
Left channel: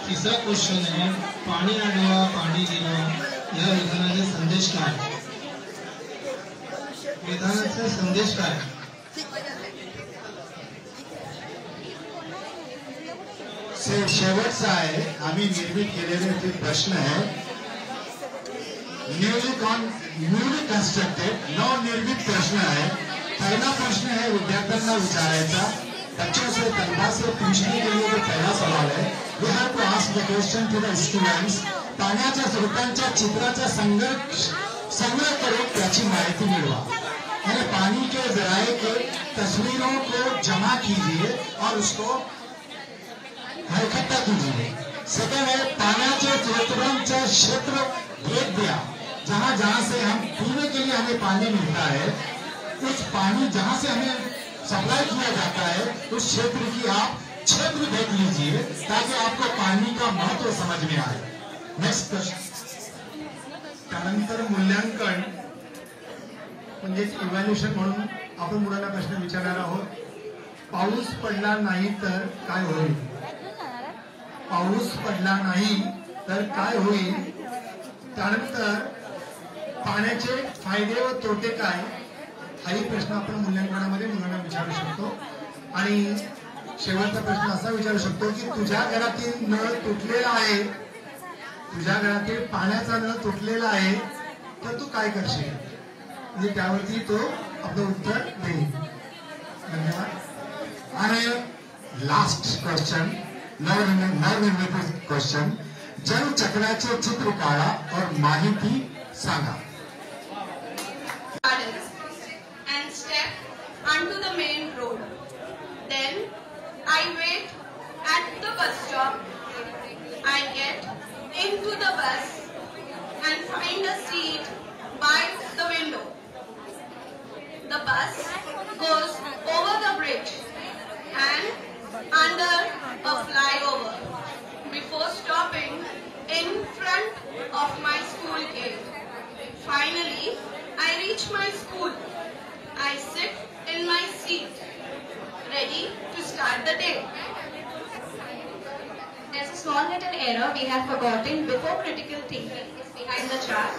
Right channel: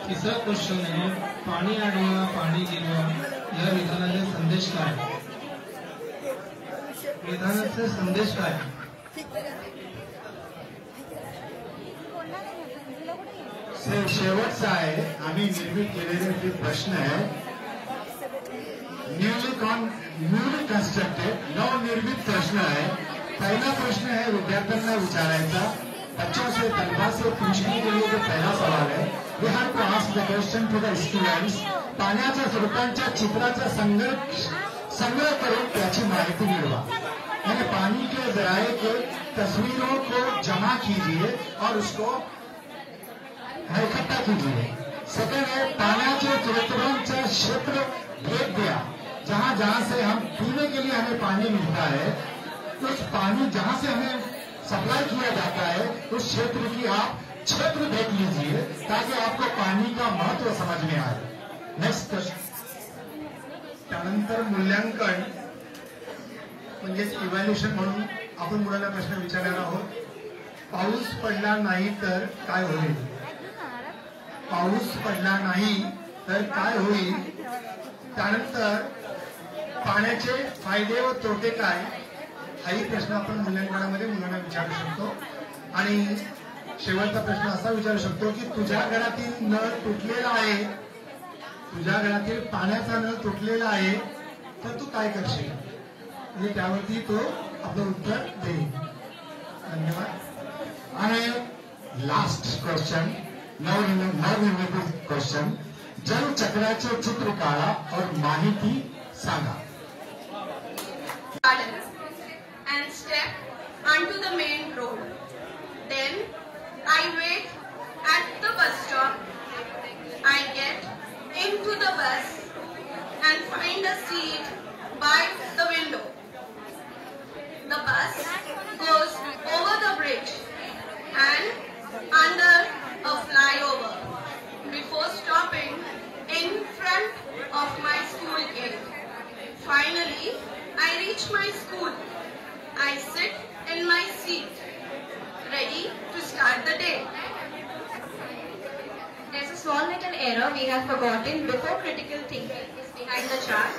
तिसरा क्वेश्चन आहे, पाणी आडवा पाणी गेलं या विधानाचे संदेश काय? विधानाचे संदेश काय? शेवटचा आहे, आम्ही निर्मित केलेले प्रश्न आहे. न्यूली न्यूली कंस्ट्रक्टेड नवनिर्मित प्रश्न है। पहला प्रश्न है विद्यार्थ्यांना विचारायचा, बच्चों से तलबा से पूछने के लिए जो पहला सवाल है, we have to ask the question to the students. पाण्याच्या स्रोतांच्या चित्राचा संग्रह करून त्याची माहिती मिळवा। यानी पानी के जराये के तस्वीरों को जमा कीजिए और उसको इकट्ठा कीजिए। सेकंड है पाण्याच्या स्रोतांचा क्षेत्र भेद दिया, जहां जहां से हम पीने के लिए हमें पानी मिलता है, कुछ पानी जहां से हमें सप्लाई किया जाता है उस क्षेत्र की आप क्षेत्र भेद लीजिए ताकि आपको पानी का महत्व समझ में आए। Next question. त्यानंतर मूल्यांकन म्हणजेच इव्हॅल्युएशन म्हणून आपण मुलांना प्रश्न विचारणार आहोत। पाऊस पडला नाही तर काय होईल? पाऊस पडला नाही तर काय होईल? त्यानंतर पाण्याचे फायदे व तोटे काय, हाही प्रश्न आपण मूल्यांकनामध्ये मुलांना विचारू शकतो। आणि शेवटचा प्रश्न असा विचारू शकतो की तुझ्या घरातील नळ तुटलेला आहे, तुझ्या घरातील पाण्याचा नळ तुटलेला आहे तर तू काय करशील? म्हणजे त्यावरती तो आपलं उत्तर देईल। धन्यवाद। आणि लास्ट क्वेश्चन, नवनिर्मित क्वेश्चन, जल चक्राचे चित्र काढा और माहिती सांगा। And step onto the main road. Then I wait at the bus stop. I get into the bus and find a seat by the window. The bus goes over the bridge and under a flyover before stopping in front of my school gate. Finally, I reach my school. I sit in my seat, ready to start the day. There's a small little error we have forgotten before critical thinking behind the chart.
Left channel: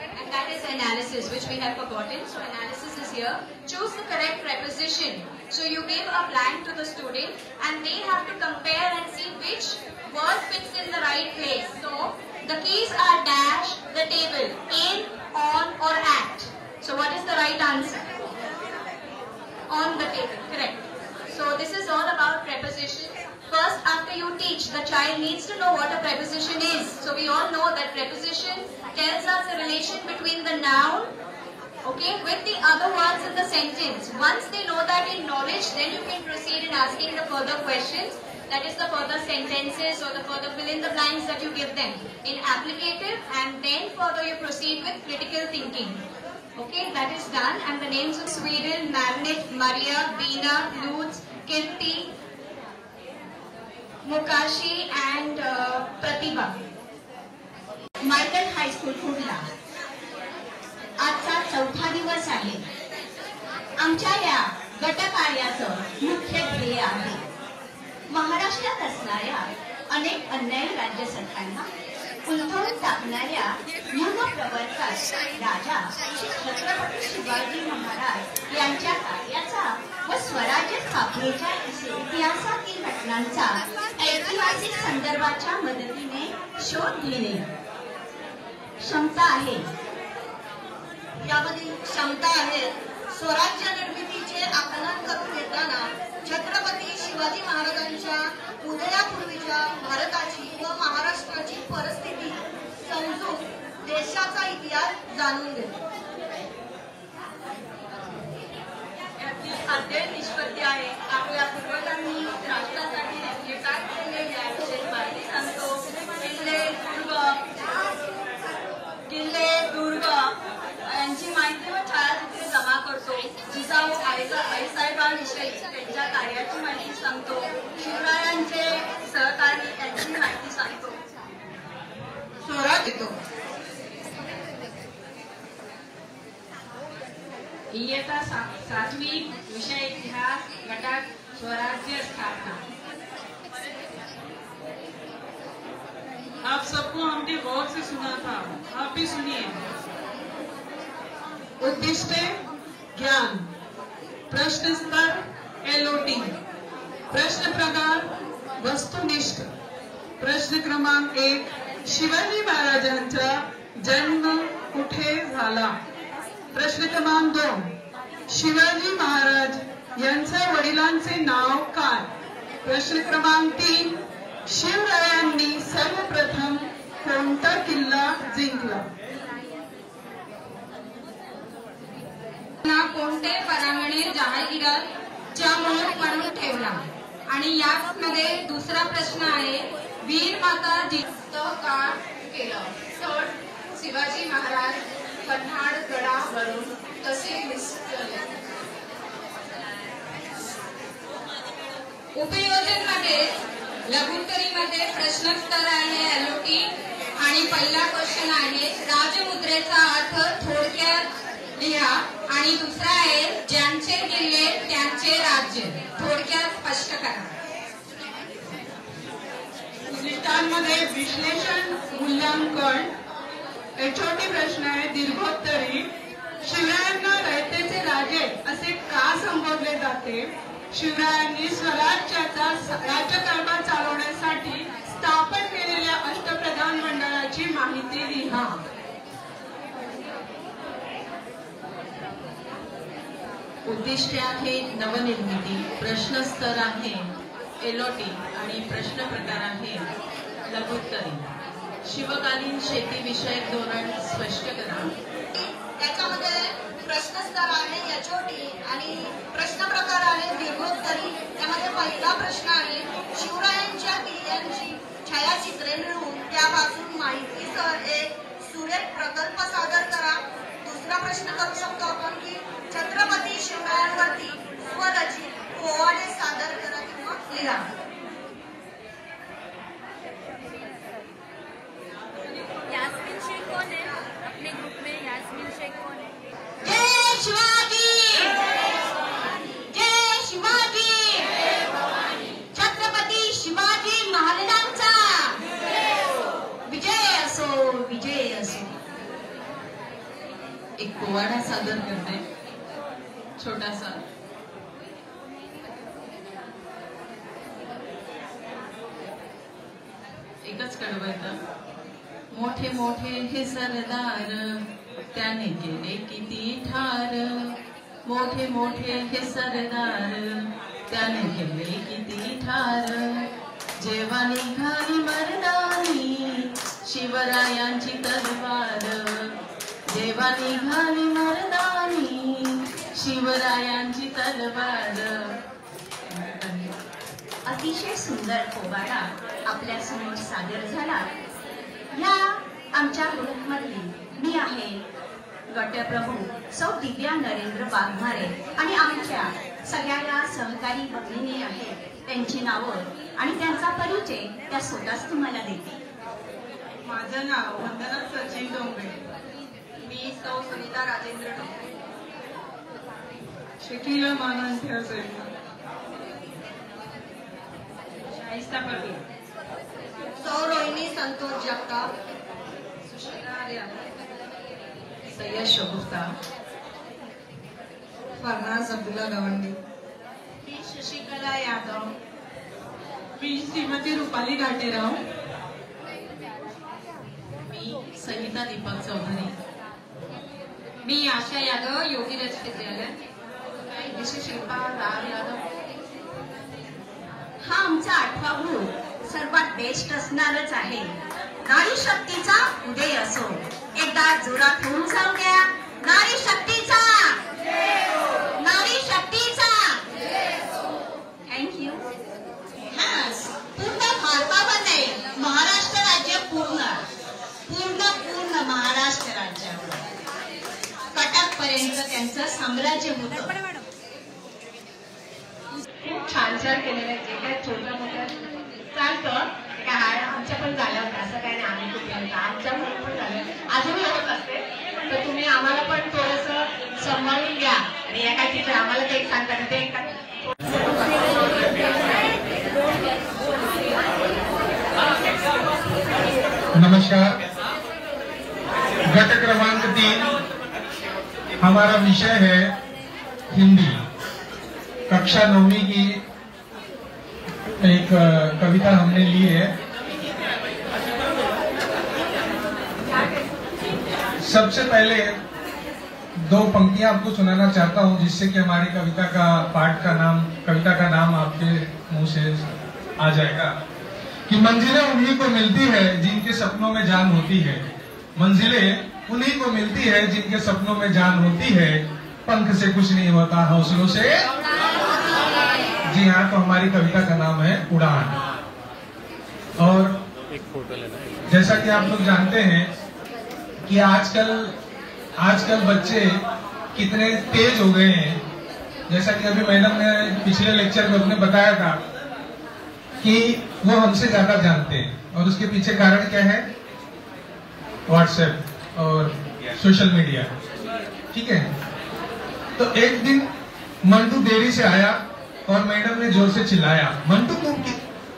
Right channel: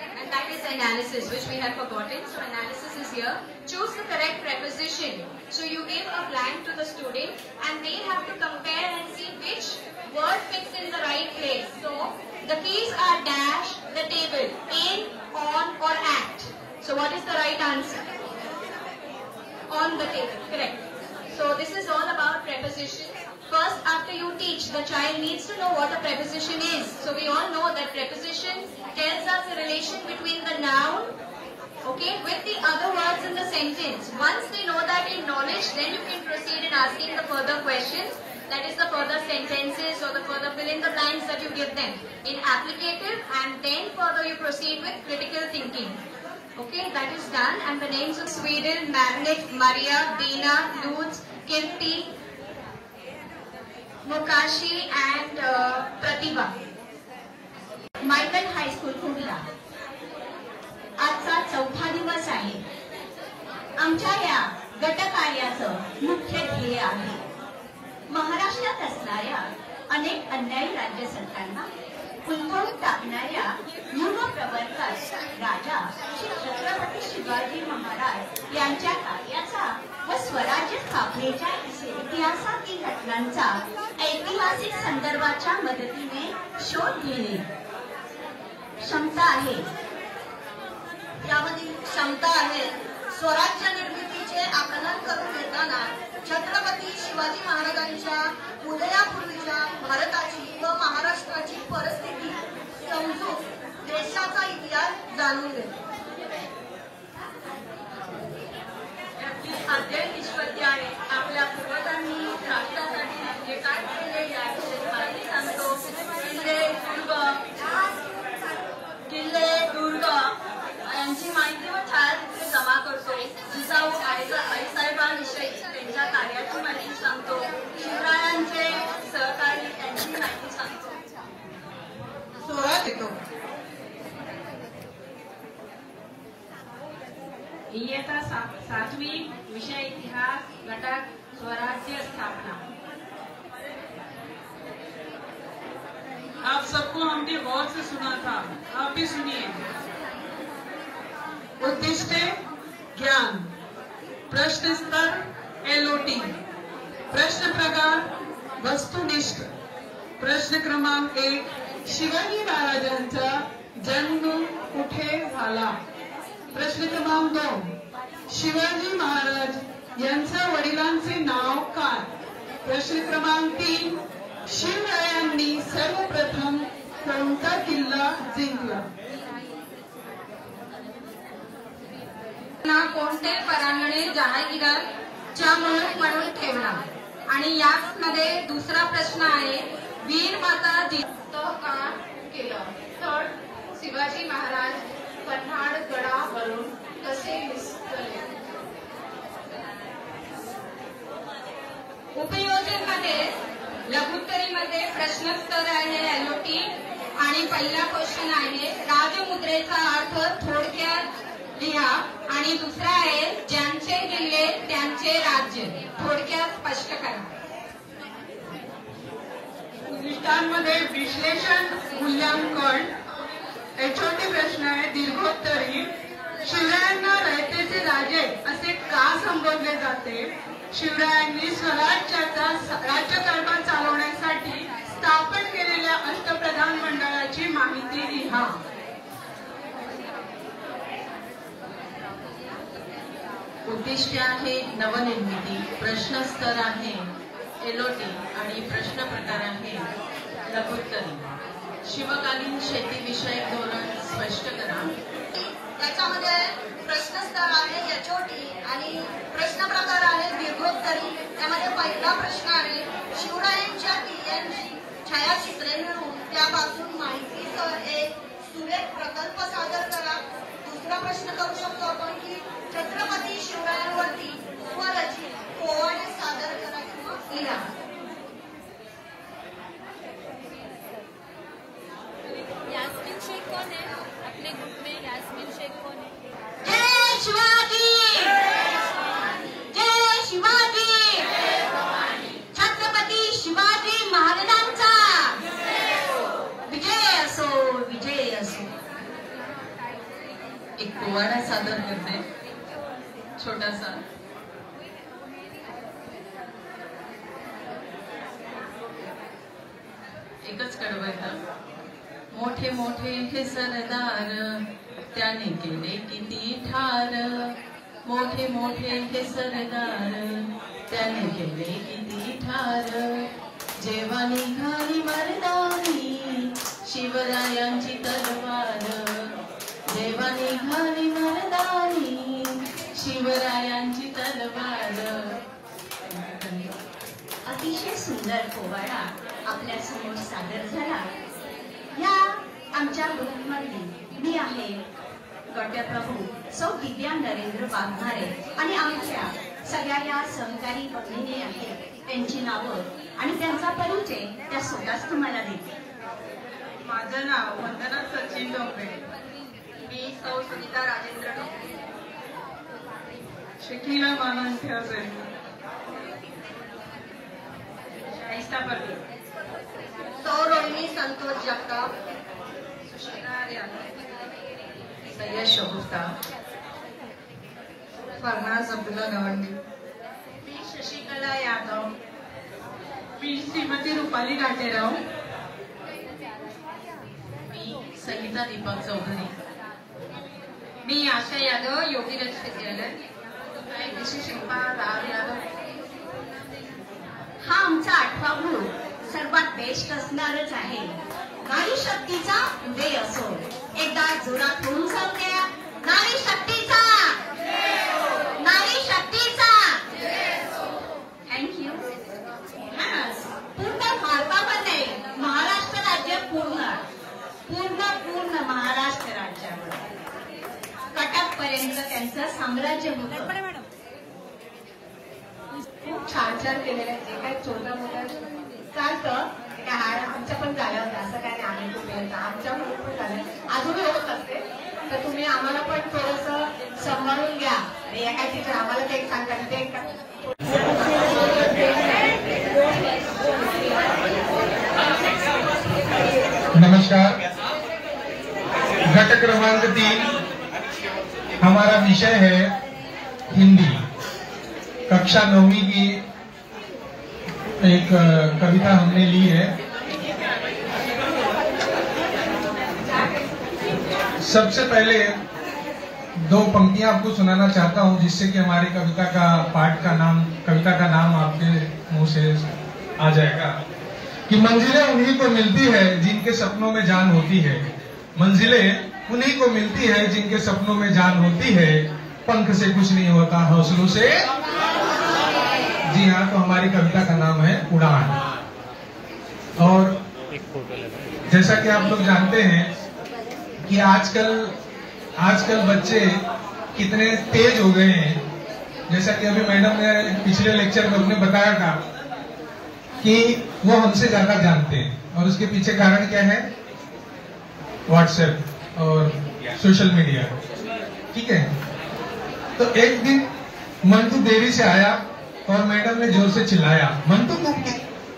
And that is analysis, which we have forgotten. So analysis is here. Choose the correct preposition. So you give a blank to the student and they have to compare and see which word fits in the right place. So the keys are dash, the table, in, on or at. So what is the right answer? On the table, correct. So this is all about prepositions. First, after you teach, the child needs to know what a preposition is. So we all know that preposition tells us a relation between the noun, okay, with the other words in the sentence. Once they know that in knowledge, then you can proceed in asking the further questions. That is the further sentences or the further fill in the blanks that you give them in applicative, and then further you proceed with critical thinking. Okay, that is done. And the names of Sweden, Magnet, Maria, Dina, Lutz, Kirti, Mukashi and Pratibha. Michael high school कुठला? आजचा चौथा दिवस आहे। आमच्या या गटकार्याचं मुख्य ध्येय आहे महाराष्ट्रात असणाऱ्या अनेक अन्यायी राज्य सरकारांना उलथवून टाकणाऱ्या युगप्रवर्तक राजा श्री छत्रपती शिवाजी महाराज यांच्या कार्याचा व स्वराज्य स्थापनेच्या इतिहासातील घटनांचा ऐतिहासिक संदर्भाच्या मदतीने शोध घेणे क्षमता आहे। यामधील क्षमता आहे स्वराज्य निर्मितीचे आकलन करून घेताना छत्रपती शिवाजी महाराजांच्या उदयापूर्वीच्या भारताची व महाराष्ट्राची परिस्थिती समजून देशाचा इतिहास जाणून घेतो। यातील अध्ययन निष्पत्ती आहे आपल्या पूर्वजांनी राष्ट्रासाठी जे काय केले याविषयी माहिती सांगतो। किल्ले दुर्ग यांची माहिती व छायाचित्रे जमा करतो। जिजाऊ आईसाहेबांविषयी त्यांच्या कार्याची माहिती सांगतो। शिवरायांचे सहकारी त्यांची माहिती सांगतो। सोहळा देतो। इयत्ता 7वी विषय इतिहास गटात स्वराज्य स्थापना। आप सबको हमने गौर से सुना था, आप भी सुनिए। उद्दिष्ट ज्ञान, प्रश्न स्तर LOT, प्रश्न प्रकार वस्तुनिष्ठ। प्रश्न क्रमांक 1, शिवाजी महाराजांचा जन्म मध्ये झाला. प्रश्न क्रमांक 2. शिवाजी महाराज यांच्या वडिलांचे नाव काय? प्रश्न क्रमांक 3. शिवरायांनी सर्वप्रथम कोणता किल्ला जिंकला? कोणते परांगणे जहागीरच्या मूळ म्हणून ठेवला? आणि यामध्ये दुसरा प्रश्न आहे, वीर माता जिजाऊ का केलं? थर्ड, शिवाजी महाराज पन्हाळगडावरून कसे निसटले? उपयोजन मध्ये लघुत्तरीमध्ये प्रश्नोत्तर आहे LOT. आणि पहिला क्वेश्चन आहे, राजमुद्रेचा अर्थ थोडक्यात लिहा. आणि दुसरा आहे, ज्यांचे किल्ले त्यांचे राज्य, थोडक्यात स्पष्ट करा. उद्दिष्टांमध्ये विश्लेषण मूल्यांकन. छोटे प्रश्न आहे दीर्घोत्तरी. शिवरायांना रयतेचे राजे असे का संबोधले जाते? शिवरायांनी स्वराज्याचा राज्यकारभार चालवण्यासाठी स्थापन केलेल्या अष्टप्रधान मंडळाची माहिती लिहा. उद्दिष्ट आहे नवनिर्मिती. प्रश्नस्तर आहे LOT आणि प्रश्न प्रकार आहे लघुत्तरी. शिवकालीन शेतीविषयक धोरण स्पष्ट करा. त्याच्यामध्ये प्रश्नस्तर आहे HOT आणि प्रश्न प्रकार आहे दीर्घोत्तरी. त्यामध्ये पहिला प्रश्न आहे, शिवरायांच्या किल्ल्यांची छायाचित्रे मिळवून त्यापासून माहितीसह एक सुरेख प्रकल्प सादर करा. दुसरा प्रश्न करू शकतो आपण की छत्रपती शिवरायांवरती स्वरचित पोवाडे सादर करा किंवा लिहा. जय शिवाजी, जय शिवाजी, छत्रपती शिवाजी महाराजांचा विजय असो, विजय असो. एक पोवाडा सादर करते छोटासा. एकच कडवं. मोठे मोठे हे सरदार त्याने केले किती ठार. मोठे मोठे हे सरदार त्याने केले किती ठार. जेव्हा निघाली मर्दानी शिवरायांची तलवार. जेव्हा निघाली मर्दानी शिवरायांची तलवार. अतिशय सुंदर पोवाडा आपल्या समोर सादर झाला. या आमच्या ग्रुपमधली मी आहे गटप्रभू सौ दिव्या नरेंद्र वाघमारे आणि आमच्या सगळ्या या सहकारी भगिनी आहेत. त्यांची नावं आणि त्यांचा परिचय त्या स्वतःच तुम्हाला देते. माझं नाव वंदना सचिन डोंगरे. मी सौ सुनीता राजेंद्र डोंगरे. शकीला मानंत्य असेल. शाइस्ता परवीन. सौ रोहिणी संतोष जगताप. सुशीला आर्या. सय्यद शगुफ्ता. फरनाज अब्दुल्ला गवंडी. मी शशिकला यादव. मी श्रीमती रुपाली घाटेराव. मी संगीता दीपक चौधरी. मी आशा यादव योगीरज विद्यालय. विशेष शिल्पा राम यादव. हा आमचा 8वा ग्रुप सर्वात बेस्ट असणारच आहे. नारी शक्तीचा उदय असो. एकदा जोरात होऊन जाऊ द्या. नारी शक्तीचा, नारी शक्तीचा. थँक्यू. पूर्ण भारतामध्ये महाराष्ट्र राज्य पूर्ण पूर्ण पूर्ण महाराष्ट्र राज्यावर कटक पर्यंत त्यांचं साम्राज्य होतं. छान छान केलेलं आहे. जे काय छोट्या मोठ्या चालतं काय हाय आमच्या पण झाल्या होत्या. असं काय नाही आम्ही कुठे आमच्या पण झालं अजूनही होत असते. तर तुम्ही आम्हाला पण थोडंसं सांभाळून घ्या. आणि एका तिथे आम्हाला काही सांगता ते नमस्कार. गट क्रमांक 3 हमारा विषय है हिंदी. कक्षा 9वीं की एक कविता हमने ली है. सबसे पहले दो पंक्तियां आपको सुनाना चाहता हूं, जिससे कि हमारी कविता का नाम आपके मुंह से आ जाएगा कि मंजिलें उन्हीं को मिलती है जिनके सपनों में जान होती है। मंजिलें उन्हीं को मिलती है जिनके सपनों में जान होती है। पंख से कुछ नहीं होता, हौसलों से। जी हाँ, तो हमारी कविता का नाम है उड़ान। और जैसा कि आप लोग जानते हैं कि आजकल बच्चे कितने तेज हो गए हैं। जैसा कि अभी मैडम ने पिछले लेक्चर में अपने बताया था कि वो हमसे ज्यादा जानते हैं, और उसके पीछे कारण क्या है? व्हाट्सएप और सोशल मीडिया। ठीक है, तो एक दिन मंटू देरी से आया और मैडम ने जोर से चिल्लाया, मंटू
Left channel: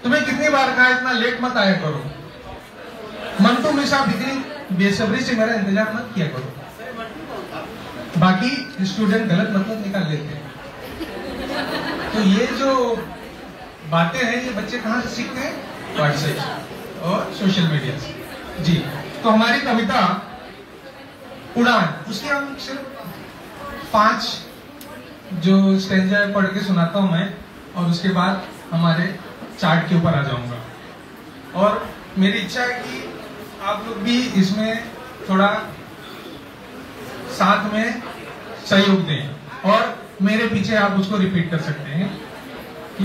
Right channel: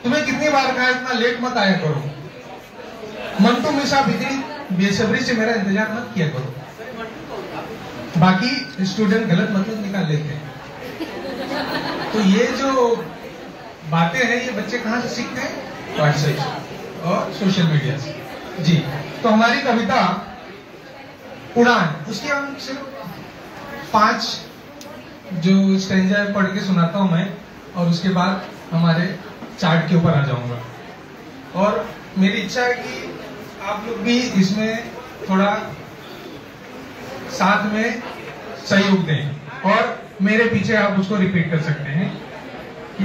तुम्हें कितनी बार कहा इतना लेट मत आया करो। मंटू में साहब इतनी बेसब्री से मेरा इंतजार मत किया करो। बाकी स्टूडेंट गलत मतलब निकाल लेते हैं। तो ये जो बातें हैं ये बच्चे कहाँ से सीखते हैं? व्हाट्सएप और सोशल मीडिया से। जी, तो हमारी कविता उड़ान, उसके हम सिर्फ 5 जो स्टेंजा पढ़ के सुनाता हूं मैं, और उसके बाद हमारे चार्ट के ऊपर आ जाऊंगा। और मेरी इच्छा है कि आप लोग भी इसमें थोड़ा साथ में सहयोग दें, और मेरे पीछे आप उसको रिपीट कर सकते हैं कि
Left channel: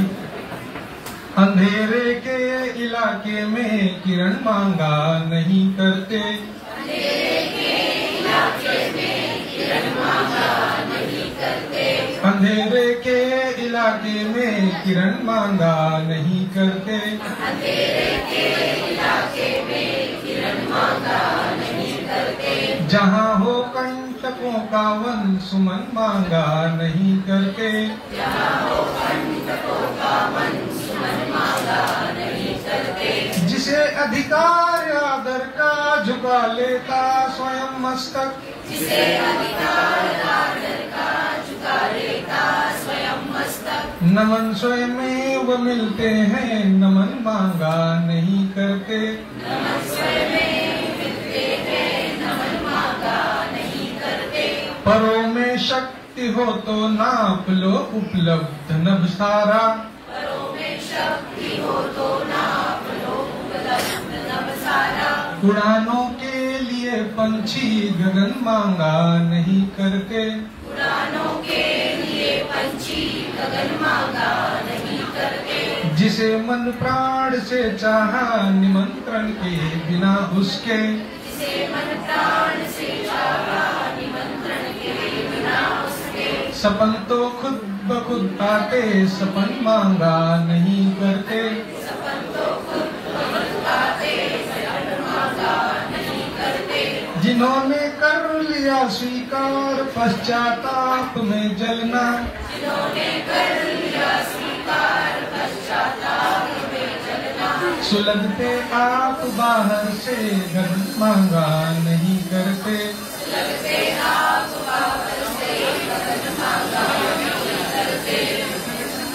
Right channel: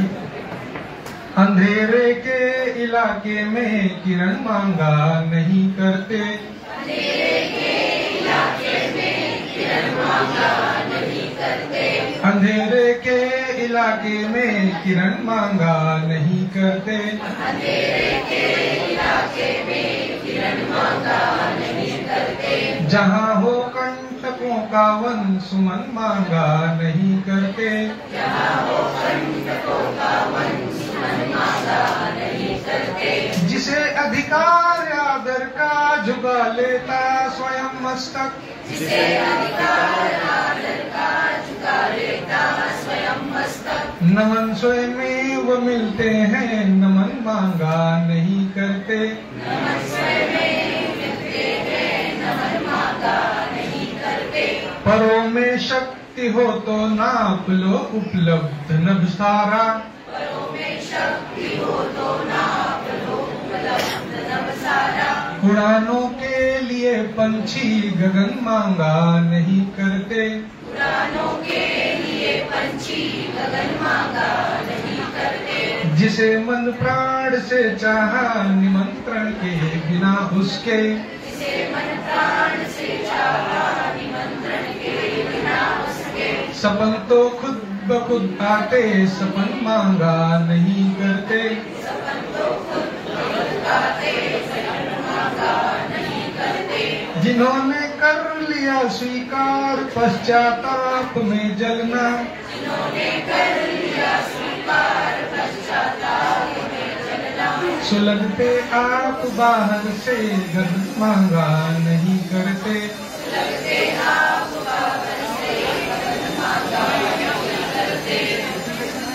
अंधेरे के इलाके में किरण मांगा नहीं करते, अंधेरे के इलाके में किरण मांगा नहीं करते, अंधेरे के इलाके में किरण मांगा नहीं करते, अंधेरे के इलाके में किरण मांगा नहीं करते, जहाँ हो कंटकों का वन सुमन मांगा नहीं करते, जहाँ हो कंटकों का वन सुमन मांगा नहीं करते, जिसे अधिकार आदर का झुका लेता स्वयं मस्तक, जिसे अधिकार आदर का झुका लेता स्वयं मस्तक, नमन स्वयं में वो मिलते हैं नमन मांगा नहीं करते, नमन स्वयं में मिलते हैं नमन मांगा नहीं करते, परों में शक्ति हो तो नाप लो उपलब्ध नभ सारा, परों में शक्ति हो तो नाप लो उपलब्ध नभ सारा, उड़ानों के लिए पंछी गगन मांगा नहीं करते, उड़ानों के लिए पंछी गगन मांगा नहीं करते, जिसे मन प्राण से चाहा निमंत्रण के बिना उसके, जिसे मन प्राण से चाहा निमंत्रण के बिना उसके, सपन तो खुद ब खुद आते सपन मांगा नहीं करते, सपन तो खुद ब खुद आते सपन मांगा नहीं करते, जिन्होंने कर लिया स्वीकार पश्चाताप में जलना, जिन्होंने कर लिया स्वीकार पश्चाताप में जलना, सुलगते आप बाहर से गगन मांगा नहीं करते, सुलगते आप बाहर से गगन मांगा नहीं करते।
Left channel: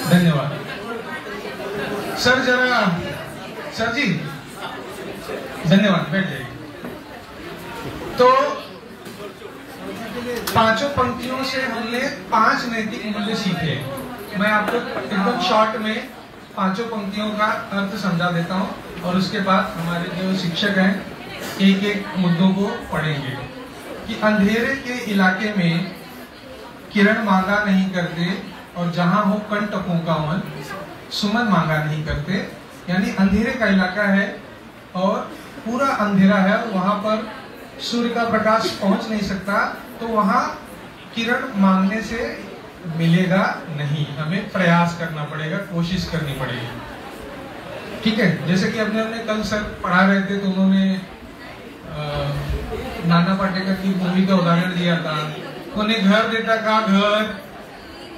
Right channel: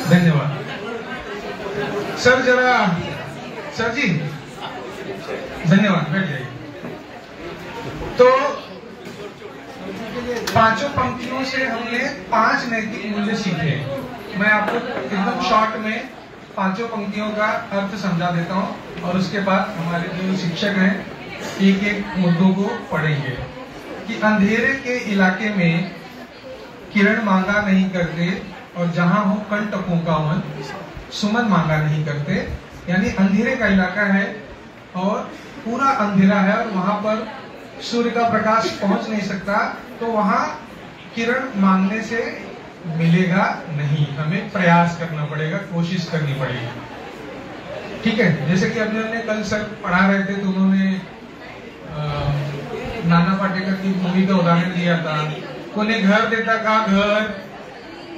धन्यवाद सर। सर जी धन्यवाद, बैठ जाइए। तो 5 पंक्तियों से हमने 5 नैतिक मूल्य सीखे। मैं आपको एकदम शॉर्ट में 5 पंक्तियों का अर्थ समझा देता हूं, और उसके बाद हमारे जो शिक्षक हैं एक एक मुद्दों को पढ़ेंगे। कि अंधेरे के इलाके में किरण मांगा नहीं करते, और जहां हो कंटकों का वन सुमन मांगा नहीं करते। यानी अंधेरे का इलाका है और पूरा अंधेरा है, और वहां पर सूर्य का प्रकाश पहुंच नहीं सकता, तो वहां किरण मांगने से मिलेगा नहीं, हमें प्रयास करना पड़ेगा, कोशिश करनी पड़ेगी। ठीक है, जैसे कि हमने कल सर पढ़ा रहे थे तो उन्होंने नाना पाटेकर की मूवी का उदाहरण दिया था। कोई घर देता का घर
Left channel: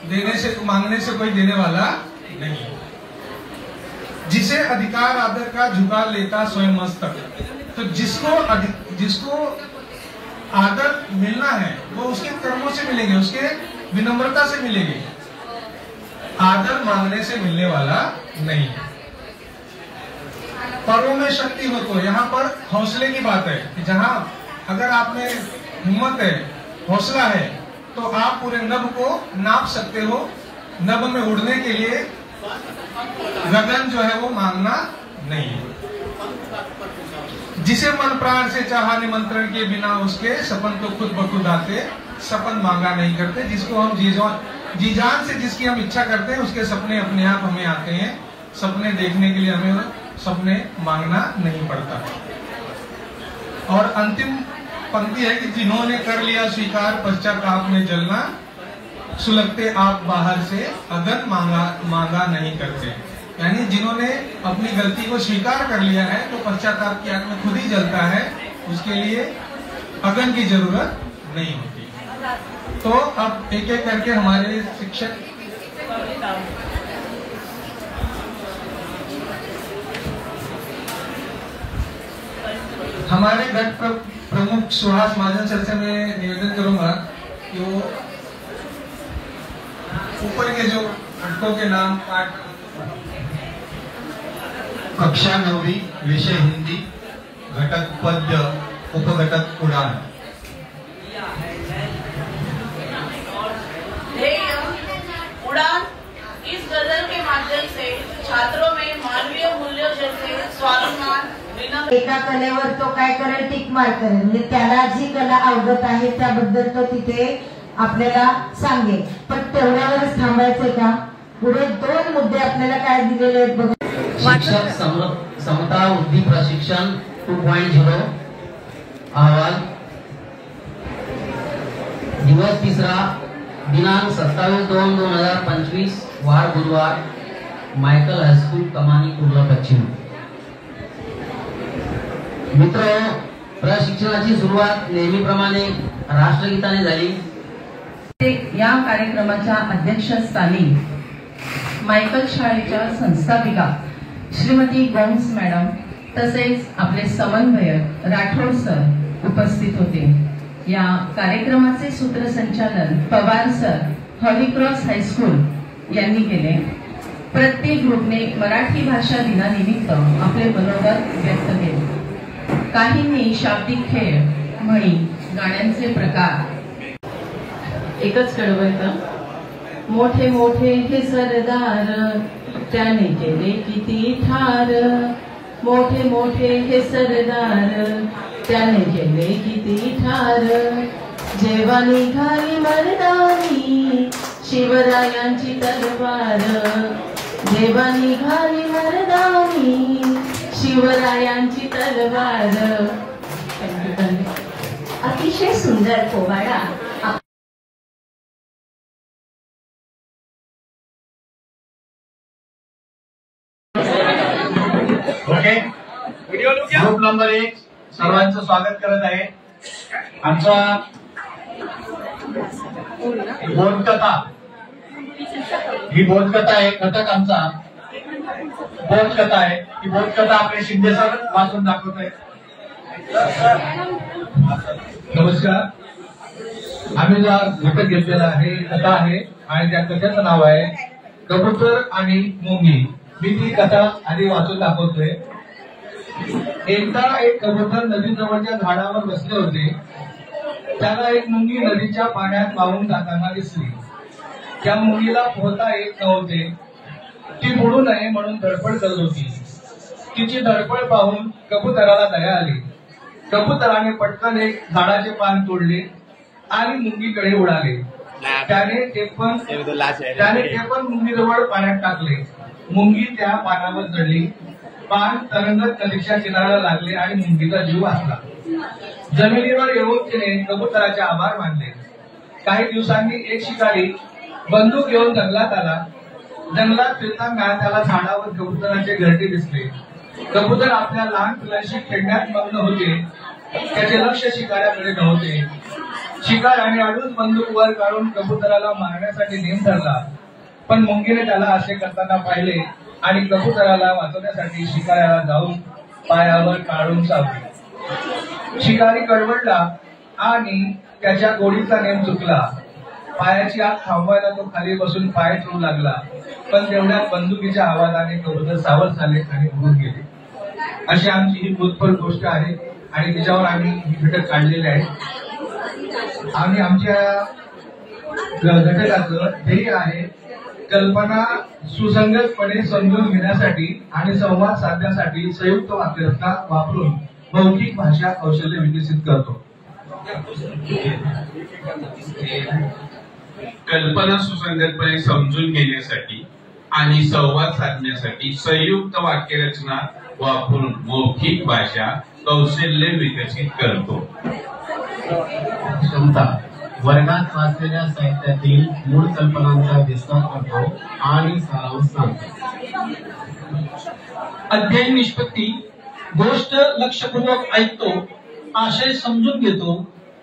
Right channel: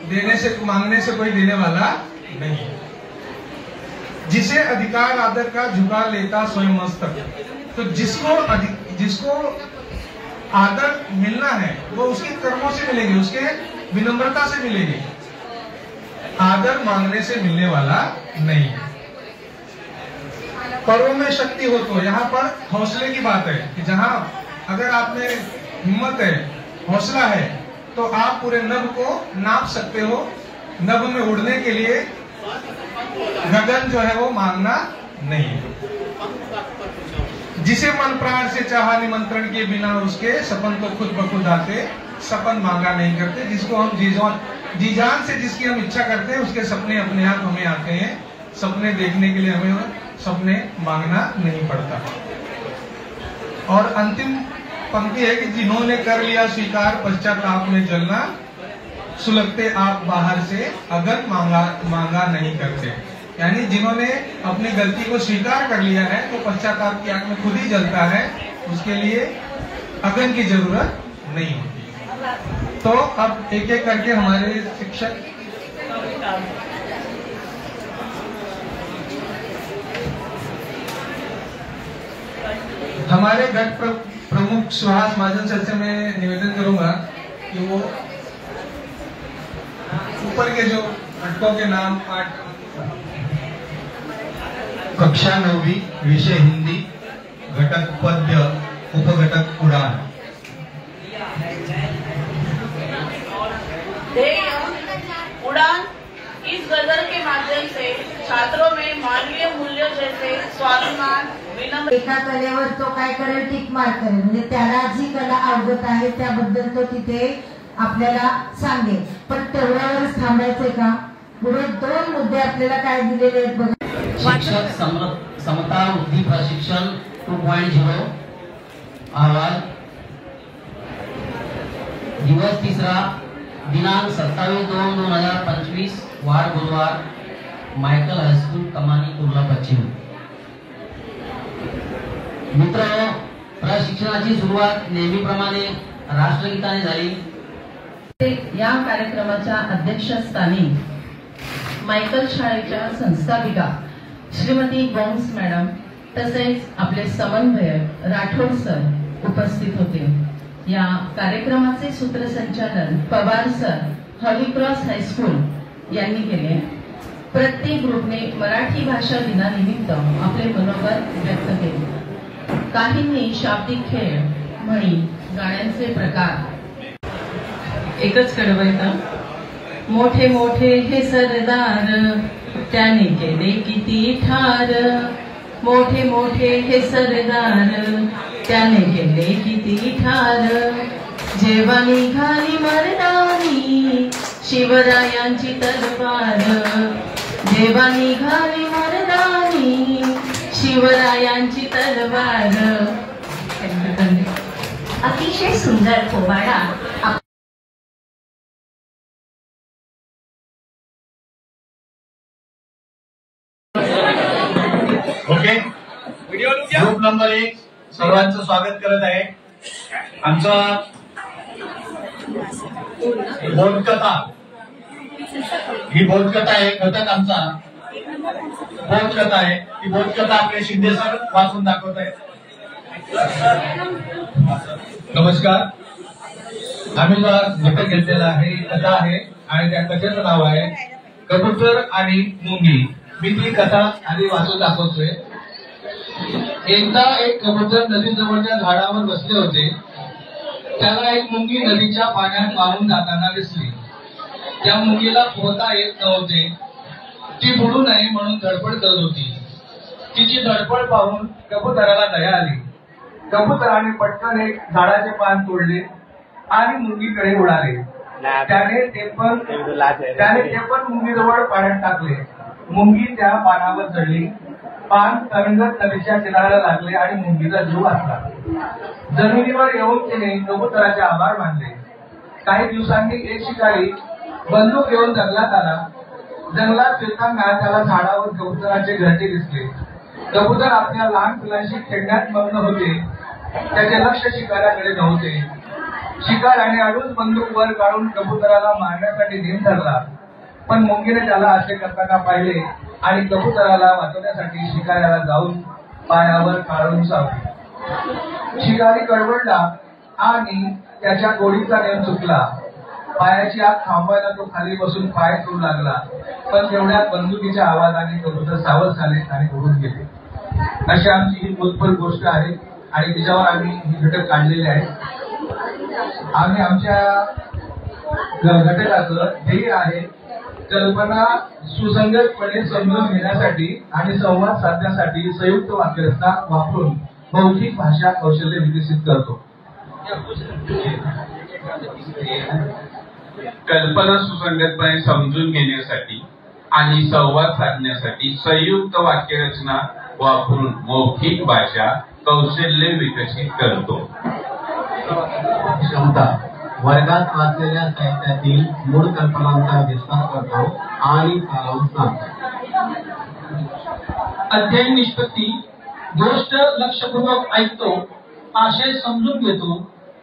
देने से मांगने से कोई देने वाला नहीं। जिसे अधिकार आदर का झुका लेता स्वयं मस्तक। तो जिसको आदर मिलना है वो उसके कर्मों से मिलेंगे, उसके विनम्रता से मिलेंगे, आदर मांगने से मिलने वाला नहीं। परों में शक्ति हो तो यहाँ पर हौसले की बात है कि जहाँ अगर आप में हिम्मत है, हौसला है, तो आप पूरे नभ को नाप सकते हो। नभ में उड़ने के लिए गगन जो है वो मांगना नहीं। जिसे मन प्राण से चाहा निमंत्रण के बिना उसके सपन तो खुद ब खुद आते, सपन मांगा नहीं करते। जिसको हम जी जान से जिसकी हम इच्छा करते हैं उसके सपने अपने आप हमें आते हैं। सपने देखने के लिए हमें सपने मांगना नहीं पड़ता। और अंतिम पंक्ति है कि जिन्होंने कर लिया स्वीकार पश्चाताप में जलना, सुलगते आप बाहर से अगन मांगा नहीं करते। यानी जिन्होंने अपनी गलती को स्वीकार कर लिया है तो पश्चाताप की आग में खुद ही जलता है, उसके लिए अगन की जरूरत नहीं होती। तो अब एक एक करके हमारे शिक्षक हमारे गट प्रमुख सुहास महाजन सर से मैं निवेदन करूंगा कि वो ऊपर के जो घटकों के नाम पाठ। कक्षा 9वी, विषय हिंदी, घटक पद्य, उपघटक उड़ान। उड़ान इस गजल के माध्यम से छात्रों में मानवीय मूल्यों जैसे स्वाभिमान, एका कलेवर तो काय करेल, टिक मार करेल, म्हणजे त्याला जी कला अवगत आहे त्याबद्दल तो तिथे आपल्याला सांगेल। पण तेवढ्यावरच थांबायचंय का? पुढे 2 मुद्दे आपल्याला काय दिलेले आहेत बघा। शिक्षक समता वृद्धी प्रशिक्षण 2.0 अहवाल दिवस 3रा दिनांक 27/2/2025 वार बुधवार, मायकल हायस्कूल कमानी कुर्ला पश्चिम। मित्र, प्रशिक्षणाची सुरुवात नेहमीप्रमाणे राष्ट्रगीताने झाली। या कार्यक्रमाच्या अध्यक्षस्थानी मायकल शाळेच्या संस्थापिका श्रीमती गोम्स मॅडम तसेच आपले समन्वयक राठोड सर उपस्थित होते। या कार्यक्रमाचे सूत्रसंचालन पवार सर, हॉलीक्रॉस हायस्कूल यांनी केले। प्रत्येक ग्रुपने मराठी भाषा दिनानिमित्त आपले मनोगत व्यक्त केले। काहींनी शाब्दिक खेळ, म्हणी, गाण्यांचे प्रकार। एकच कडवयता, मोठे मोठे हे सरदार त्याने केले किती ठार, मोठे मोठे हे सरदार त्याने केले किती ठार, जेव्हा निघाली मर्दानी शिवरायांची तलवार, जेव्हा निघाली मर्दानी शिवरायांची तलवार। अतिशय सुंदर पोवाडा ओके, ग्रुप नंबर 1 सर्वांचं स्वागत करत आहे। आमचा बोधकथा, ही बोधकथा आहे, घटक आमचा बोधकथा आहे। ही बोधकथा आपले शिंदे सर वाचून दाखवत आहेत। नमस्कार, आम्ही जो आज घटक घेतलेला आहे कथा आहे आणि त्या कथेचं नाव आहे कबूतर आणि मुंगी। मी ती कथा आधी वाचून दाखवतोय। एकदा एक कबूतर नदीजवळच्या झाडावर बसले होते। त्याला एक मुंगी नदीच्या पाण्यात वाहून जाताना दिसली। त्या मुंगीला पोहता येत नव्हते। ती बुडू नये म्हणून धडपड करत होती। तिची धडपड पाहून कबुतराला दया आली। कबुतराने पटकन एक झाडाचे पान तोडले आणि मुंगीकडे उडाले। त्याने ते पण मुंगीजवळ पाण्यात टाकले। मुंगी त्या पानावर चढली। पान तरंगत नदीच्या किनाऱ्याला लागले आणि मुंगीचा जीव वाचला। जमिनीवर येऊन तिने कबुतराचे आभार मानले। काही दिवसांनी एक शिकारी बंदूक घेऊन जंगलात आला। जंगलात फिरताना त्याला झाडावर कबुतराचे घरटे दिसले। कबूतर आपल्या लहान पिलांशी खेळण्यात मग्न होते। त्याचे लक्ष शिकाऱ्याकडे नव्हते। शिकाऱ्याने अडून बंदूक वर काढून कबुतराला मारण्यासाठी नेम धरला, पण मुंगीने त्याला असे करताना पाहिले आणि कबुतराला वाचवण्यासाठी शिकाऱ्याला जाऊन पायावर काढून चावले। शिकारी कडवडला आणि त्याच्या गोडीचा नेम चुकला। पायाची आग थांबवायला तो खाली बसून पाय चोरू लागला, पण तेवढ्यात बंदुकीच्या आवाजाने कबूतर सावध झाले आणि उडून गेले। अशी आमची ही बोधपर गोष्ट आहे आणि तिच्यावर आम्ही ही घटक काढलेले आहेत। आणि आमच्या घटकाचं ध्येय आहे कल्पना सुसंगतपणे समजून घेण्यासाठी आणि संवाद साधण्यासाठी संयुक्त वाक्यरचना वापरून मौखिक भाषा कौशल्य विकसित करतो. कल्पना सुसंगतपणे समजून घेण्यासाठी आणि संवाद साधण्यासाठी संयुक्त वाक्यरचना वापरून मौखिक भाषा कौशल्य विकसित करतो. क्षमता वर्गात वाचलेल्या साहित्यातील मूळ कल्पनांचा विस्तार करतो आणि सारांश सांगतो. अध्ययन निष्पत्ती गोष्ट लक्षपूर्वक ऐकतो, आशय समजून घेतो,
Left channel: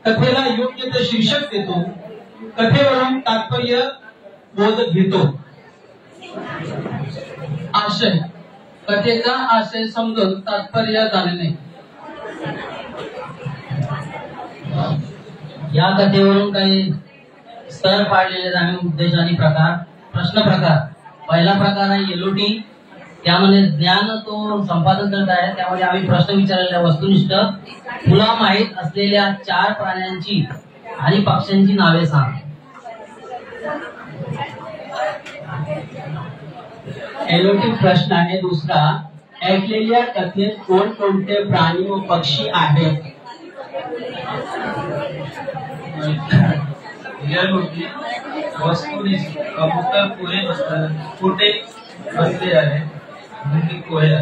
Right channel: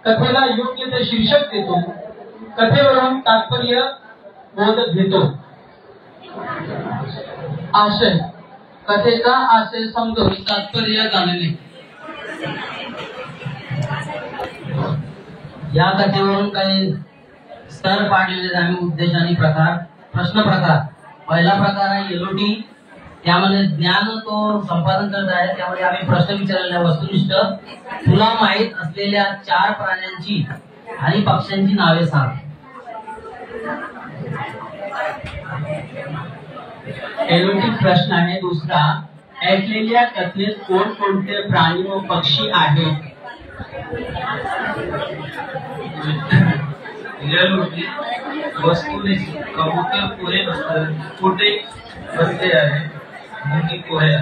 कथेला योग्य ते शीर्षक देतो, कथेवरून तात्पर्य बोध घेतो. आशय कथेचा आशय समजून तात्पर्य जाणणे. या कथेवरून काही स्तर पाडलेले आम्ही उद्देश आणि प्रकार. प्रश्न प्रकार पहिला प्रकार आहे एलओटी. त्यामध्ये ज्ञान तो संपादन करत आहे. त्यामध्ये आम्ही प्रश्न विचारलेला वस्तुनिष्ठ. तुला माहित असलेल्या 4 प्राण्यांची आणि पक्ष्यांची नावे सांग. एलओटी प्रश्न आहे दुसरा. ऐकलेल्या कथेत कोणकोणते प्राणी व पक्षी आहेत? वस्तुनिष्ठ कबूतर कुठे बसले आहे मुंगी कोया.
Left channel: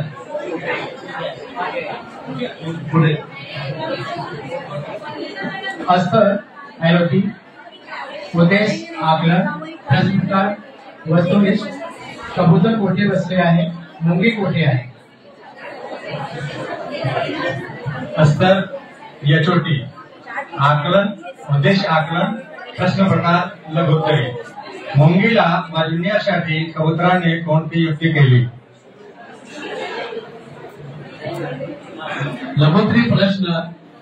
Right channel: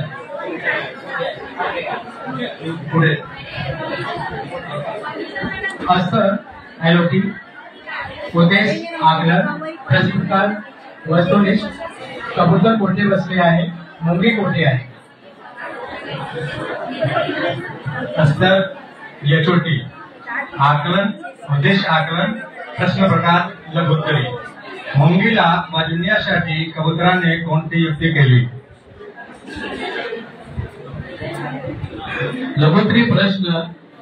पुढे अस्तर एलओटी उद्देश आकलन. प्रश्नकार वस्तुनिष्ठ कबूतर कोठे बसले आहे मुंगी कोठे आहे. अस्तर यचोटी आकलन उद्देश आकलन. प्रश्न प्रकार लघुत्तरे. मुंगीला वाजविण्यासाठी कबुतराने कोणती युक्ती केली. लघुत्तरी प्रश्न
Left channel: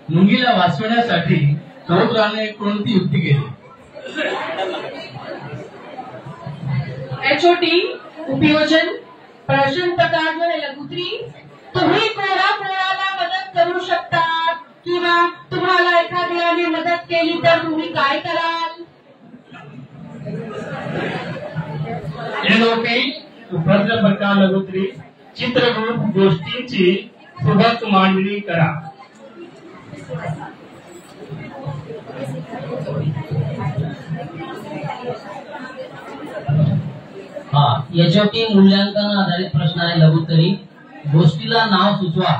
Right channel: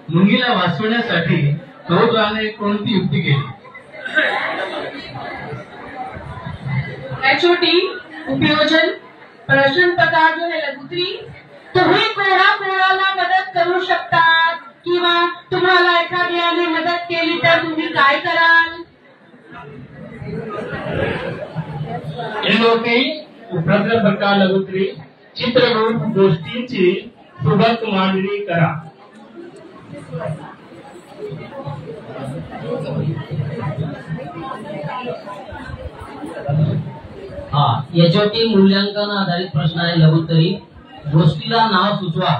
मुंगीला वाचवण्यासाठी कबुतराने कोणती युक्ती केली. एचओटी उपयोजन. प्रश्न प्रकार जो है लघुत्री. तुम्ही कोणाला मदत करू शकतात किंवा तुम्हाला एखाद्याने मदत केली तर तुम्ही काय कराल. प्रश्न प्रकार लघुत्री. चित्ररूप गोष्टींची सुबक मांडणी करा. एचओटी मूल्यांकन आधारित प्रश्न आहे लघुत्तरी. गोष्टीला नाव सुचवा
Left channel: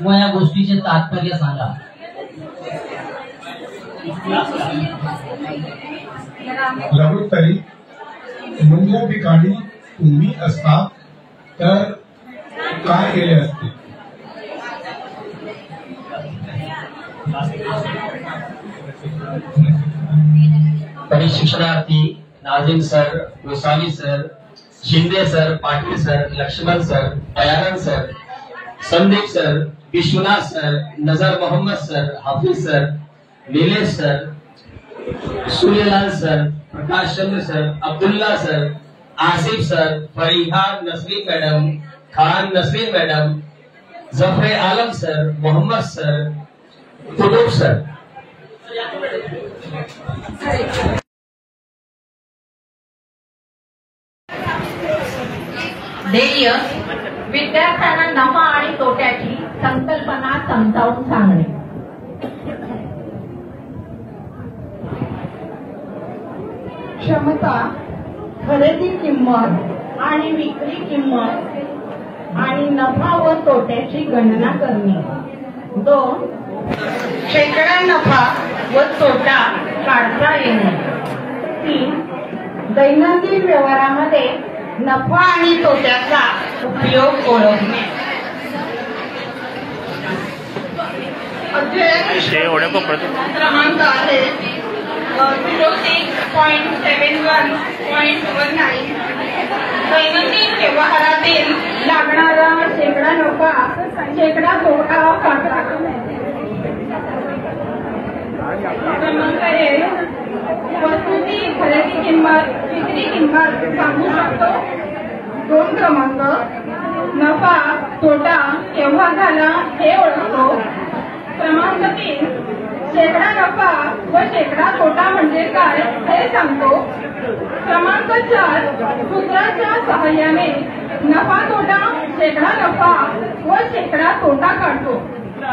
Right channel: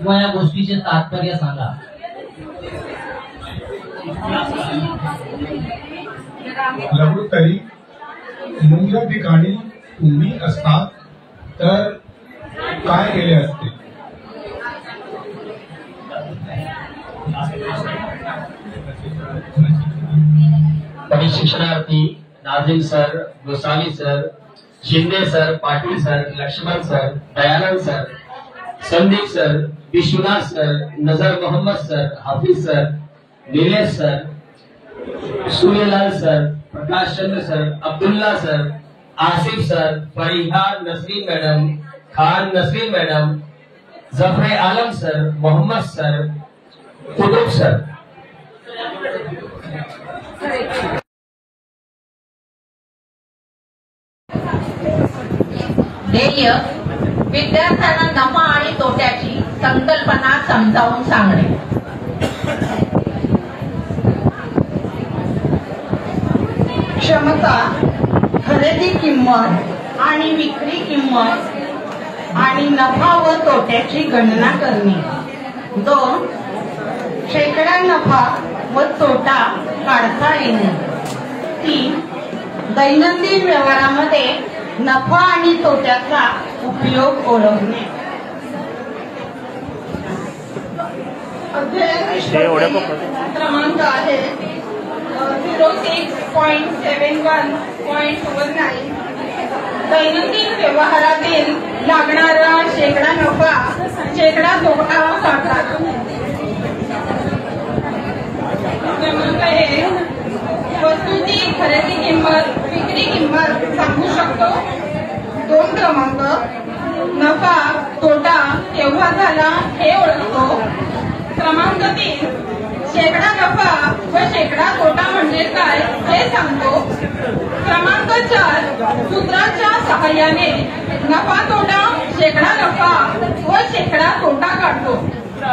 व या गोष्टीचे तात्पर्य सांगा. लघुत्तरी मुंग्या ठिकाणी तुम्ही असता तर काय केले असते. परिशिक्षणार्थी Nazim sir, Gosavi sir, Shinde sir, Patil sir, Laxman sir, Dayanand sir, Sandeep sir, Vishwanath sir, Nazar Mohammed sir, Hafiz sir, Nilesh sir, Suryalal sir, Prakash Chandra sir, Abdullah sir, Asif sir, Fariha Nasreen madam, Khan Nasreen madam, Zafar Alam sir, Mohammed sir, Qutub sir. ध्येय विद्यार्थ्यांना नफा आणि तोट्याची संकल्पना समजावून सांगणे. क्षमता खरेदी किंमत आणि विक्री किंमत आणि नफा व तोट्याची गणना करणे. 2 शेकडा नफा व तोटा काढता येणे. 3 दैनंदिन व्यवहारामध्ये नफा आणि तोट्याचा उपयोग ओळखणे. क्रमांक आहे 06.71.19. दैनंदिन व्यवहारातील लागणारा शेकडा नफा शेकडा तोटा सांगा. क्रमांक आहे वस्तूची खरेदी किंमत विक्री किंमत सांगू शकतो. 2 क्रमांक नफा तोटा केव्हा झाला हे ओळखतो. क्रमांक 3 शेकडा नफा व शेकडा तोटा म्हणजे काय हे सांगतो. क्रमांक 4 सूत्रांच्या सहाय्याने नफा तोटा, शेकडा नफा व शेकडा तोटा काढतो.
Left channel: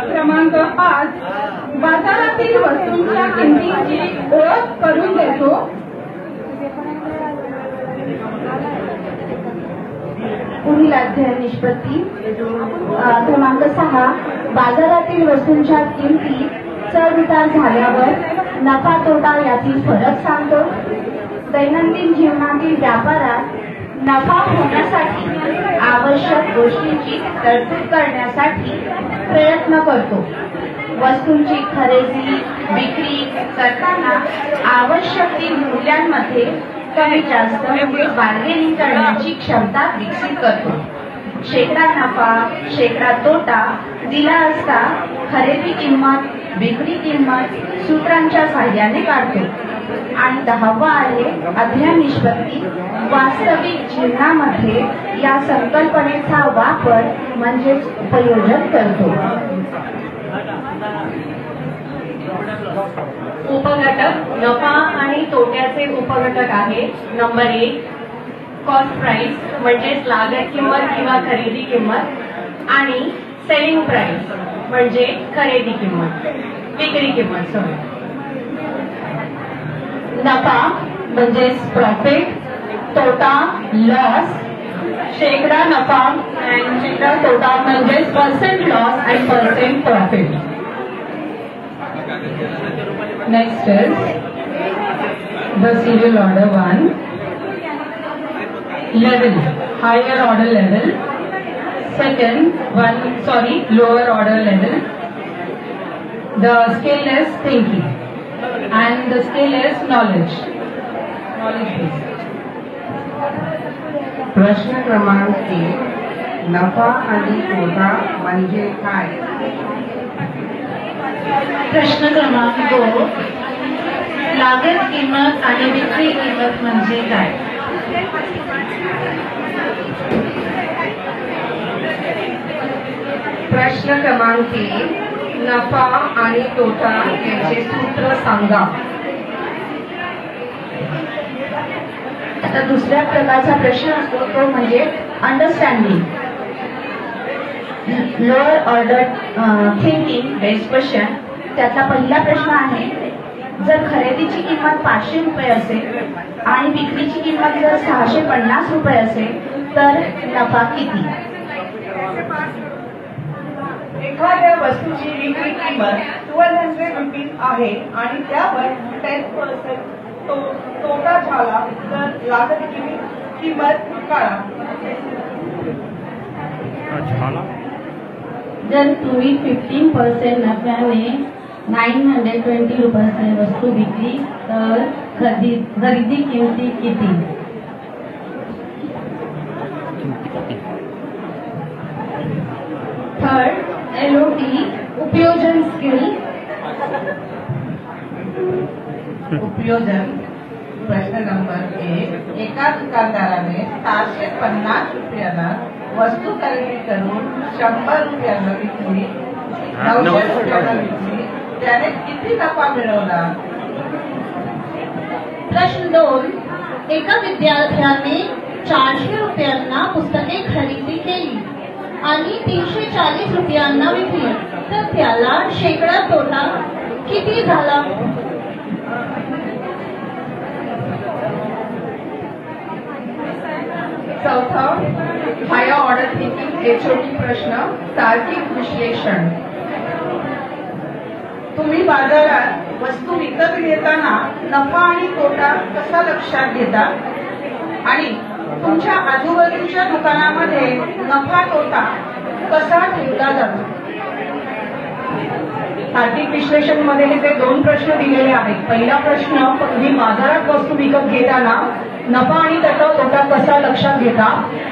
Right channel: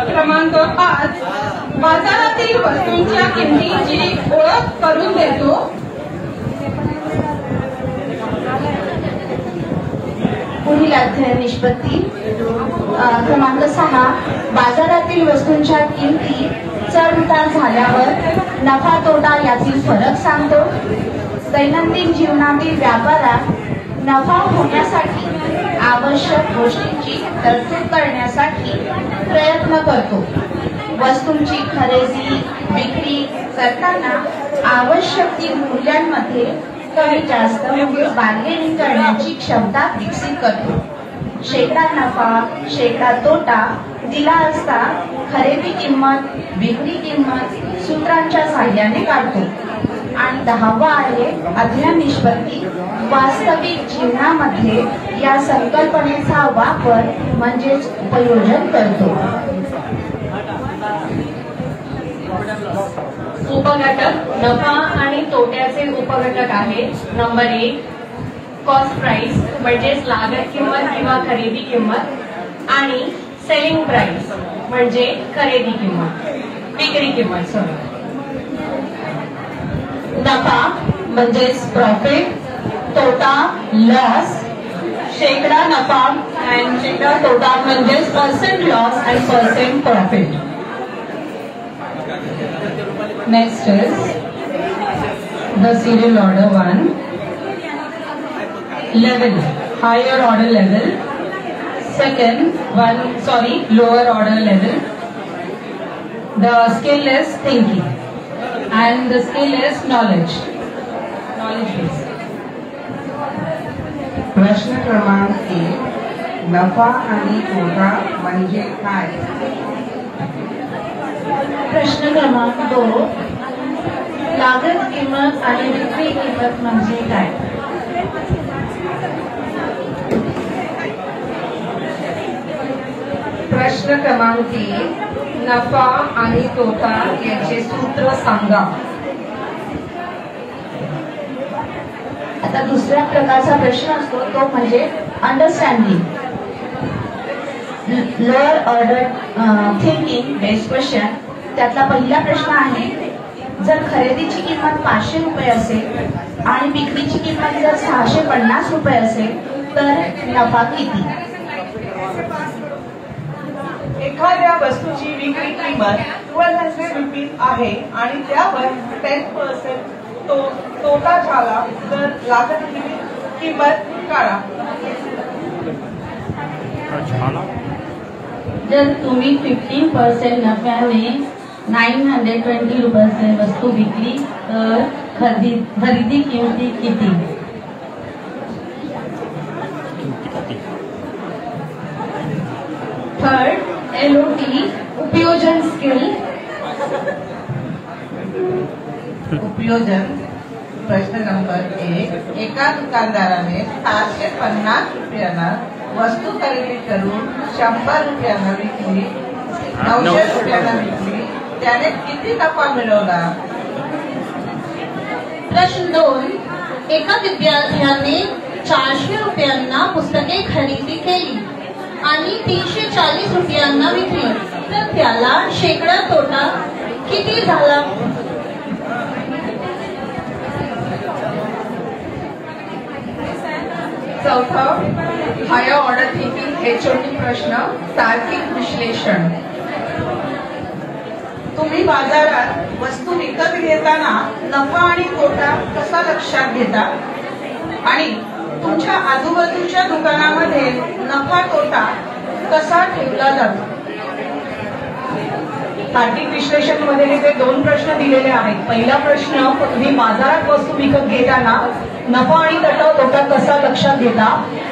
क्रमांक 5 बाजारातील वस्तूंच्या किमतीची ओळख करून देतो. पुढील अध्ययन निष्पत्ती. क्रमांक 6 बाजारातील वस्तूंच्या किमती चढ उतार झाल्यावर नफा तोटा यातील फरक सांगतो. दैनंदिन जीवनातील व्यापारात नफा होण्यासाठी आवश्यक गोष्टींची तरतूद करण्यासाठी प्रयत्न करतो. वस्तूंची खरेदी विक्री करताना आवश्यक ती मूल्यांमध्ये कमी जास्त बार्गेनिंग करण्याची क्षमता विकसित करतो. शेकडा नफा शेकडा तोटा दिला असता खरेदी किंमत विक्री किंमत सूत्रांच्या साहाय्याने काढतो. आणि 10वा आहे अध्ययन निष्पत्ती. वास्तविक जीवनामध्ये या संकल्पनेचा वापर म्हणजेच उपयोजन करतो. उपघटक नफा आणि तोट्याचे उपघटक आहे. नंबर 1 कॉस्ट प्राइस म्हणजेच लागत किंमत किंवा खरेदी किंमत आणि सेलिंग प्राइस म्हणजे खरेदी किंमत विक्री किंमत. नफा म्हणजेच प्रॉफिट, तोटा लॉस. शेकडा नफा आणि शेकडा तोटा म्हणजेच पर्सेंट लॉस आणि percent profit. Next is the serial order 1. Level, higher order level. Second one, lower order level. The skill is thinking and the skill is knowledge. Knowledge base. प्रश्न क्रमांक 1 नफा आणि तोटा म्हणजे काय? प्रश्न क्रमांक 2 लागत किंमत आणि विक्री किंमत म्हणजे काय? प्रश्न क्रमांक 3 नफा आणि तोटा याचे सूत्र सांगा. आता दुसऱ्या प्रकारचा प्रश्न असतो तो म्हणजे understanding. Lower order thinking based question. त्यातला पहिला प्रश्न आहे जर खरेदीची किंमत 500 रुपये असेल आणि विक्रीची किंमत जर 650 रुपये असेल तर नफा किती? एखाद्या वस्तूची विक्री किंमत 1200 रुपये आहे आणि त्यावर 10% तोटा झाला तर लागत किंमत काढा. जर तुम्ही 15% नफ्याने 920 रुपयाची वस्तू विकली तर खरेदी किंमती किती? थर्ड LOT उपयोजन स्किल. उपयोजन. प्रश्न नंबर 1 एका दुकानदाराने 750 रुपयांना वस्तू खरेदी करून 100 रुपयांना विकली, 900 रुपयांना विकली, त्याने किती नफा मिळवला? प्रश्न 2 एका विद्यार्थ्याने 400 रुपयांना पुस्तके खरेदी केली आणि 340 रुपयांना विकली तर त्याला शेकडा तोटा किती झाला? चौथा हायर ऑर्डर थिंकिंग HOT प्रश्न तार्किक विश्लेषण. तुम्ही बाजारात वस्तू विकत घेताना नफा आणि तोटा कसा लक्षात घेता आणि तुमच्या आजूबाजूच्या दुकानामध्ये नफा तोटा कसा ठेवला जातो? तार्किक विश्लेषण मध्ये हे जे 2 प्रश्न दिलेले आहेत. पहिला प्रश्न तुम्ही बाजारात वस्तू विकत घेताना नफा आणि तोटा कसा लक्षात घेता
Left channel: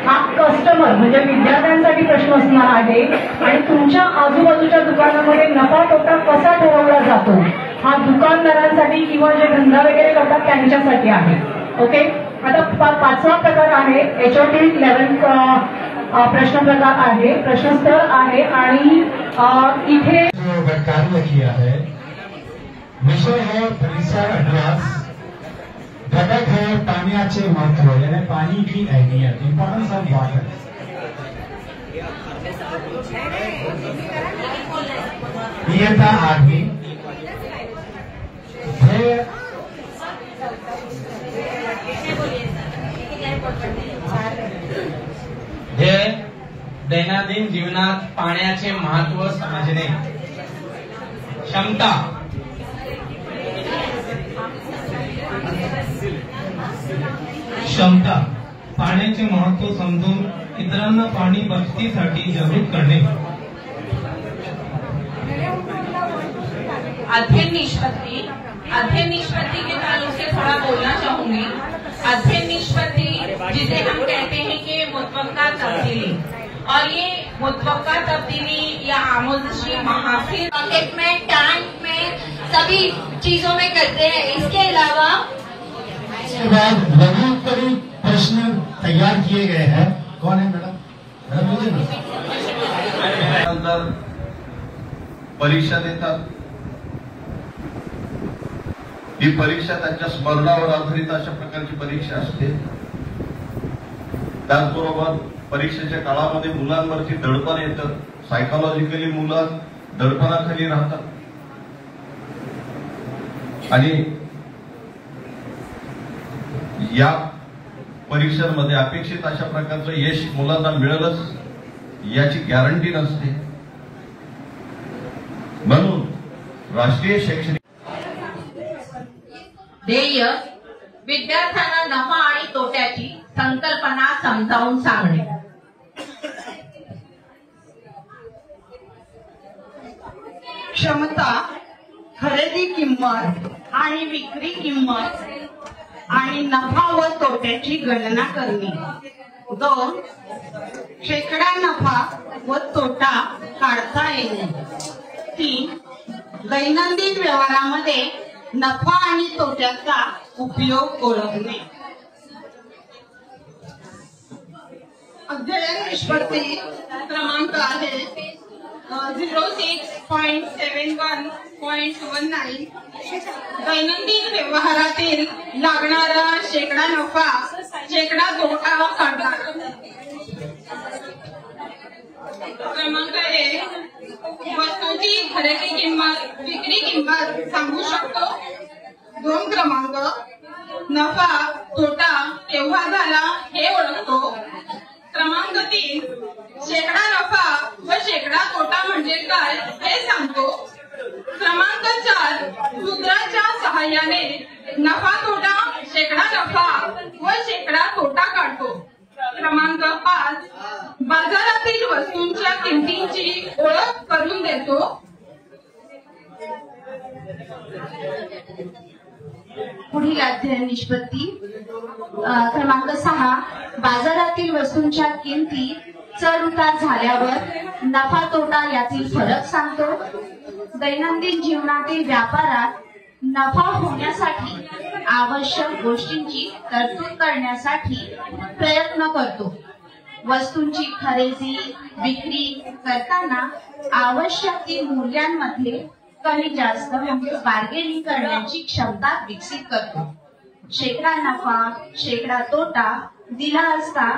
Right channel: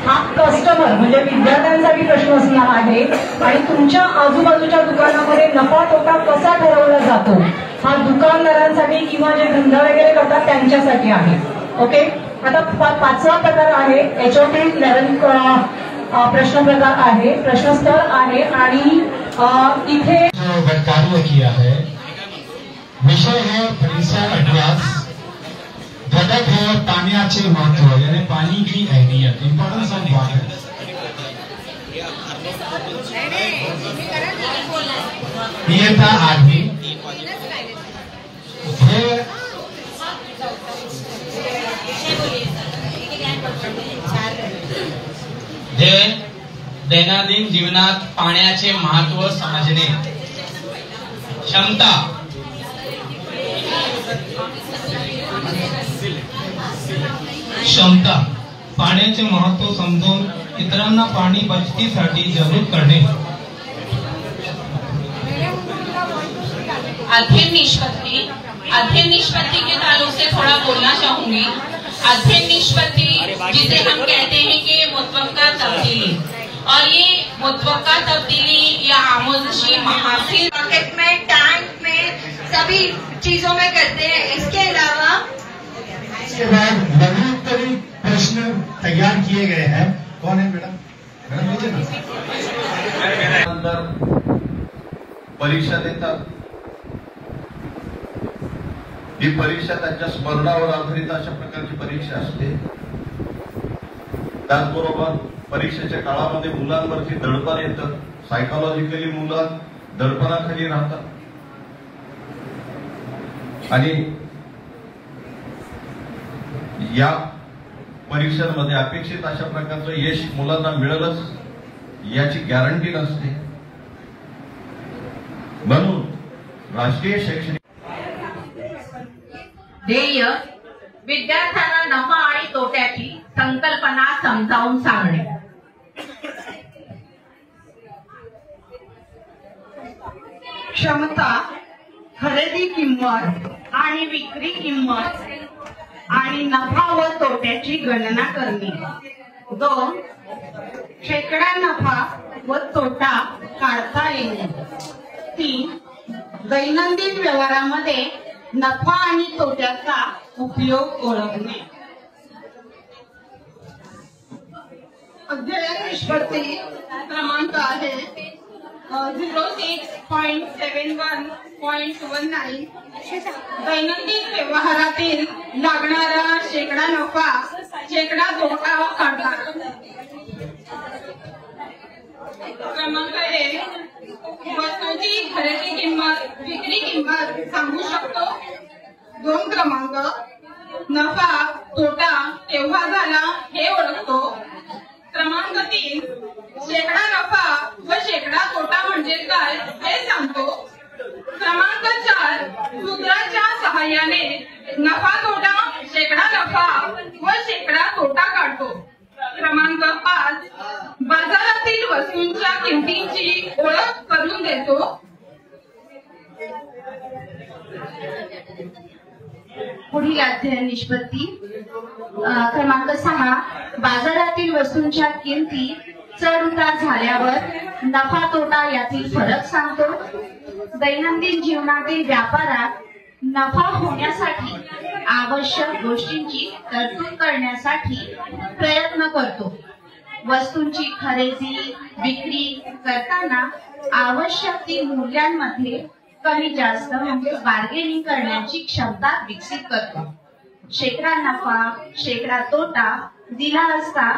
हा कस्टमर म्हणजे विद्यार्थ्यांसाठी प्रश्न असणार आहे आणि तुमच्या आजूबाजूच्या दुकानामध्ये नफा तोटा कसा ठरवला जातो हा दुकानदारांसाठी किंवा जे धंदा वगैरे करतात त्यांच्यासाठी आहे. ओके. आता 5वा प्रकार आहे HOT लेवल प्रश्न प्रकार आहे, प्रश्नस्थळ आहे आणि इथे जो कार्य किया है विषय है परिसर अभ्यास, घटक है पाण्याचे महत्व यानी पानी की अहमियत, इंपॉर्टेंस ऑफ वाटर। नियता आदमी ध्येय दैनंदिन जीवनात पाण्याचे महत्व समजणे। क्षमता क्षमता पाण्याचे महत्व समजून इतरांना पाणी बचतीसाठी जागरूक करणे। अध्ययन निष्पत्ति के ताल्लुक से थोड़ा बोलना चाहूंगी। अध्ययन निष्पत्ति जिसे हम कहते हैं कि मुतवक्का तब्दीली, और ये मुतवक्का तब्दीली या आमोजशी महासिल पॉकेट में, टैंक में, सभी चीजों में करते हैं। इसके अलावा लघु उत्तरी प्रश्न तैयार किए गए हैं। कौन है मैडम? परीक्षा देतात। ही परीक्षा त्यांच्या स्मरणावर आधारित अशा प्रकारची परीक्षा असते। त्याचबरोबर परीक्षेच्या काळामध्ये मुलांवरती दडपण येतं, सायकोलॉजिकली मुलं दडपणाखाली राहतात आणि या परीक्षांमध्ये अपेक्षित अशा प्रकारचं यश मुलांना मिळेलच याची गॅरंटी नसते। म्हणून राष्ट्रीय शैक्षणिक ध्येय विद्यार्थ्यांना नफा आणि तोट्याची संकल्पना समजावून सांगणे। क्षमता खरेदी किंमत आणि विक्री किंमत आणि नफा व तोट्याची गणना करणे। 2. शेकडा नफा व तोटा काढता येणे। 3. दैनंदिन व्यवहारामध्ये नफा आणि तोट्याचा उपयोग ओळखणे। अध्ययन निष्पत्ती क्रमांक आहे 06.71.19 दैनंदिन व्यवहारातील लागणारा शेकडा नफा शेकडा तोटा काढा। क्रमांक 1 वस्तूची खरेदी किंमत विक्री किंमत सांगू शकतो। 2 क्रमांक नफा तोटा केव्हा झाला हे ओळखतो। क्रमांक 3 शेकडा नफा व शेकडा तोटा म्हणजे काय हे सांगतो। क्रमांक 4 सूत्राच्या सहाय्याने नफा तोटा शेकडा नफा व शेकडा तोटा काढतो। क्रमांक 5 बाजारातील वस्तूंच्या किमतींची ओळख करून देतो। पुढील अध्ययन निष्पत्ती क्रमांक 6 बाजारातील वस्तूंच्या किमती चढ उतार झाल्यावर नफा तोटा यातील फरक सांगतो। दैनंदिन जीवनातील व्यापारात नफा होण्यासाठी आवश्यक गोष्टींची तरतूद करण्यासाठी प्रयत्न करतो। वस्तूंची खरेदी विक्री करताना आवश्यक ती मूल्यांमध्ये कमी जास्त म्हणजे बार्गेनिंग करण्याची क्षमता विकसित करतो। शेकडा नफा शेकडा तोटा दिला असता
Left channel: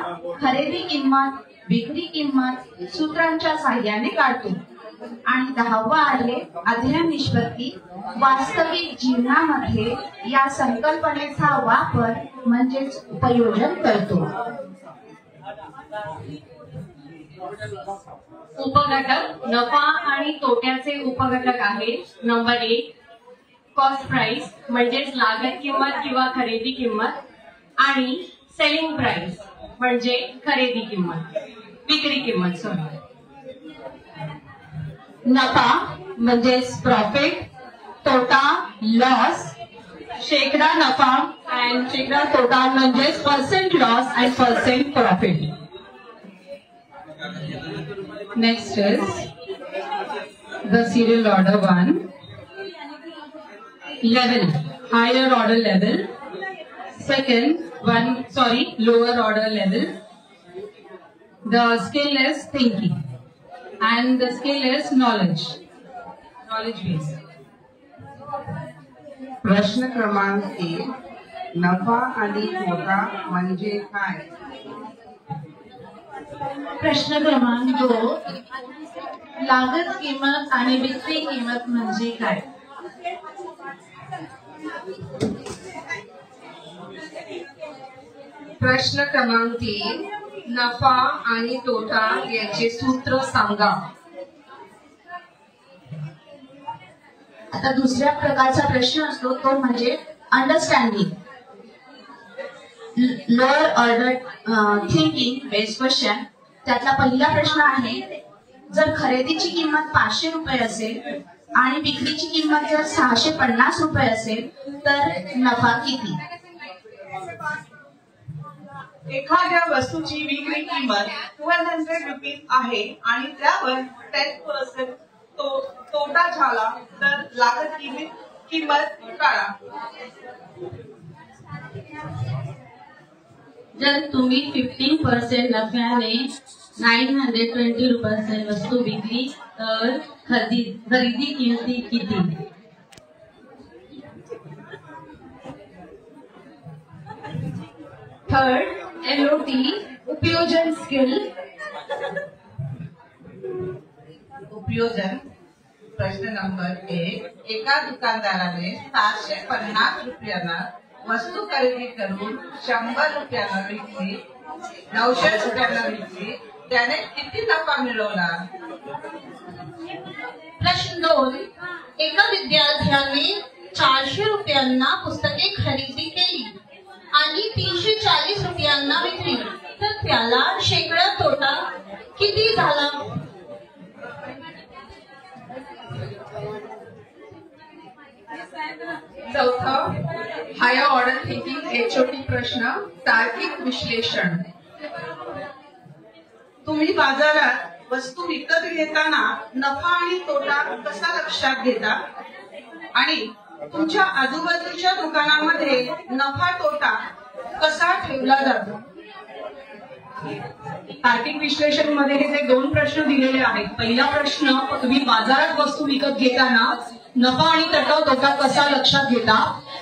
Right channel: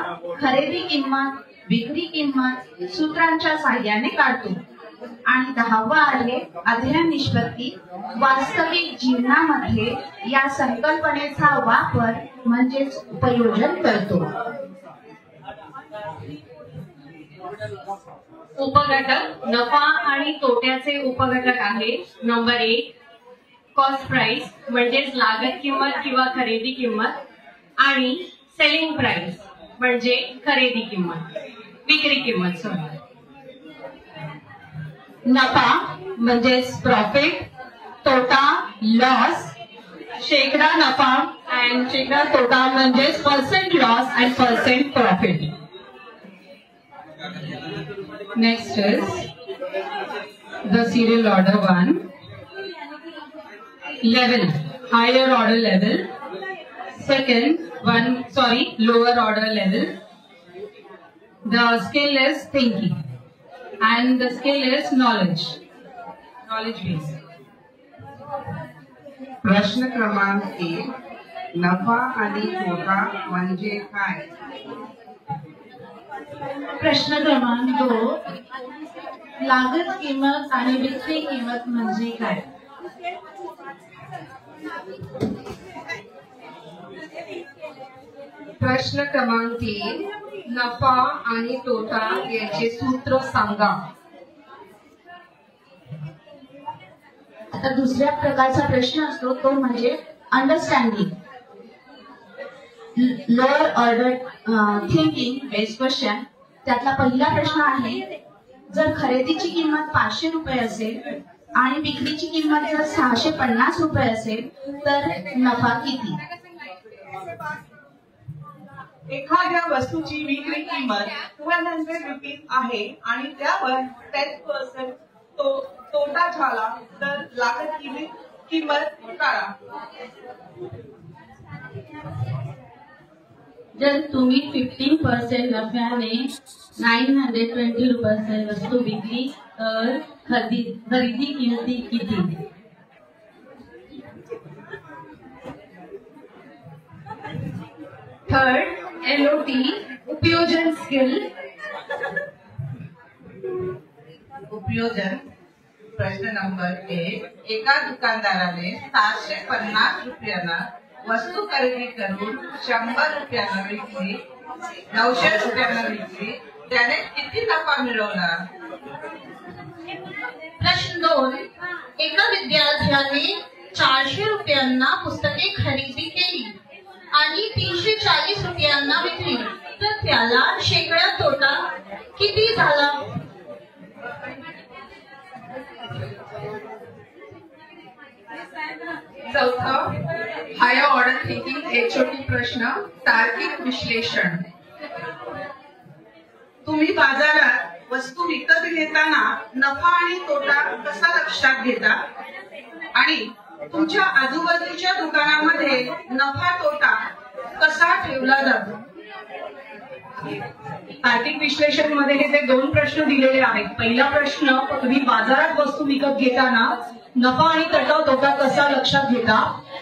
खरेदी किंमत विक्री किंमत सूत्रांच्या साहाय्याने काढतो। आणि 10वा आहे अध्ययन निष्पत्ती वास्तविक जीवनामध्ये या संकल्पनेचा वापर म्हणजेच उपयोजन करतो। उपघटक नफा आणि तोट्याचे उपघटक आहे। नंबर 1 कॉस्ट प्राइस म्हणजेच लागत किंमत किंवा खरेदी किंमत, आणि सेलिंग प्राइस म्हणजे खरेदी किंमत विक्री किंमत। नफा म्हणजेच प्रॉफिट, तोटा लॉस, शेकडा नफा अँड शेकडा तोटा म्हणजेच percent loss and percent profit. Next is the serial order 1. Level, higher order level. Lower order level. The skill is thinking and the skill is knowledge based. प्रश्न क्रमांक 1, नफा आणि तोटा म्हणजे काय? प्रश्न क्रमांक 2, लागत किंमत आणि विक्री किंमत म्हणजे काय? प्रश्न क्रमांक 3, नफा आणि तोटा याचे सूत्र सांगा. आता दुसऱ्या प्रकारचा प्रश्न असतो तो म्हणजे understanding. Lower order thinking based question. त्यातला पहिला प्रश्न आहे, जर खरेदीची किंमत 500 रुपये असेल आणि विक्रीची किंमत जर 650 रुपये असेल तर नफा किती? एखाद्या वस्तूची विक्री किंमत 1200 रुपीज आहे आणि त्यावर 10% तोटा झाला तर लागत किंमत काढा. जर तुम्ही 15% नफ्याने 920 रुपयाची वस्तू विकली तर खरेदी किंमती किती? थर्ड, LOT उपयोजन स्किल. उपयोजन. प्रश्न नंबर 1, एका दुकानदाराने 750 रुपयांना वस्तू खरेदी करून 100 रुपयांना विकली, 900 रुपयांना विकली, त्याने किती नफा मिळवला? प्रश्न 2, एका विद्यार्थ्याने 400 रुपयांना पुस्तके खरेदी केली आणि 340 रुपयांना विकली तर त्याला शेकडा तोटा किती झाला? चौथा, हायर ऑर्डर थिंकिंग HOT प्रश्न, तार्किक विश्लेषण. तुम्ही बाजारात वस्तू विकत घेताना नफा आणि तोटा कसा लक्षात घेता आणि तुमच्या आजूबाजूच्या दुकानामध्ये नफा तोटा कसा ठेवला जातो? तार्किक विश्लेषण मध्ये हे जे 2 प्रश्न दिलेले आहेत. पहिला प्रश्न, तुम्ही बाजारात वस्तू विकत घेताना नफा आणि तोटा कसा लक्षात घेता,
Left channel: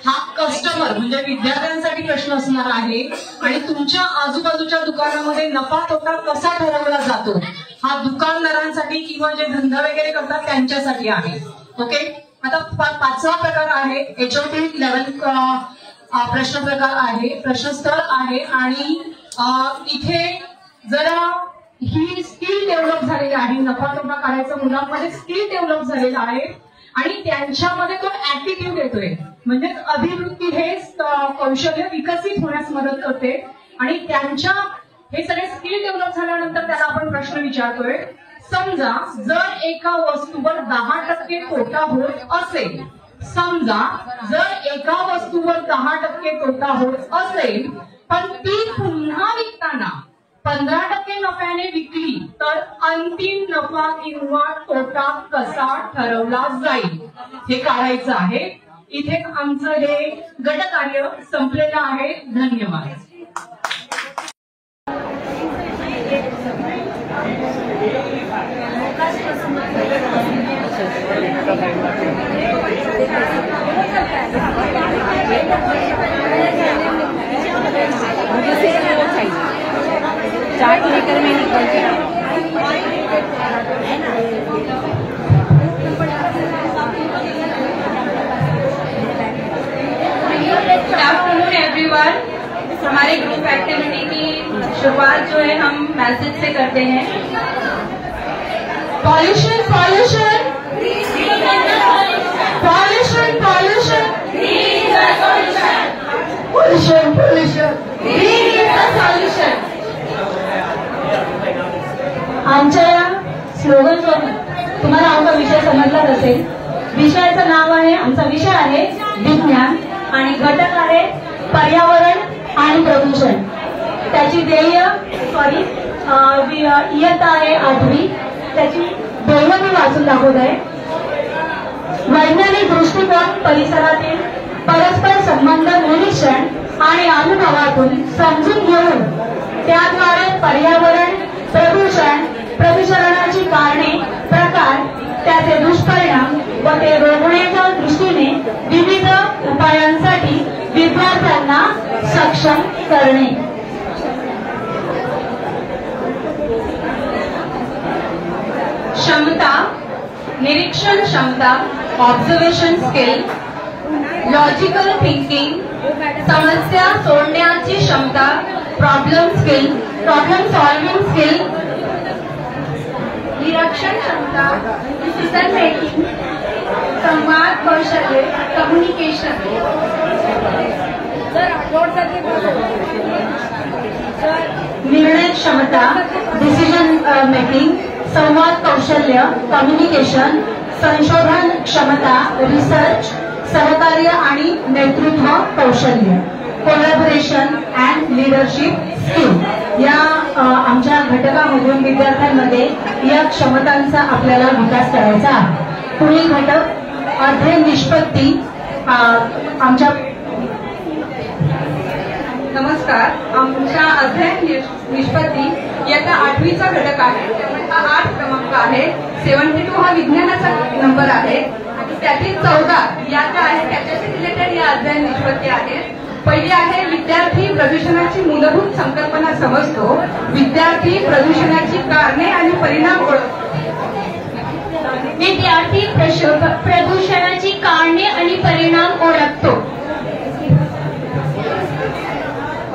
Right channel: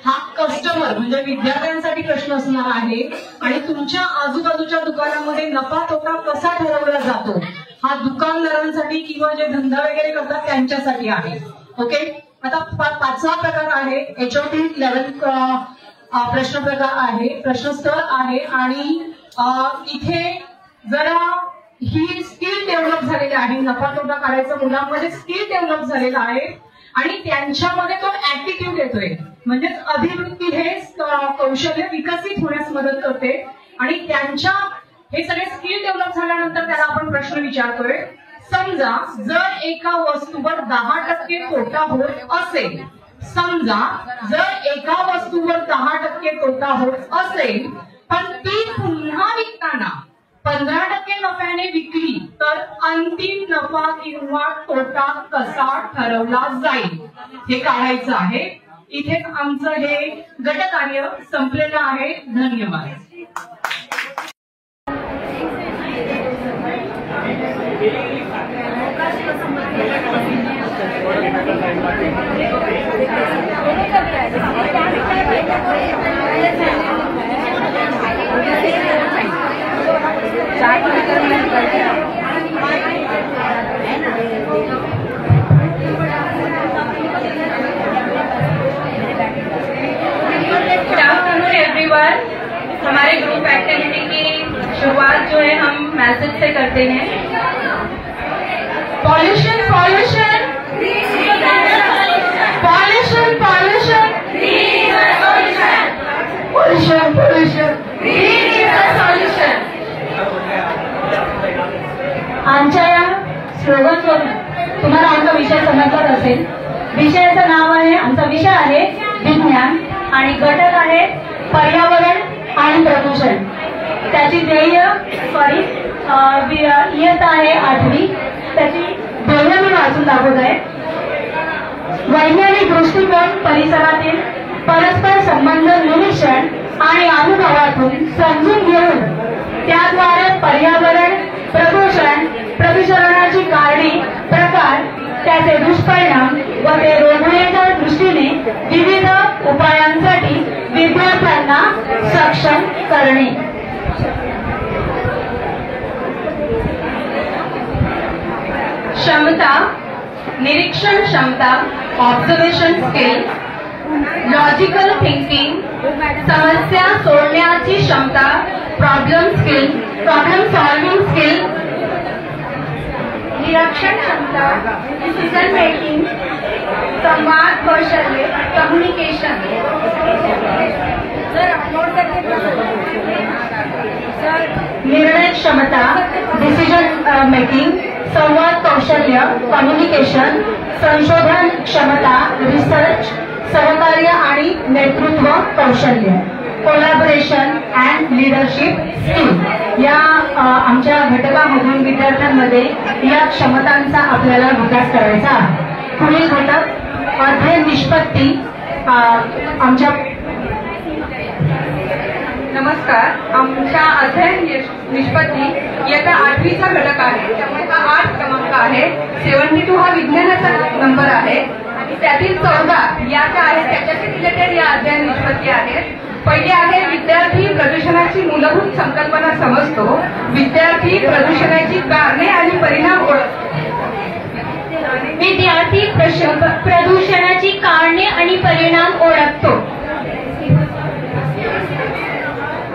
हा कस्टमर म्हणजे विद्यार्थ्यांसाठी प्रश्न असणार आहे आणि तुमच्या आजूबाजूच्या दुकानामध्ये नफा तोटा कसा ठरवला जातो हा दुकानदारांसाठी किंवा जे धंदा वगैरे करतात त्यांच्यासाठी आहे. ओके. आता 5वा प्रकार आहे HOT लेवल प्रश्न प्रकार आहे, प्रश्नस्तर आहे आणि इथे जरा ही स्किल डेव्हलप झालेली आहे. नफा तोटा काढायचं मुलांमध्ये स्किल डेव्हलप झालेलं आहे आणि त्यांच्यामध्ये तो ऍटिट्यूड येतोय. म्हणजे अभिवृत्ती हे कौशल्य विकसित होण्यास मदत करते आणि त्यांच्या हे सगळे स्किल डेव्हलप झाल्यानंतर त्याला आपण प्रश्न विचारतोय. समजा जर एका वस्तूवर 10% तोटा होत असेल, समजा जर एका वस्तूवर 10% तोटा होत असेल पण ती पुन्हा विकताना 15% नफ्याने विकली तर अंतिम नफा किंवा तोटा कसा ठरवला जाईल हे काढायचं आहे. इथे आमचं हे गटकार्य संपलेलं आहे. धन्यवाद. एवरीवन, हमारे ग्रुप एक्टिविटी की शुरुआत जो है हम मैसेज से करते हैं. Pollution pollution pollution pollution pollution pollution solution. आमच्या या स्लोगनवरून तुम्हाला आमचा विषय समजलाच असेल. विषयाचं नाव आहे, आमचा विषय आहे विज्ञान आणि घटक आहे पर्यावरण आणि प्रदूषण. त्याची ध्येय इयत्ता आहे 8वी. त्याची ध्येय मी वाचून दाखवत आहे. वैज्ञानिक दृष्टिकोन परिसरातील परस्पर संबंध निरीक्षण आणि अनुभवातून समजून घेऊन त्याद्वारे पर्यावरण प्रदूषणाची कारणे, प्रकार, त्याचे दुष्परिणाम व ते रोखण्याच्या दृष्टीने विविध उपायांसाठी विद्यार्थ्यांना सक्षम करणे. क्षमता, निरीक्षण क्षमता, ऑब्झर्वेशन स्किल, लॉजिकल थिंकिंग, समस्या सोडण्याची क्षमता, प्रॉब्लेम सॉल्विंग स्किल, निरीक्षण क्षमता, डिसिजन मेकिंग, संवाद कौशल्य, कम्युनिकेशन, निर्णय क्षमता, डिसिजन मेकिंग, संवाद कौशल्य, कम्युनिकेशन, संशोधन क्षमता, रिसर्च, सहकार्य आणि नेतृत्व कौशल्य, कोलॅबोरेशन अँड लीडरशिप स्किल या आमच्या घटकामधून विद्यार्थ्यांमध्ये या क्षमतांचा आपल्याला विकास करायचा आहे. पुढील घटक अध्ययन निष्पत्ती. आमच्या नमस्कार. आमच्या अध्ययन निष्पत्ती याचा 8वीचा घटक आहे. त्यामुळे हा 8 क्रमांक आहे. 72 हा विज्ञानाचा नंबर आहे आणि त्यातील 14 या ज्या आहेत त्याच्याशी रिलेटेड या अध्ययन निष्पत्ती आहेत. पहिले आहे विद्यार्थी प्रदूषणाची मूलभूत संकल्पना समजतो. विद्यार्थी प्रदूषणाची कारणे आणि परिणाम ओळखतो. विद्यार्थी प्रदूषणाची कारणे आणि परिणाम ओळखतो.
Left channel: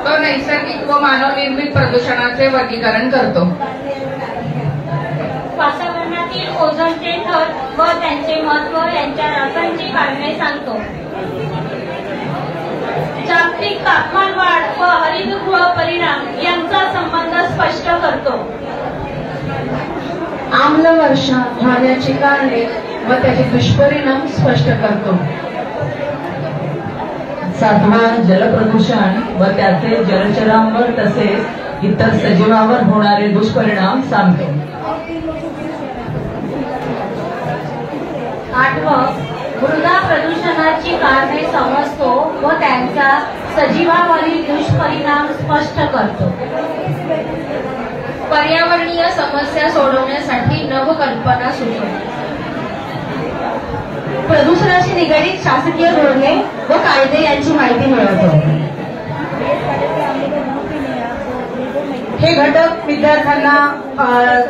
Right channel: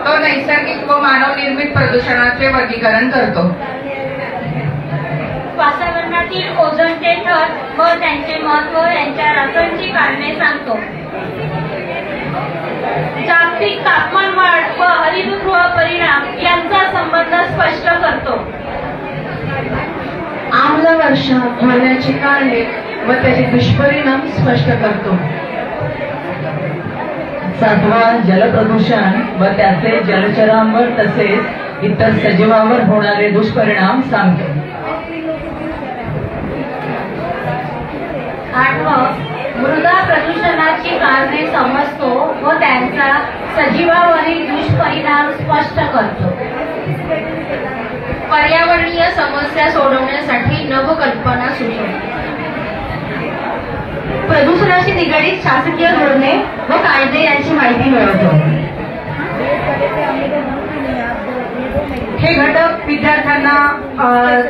तो नैसर्गिक व मानवनिर्मित प्रदूषणाचे वर्गीकरण करतो. वातावरणातील ओझोनचे थर व त्यांचे महत्व यांच्या रसायनची कारणे सांगतो. जागतिक तापमान वाढ व हरितगृह परिणाम यांचा संबंध स्पष्ट करतो. आम्ल वर्षा होण्याची कारणे व त्याचे दुष्परिणाम स्पष्ट करतो. 7 जलप्रदूषण व त्याचे जलचरांवर तसेच इतर सजीवांवर होणारे दुष्परिणाम सांगतो. 8 मृदा प्रदूषणाची कारणे समजतो व त्यांचा सजीवावरील दुष्परिणाम स्पष्ट करतो. पर्यावरणीय समस्या सोडवण्यासाठी नवकल्पना सुचवतो. प्रदूषणाशी निगडीत शासकीय धोरणे व कायदे यांची माहिती मिळवतो. हे घटक विद्यार्थ्यांना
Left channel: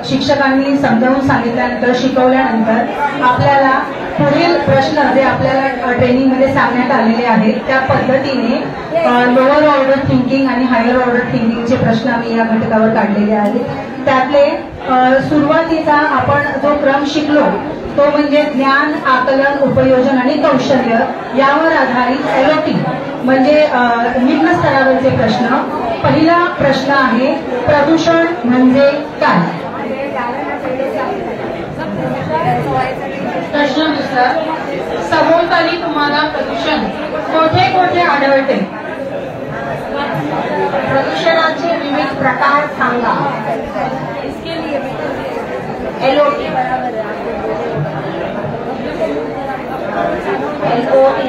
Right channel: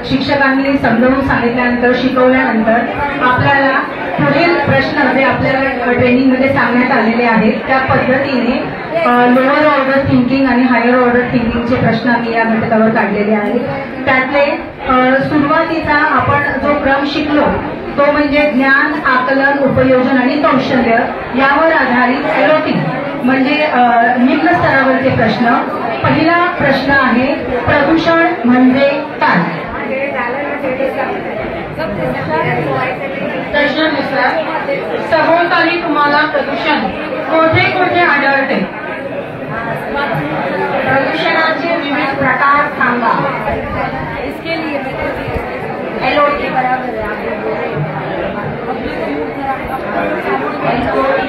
शिक्षकांनी समजावून सांगितल्यानंतर शिकवल्यानंतर आपल्याला पुढील प्रश्न जे आपल्याला ट्रेनिंगमध्ये सांगण्यात आलेले आहेत त्या पद्धतीने लोअर ऑर्डर थिंकिंग आणि हायर ऑर्डर थिंकिंगचे प्रश्न आम्ही या घटकावर काढलेले आहेत. त्यातले सुरुवातीचा आपण जो क्रम शिकलो तो म्हणजे ज्ञान, आकलन, उपयोजन आणि कौशल्य यावर आधारित LOT म्हणजे निम्न स्तरावरचे प्रश्न. पहिला प्रश्न आहे प्रदूषण म्हणजे काय? प्रश्नानुसार सभोवताली तुम्हाला प्रदूषण कोठे कोठे आढळते? प्रदूषणाचे विविध प्रकार सांगा. LOT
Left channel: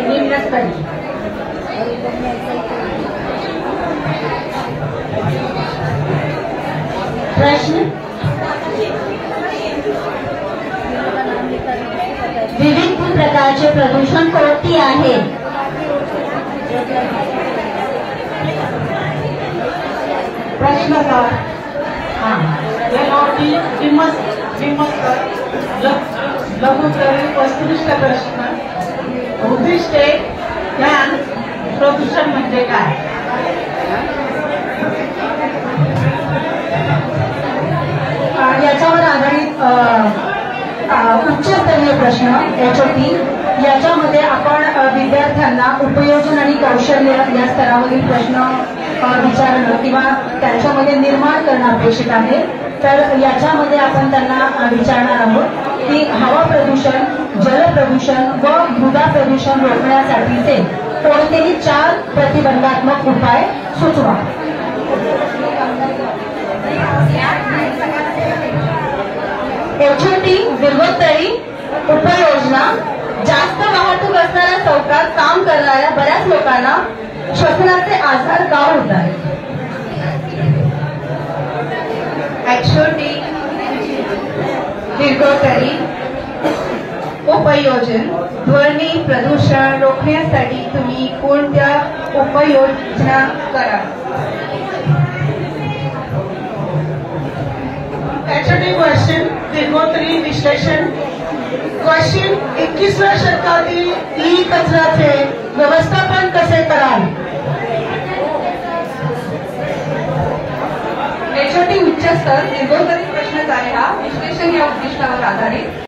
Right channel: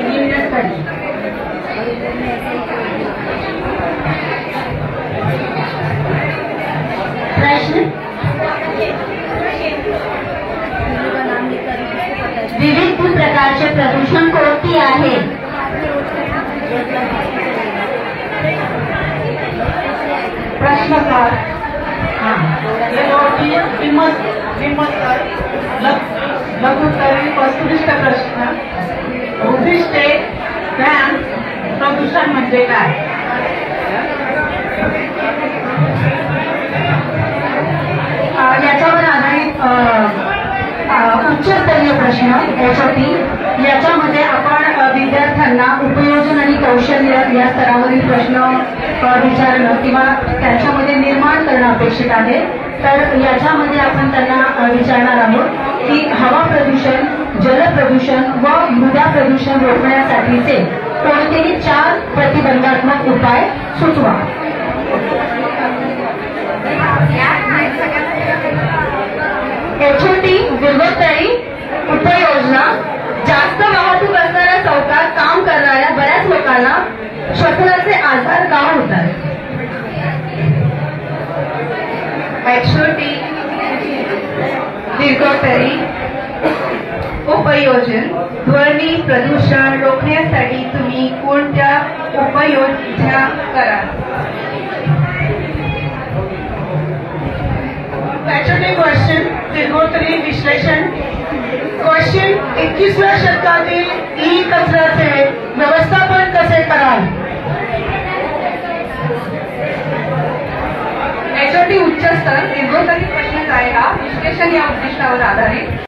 निम्नस्तरी. प्रश्न विविध प्रकारचे प्रदूषण कोणती आहे? प्रश्नकार लघुत्तरी वस्तुनिष्ठ प्रश्न. उद्दिष्टे ज्ञान प्रदूषण म्हणजे काय? याच्यावर आधारित उच्चस्तरीय प्रश्न HOT. याच्यामध्ये आपण विद्यार्थ्यांना उपयोजन आणि कौशल्य या स्तरावरील प्रश्न विचारणं किंवा त्याच्यामध्ये निर्माण करणं अपेक्षित आहे. तर याच्यामध्ये आपण त्यांना विचारणार आहोत की हवा प्रदूषण, जल प्रदूषण व मृदा प्रदूषण रोखण्यासाठीचे कोणतेही 4 प्रतिबंधात्मक उपाय सुचवा. HOT दीर्घोत्तरी उपाययोजना. जास्त वाहतूक असणाऱ्या चौकात काम करणाऱ्या बऱ्याच लोकांना श्वसनाचे आजार का होतात? HOT दीर्घोत्तरी उपयोजन ध्वनी प्रदूषण रोखणे क्वेश्चन निर्मोत्री विश्लेषण क्वेश्चन 21व्या शतकातील ई कचऱ्याचे व्यवस्थापन कसे कराल? HOT उच्च स्तर निर्मोत्री प्रश्नच आहे हा विश्लेषण या उद्दिष्टावर आधारित